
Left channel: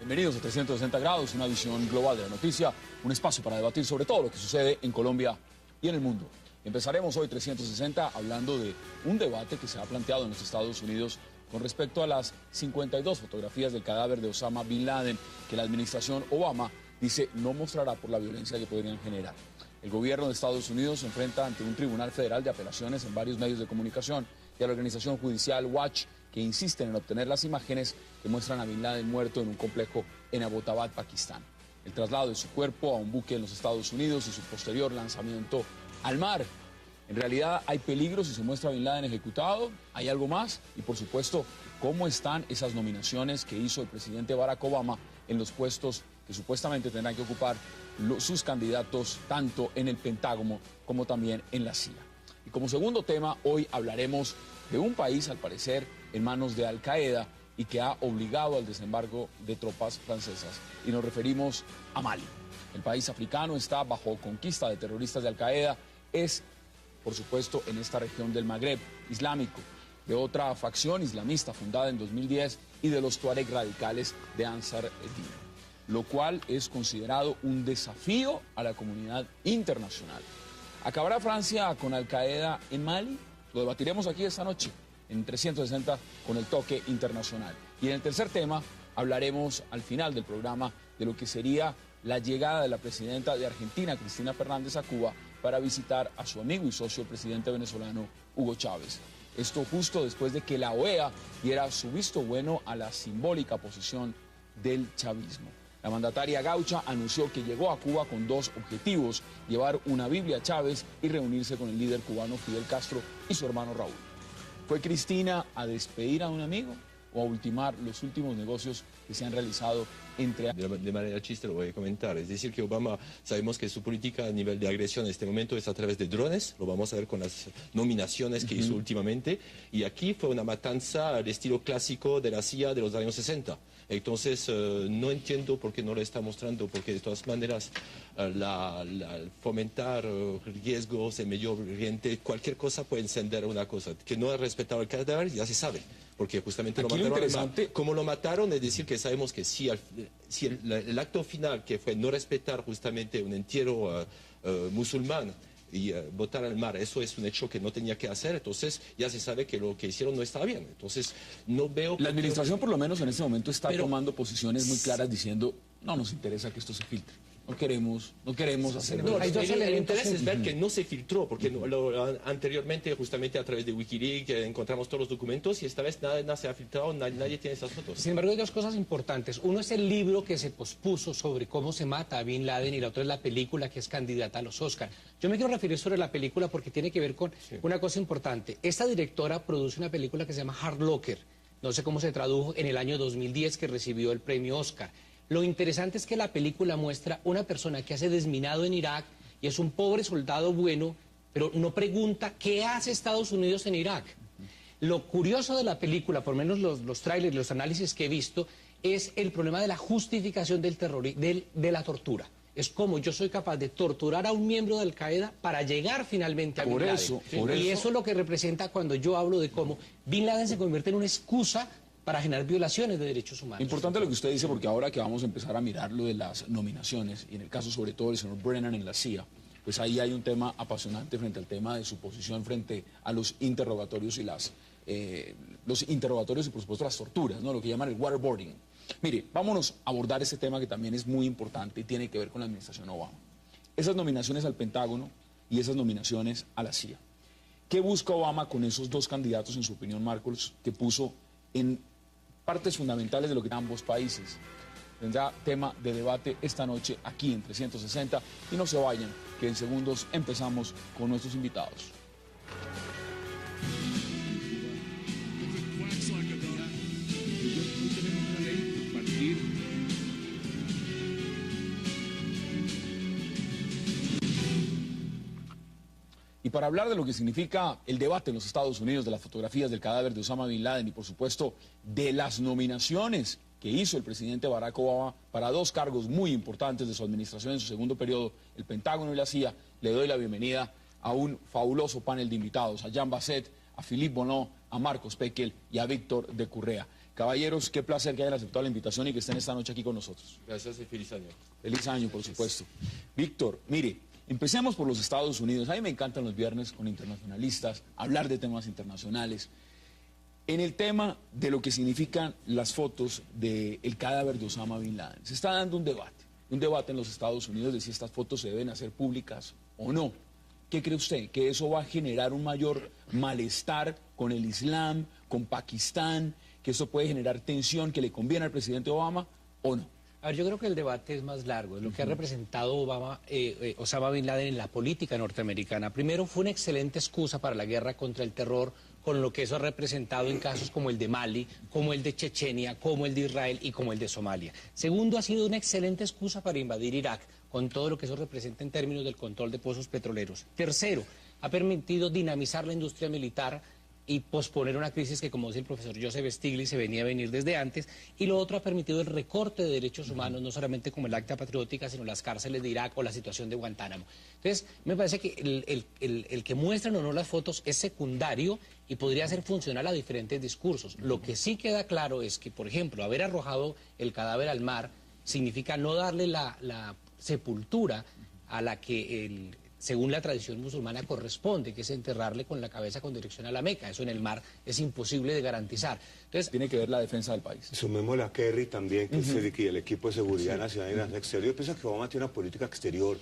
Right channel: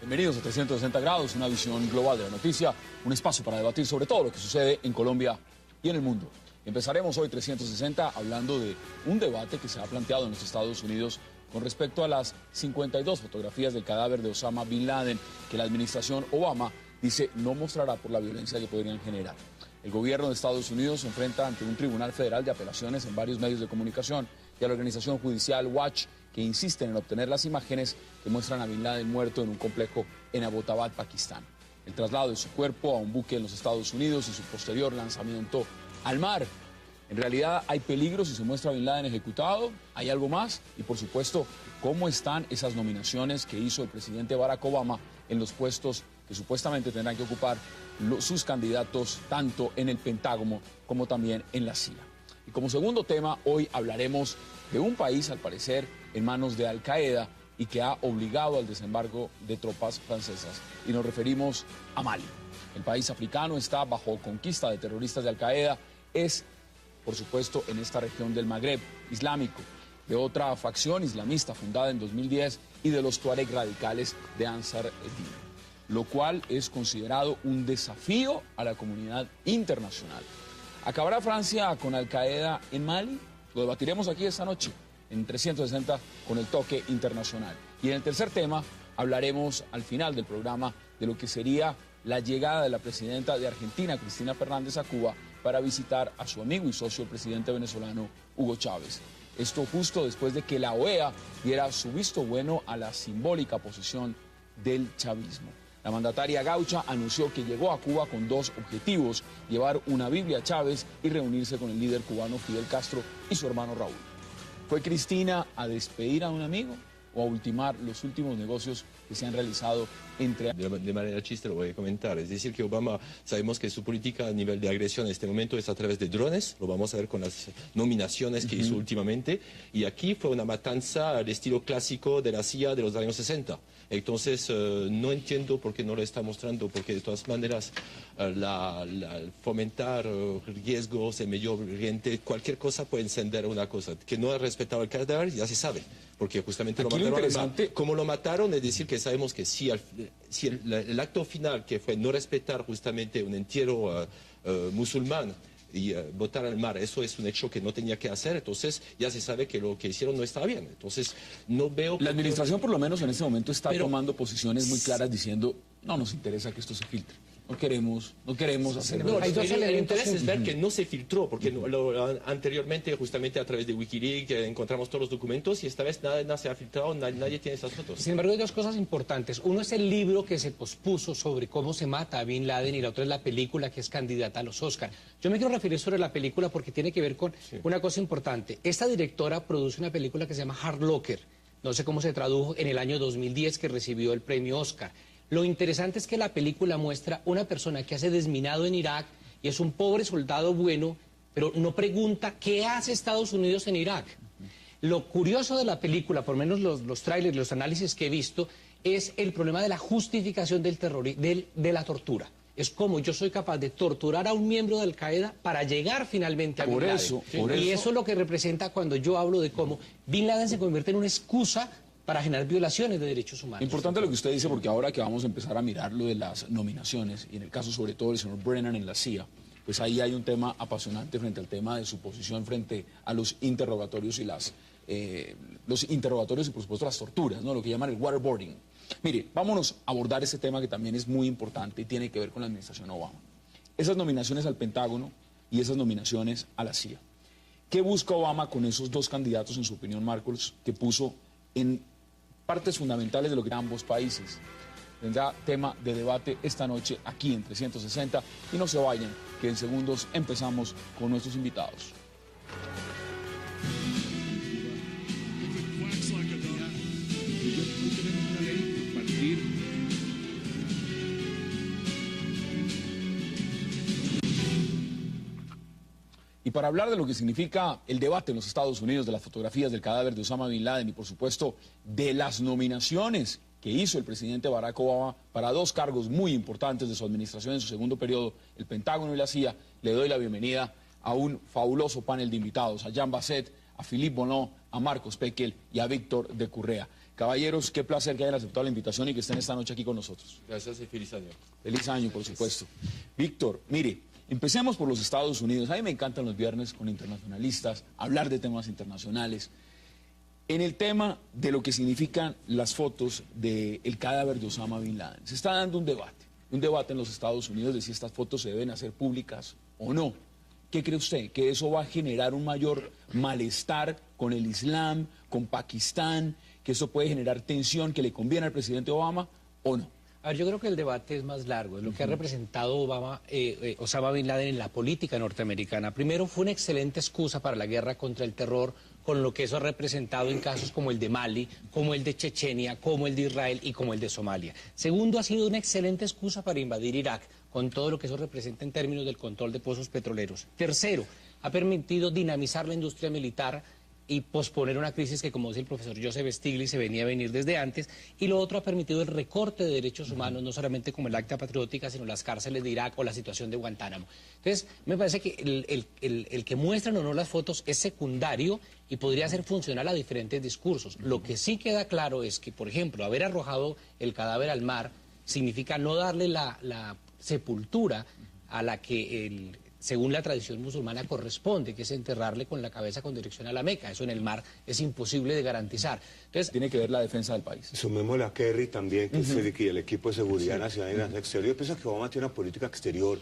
Bienvenidos a 360 grados, una visión global de la noticia, un espacio para debatir sobre todo lo que sucede en Colombia y en el mundo. Empezaremos hoy 360 hablando de un debate que se ha planteado en los Estados Unidos con respecto a las 52 fotografías del cadáver de Osama Bin Laden que la administración Obama dice no mostrará por la violencia que podrían generar. El gobierno de Estados Unidos se enfrenta ante un tribunal federal de apelaciones en varios medios de comunicación y a la organización judicial Watch, que insisten en obtener las imágenes que muestran a Bin Laden muerto en un complejo en Abbottabad, Pakistán. El traslado de su cuerpo a un buque en los Estados Unidos y su posterior lanzamiento al mar. En realidad hay peligro si se muestra a Bin Laden ejecutado, hay algo más y por supuesto cómo están esas nominaciones que hizo el presidente Barack Obama en los puestos que supuestamente tendrán que ocupar sus candidatos tanto en el Pentágono como también en la CIA. Y como segundo tema, hoy hablaremos de un país, al parecer, en manos de Al Qaeda y que ha obligado al desembarco de tropas francesas. Y nos referimos a Mali. El país africano está bajo conquista de terroristas de Al Qaeda. Es, por supuesto, en esta región del Magreb islámico, de otra facción islamista fundada en 2010 y de los tuareg radicales de Ansar el-Din, lo cual es considerado un desafío a la comunidad internacional. ¿Acabará Francia con Al Qaeda en Mali? Lo debatiremos aquí esta noche en 360 con el toque internacional. Y en el tercer tema hablaremos al final del programa de lo que sería la llegada de la presidenta de Argentina, Cristina Fernández, a Cuba para visitar a su amigo y socio, el presidente venezolano Hugo Chávez. Esto justo después de que la OEA diera su visto bueno a la simbólica posición del chavismo. La mandataria gaucha anunció que llegó a Cuba con dos objetivos: llevar una Biblia a Chávez y reunirse con el líder cubano Fidel Castro y su hermano Raúl. ¿Fue Cristina a despedir a un amigo o a ultimar los últimos negocios que se han realizado entre... De manera chiste lo voy a comentar. Es decir, que Obama, sabemos que su política a nivel de agresión en este momento es a través de drones. Lo vamos a ver con las nominaciones que hizo últimamente. Y aquí fue una matanza al estilo clásico de la CIA de los años 60. Entonces, no entiendo por qué no lo está mostrando, porque de todas maneras, fomentar riesgos en Medio Oriente, cualquier cosa puede encender una cosa. Que no ha respetado el cadáver, ya se sabe, porque justamente Aquí lo mataron. Como lo mataron, es decir, que sabemos que si el acto final, que fue no respetar justamente un entierro musulmán, y botar al mar, eso es un hecho que no tenía que hacer, entonces ya se sabe que lo que hicieron no está bien. Entonces no veo... La administración por lo menos en este momento está tomando posiciones muy claras diciendo no nos interesa que esto se filtre. No queremos hacer nada. El interés es ver que no se filtró, porque anteriormente, justamente a través de Wikileaks, encontramos todos los documentos y esta vez nada se ha filtrado, nadie tiene esas fotos. Sin embargo, hay dos cosas importantes. Uno es el libro que se pospuso sobre cómo se mata a Bin Laden y la otra es la película que es candidata a los Oscar. Yo me quiero referir sobre la película porque tiene que ver con una cosa importante. Esta directora produce una película que se llama Hard Locker, no sé cómo se tradujo en el año 2010 que recibió el premio Oscar. Lo interesante es que la película muestra una persona que hace desminado en Irak y es un pobre soldado bueno, pero no pregunta qué hace Estados Unidos en Irak. Lo curioso de la película, por lo menos los trailers, los análisis que he visto, es el problema de la justificación del terror, de la tortura. Es como yo soy capaz de torturar a un miembro de Al-Qaeda para llegar finalmente a Bin Laden. Y eso es lo que representa cuando yo hablo de cómo Bin Laden se convierte en una excusa para generar violaciones de derechos humanos. Importante lo que usted dice, porque ahora que vamos a empezar a mirar lo de las nominaciones, y en el caso sobre todo del señor Brennan en la CIA, pues ahí hay un tema apasionante frente al tema de su posición frente a los interrogatorios y los interrogatorios y por supuesto las torturas, ¿no? Lo que llaman el waterboarding. Mire, vámonos a abordar este tema que también es muy importante y tiene que ver con la administración Obama. Esas nominaciones al Pentágono y esas nominaciones a la CIA. ¿Qué busca Obama con esos dos candidatos, en su opinión, Marcos, que puso en partes fundamentales de lo que eran ambos países? Tendrá tema de debate esta noche aquí en 360 y no se vayan, que en segundos empezamos con nuestros invitados. Y para hablar de lo que significa el debate en los Estados Unidos, de las fotografías del cadáver de Osama Bin Laden y por supuesto de las nominaciones que hizo el presidente Barack Obama para dos cargos muy importantes de su administración en su segundo periodo, el Pentágono y la CIA, le doy la bienvenida a un fabuloso panel de invitados, a Jean Basset, a Philippe Bonneau, a Marcos Pekel y a Víctor de Currea. Caballeros, qué placer que hayan aceptado la invitación y que estén esta noche aquí con nosotros. Gracias y feliz año. Feliz año, por supuesto. Víctor, mire, empecemos por los Estados Unidos. A mí me encantan los viernes con internacionalistas, hablar de temas internacionales. En el tema de lo que significan las fotos del cadáver de Osama Bin Laden, se está dando un debate en los Estados Unidos de si estas fotos se deben hacer públicas o no. ¿Qué cree usted? ¿Que eso va a generar un mayor malestar con el Islam, con Pakistán? ¿Que eso puede generar tensión que le conviene al presidente Obama o no? A ver, yo creo que el debate es más largo, es lo que ha representado Osama Bin Laden en la política norteamericana. Primero, fue una excelente excusa para la guerra contra el terror, con lo que eso ha representado en casos como el de Mali, como el de Chechenia, como el de Israel y como el de Somalia. Segundo, ha sido una excelente excusa para invadir Irak, con todo lo que eso representa en términos del control de pozos petroleros. Tercero, ha permitido dinamizar la industria militar y posponer una crisis que, como dice el profesor Joseph Stiglitz, se venía a venir desde antes. Y lo otro, ha permitido el recorte de derechos humanos, no solamente como el Acta Patriótica, sino las cárceles de Irak o la situación de Guantánamo. Entonces, me parece que el que muestran o no las fotos es secundario y podría ser funcional a diferentes discursos. Lo que sí queda claro es que, por ejemplo, haber arrojado el cadáver al mar significa no darle la sepultura a la que según la tradición musulmana corresponde, que es enterrarle con la cabeza con dirección a la Meca. Eso en el mar es imposible de garantizar. Entonces, tiene que ver la defensa del país. Sumémosle a Kerry también, que es el equipo de seguridad nacional y nacional exterior. Yo pienso que Obama tiene una política exterior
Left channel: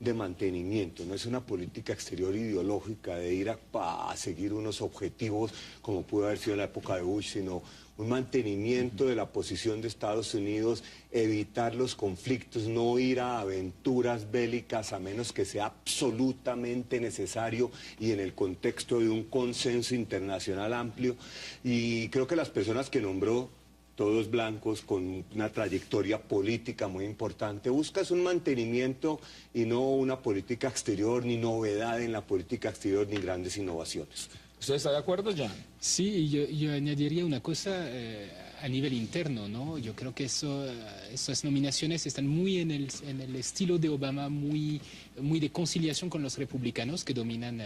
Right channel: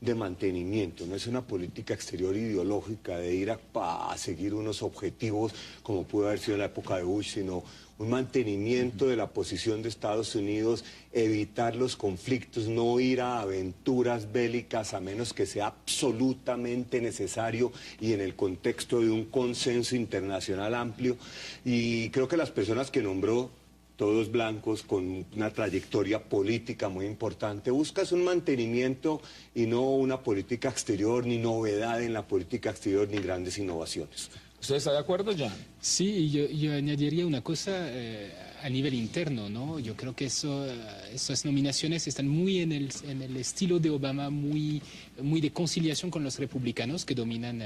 de mantenimiento, no es una política exterior ideológica de ir a seguir unos objetivos como pudo haber sido en la época de Bush, sino un mantenimiento de la posición de Estados Unidos, evitar los conflictos, no ir a aventuras bélicas a menos que sea absolutamente necesario y en el contexto de un consenso internacional amplio. Y creo que las personas que nombró, todos blancos, con una trayectoria política muy importante, buscas un mantenimiento y no una política exterior, ni novedad en la política exterior, ni grandes innovaciones. ¿Usted está de acuerdo, Jan? Sí, yo añadiría una cosa a nivel interno, ¿no? Yo creo que esas nominaciones están muy en el estilo de Obama, muy de conciliación con los republicanos que dominan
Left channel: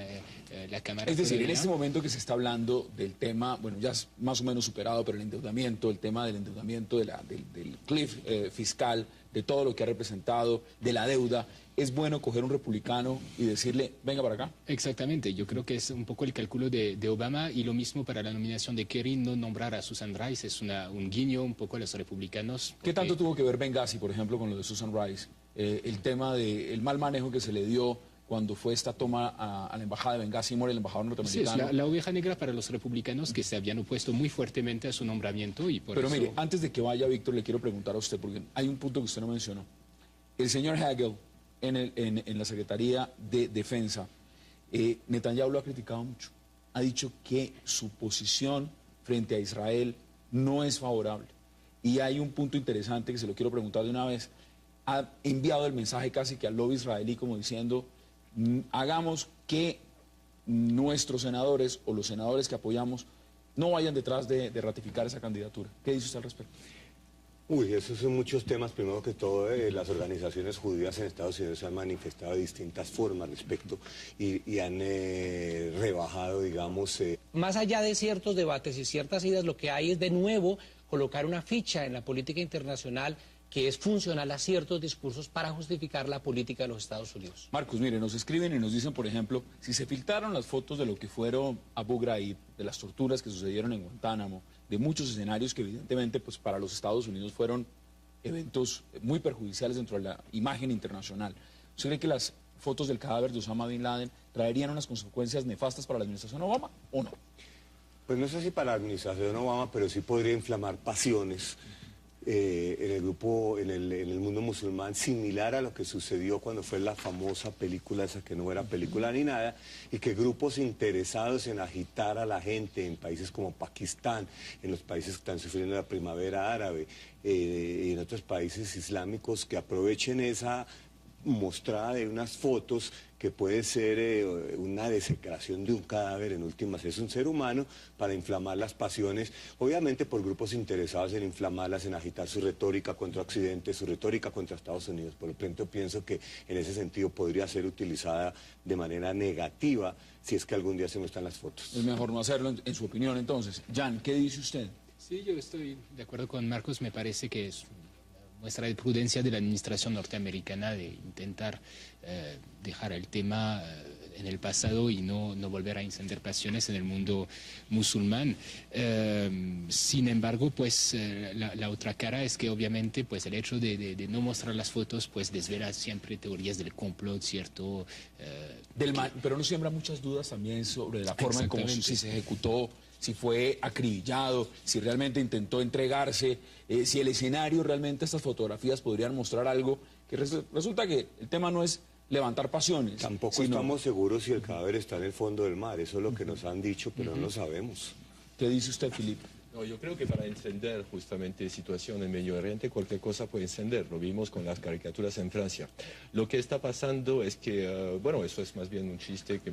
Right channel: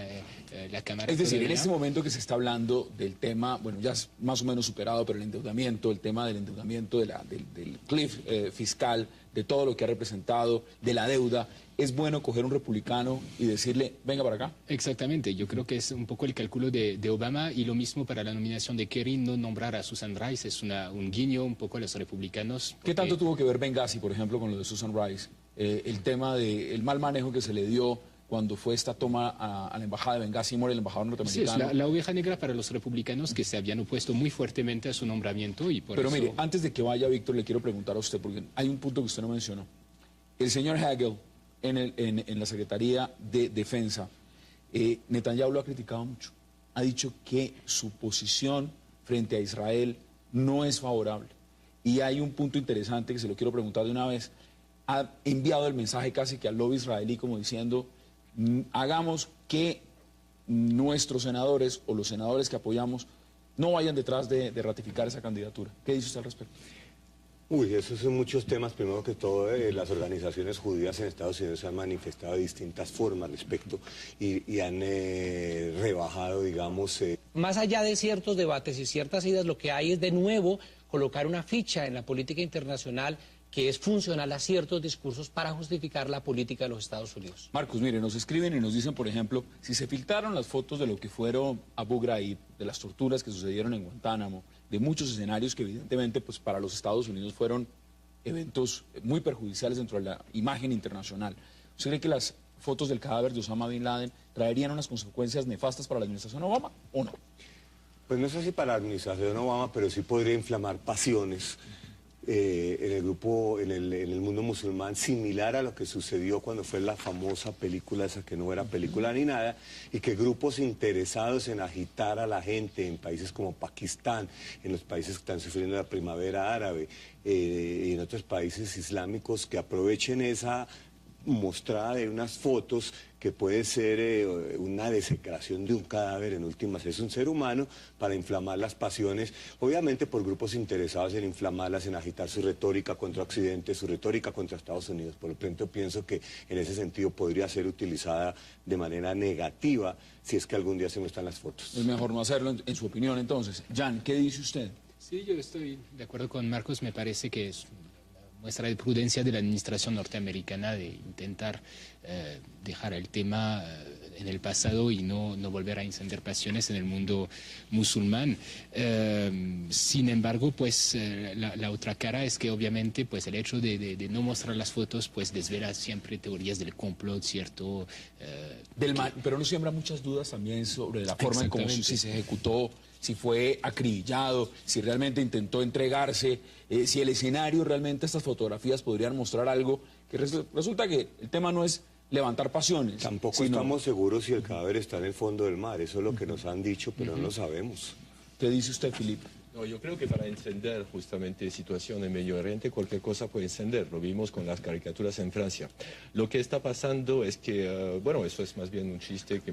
la Cámara. Es decir, en este momento que se está hablando del tema, bueno, ya es más o menos superado, pero el endeudamiento, el tema del endeudamiento, del cliff fiscal, de todo lo que ha representado, de la deuda, ¿es bueno coger un republicano y decirle, venga para acá? Exactamente, yo creo que es un poco el cálculo de Obama y lo mismo para la nominación de Kerry, no nombrar a Susan Rice, es un guiño un poco a los republicanos. ¿Qué tanto tuvo que ver Benghazi, por ejemplo, con lo de Susan Rice? El tema del mal manejo que se le dio cuando fue esta toma a la embajada de Benghazi, muere el embajador norteamericano. Sí, es la oveja negra para los republicanos que se habían opuesto muy fuertemente a su nombramiento y por Pero eso... mire, antes de que vaya Víctor, le quiero preguntar a usted, porque hay un punto que usted no mencionó. El señor Hagel, en la Secretaría de Defensa, Netanyahu lo ha criticado mucho. Ha dicho que su posición frente a Israel no es favorable. Y hay un punto interesante que se lo quiero preguntar de una vez. Ha enviado el mensaje casi que al lobby israelí como diciendo, hagamos que nuestros senadores o los senadores que apoyamos no vayan detrás de ratificar esa candidatura. ¿Qué dice usted al respecto? Uy, esos son muchos temas. Primero que todo, las organizaciones judías en Estados Unidos se han manifestado de distintas formas respecto y han rebajado, digamos... Más allá de ciertos debates y ciertas ideas, lo que hay es de nuevo colocar una ficha en la política internacional que es funcional a ciertos discursos para justificar la política de los Estados Unidos. Marcos, mire, nos escriben y nos dicen, por ejemplo, si se filtraron las fotos de lo que fueron Abu Ghraib, de las torturas que sucedieron en Guantánamo, de muchos escenarios que evidentemente pues, para los Estados Unidos fueron eventos muy perjudiciales dentro de la imagen internacional. ¿Usted cree que las fotos del cadáver de Osama Bin Laden traerían unas consecuencias nefastas para la administración Obama o no? Pues no sé si para la administración Obama, pero sí podría inflamar pasiones en el grupo, en el mundo musulmán, similar a lo que sucedió cuando fue la famosa película esa que no era película ni nada, y que grupos interesados en agitar a la gente en países como Pakistán, en los países que están sufriendo la primavera árabe, y en otros países islámicos, que aprovechen esa mostrada de unas fotos que puede ser una desecración de un cadáver, en últimas es un ser humano, para inflamar las pasiones, obviamente por grupos interesados en inflamarlas, en agitar su retórica contra Occidente, su retórica contra Estados Unidos. Por lo tanto, pienso que en ese sentido podría ser utilizada de manera negativa si es que algún día se muestran las fotos. Es mejor no hacerlo, en su opinión, entonces. Jan, ¿qué dice usted? Sí, yo estoy de acuerdo con Marcos. Me parece que es muestra de prudencia de la administración norteamericana de intentar dejar el tema en el pasado y no volver a encender pasiones en el mundo musulmán. Sin embargo, pues la otra cara es que obviamente pues el hecho de no mostrar las fotos pues desvela siempre teorías del complot, ¿cierto? Pero no siembra muchas dudas también sobre la forma en cómo si se ejecutó, si fue acribillado, si realmente intentó entregarse, si el escenario realmente, estas fotografías podrían mostrar algo, que resulta que el tema no es levantar pasiones. Tampoco estamos seguros si el cadáver está en el fondo del mar, eso es lo que nos han dicho, pero no lo sabemos. ¿Qué dice usted, Filipe? No, yo creo que para encender justamente situación en Medio Oriente, cualquier cosa puede encender. Lo vimos con las caricaturas en Francia. Lo que está pasando es que, bueno, eso es más bien un chiste que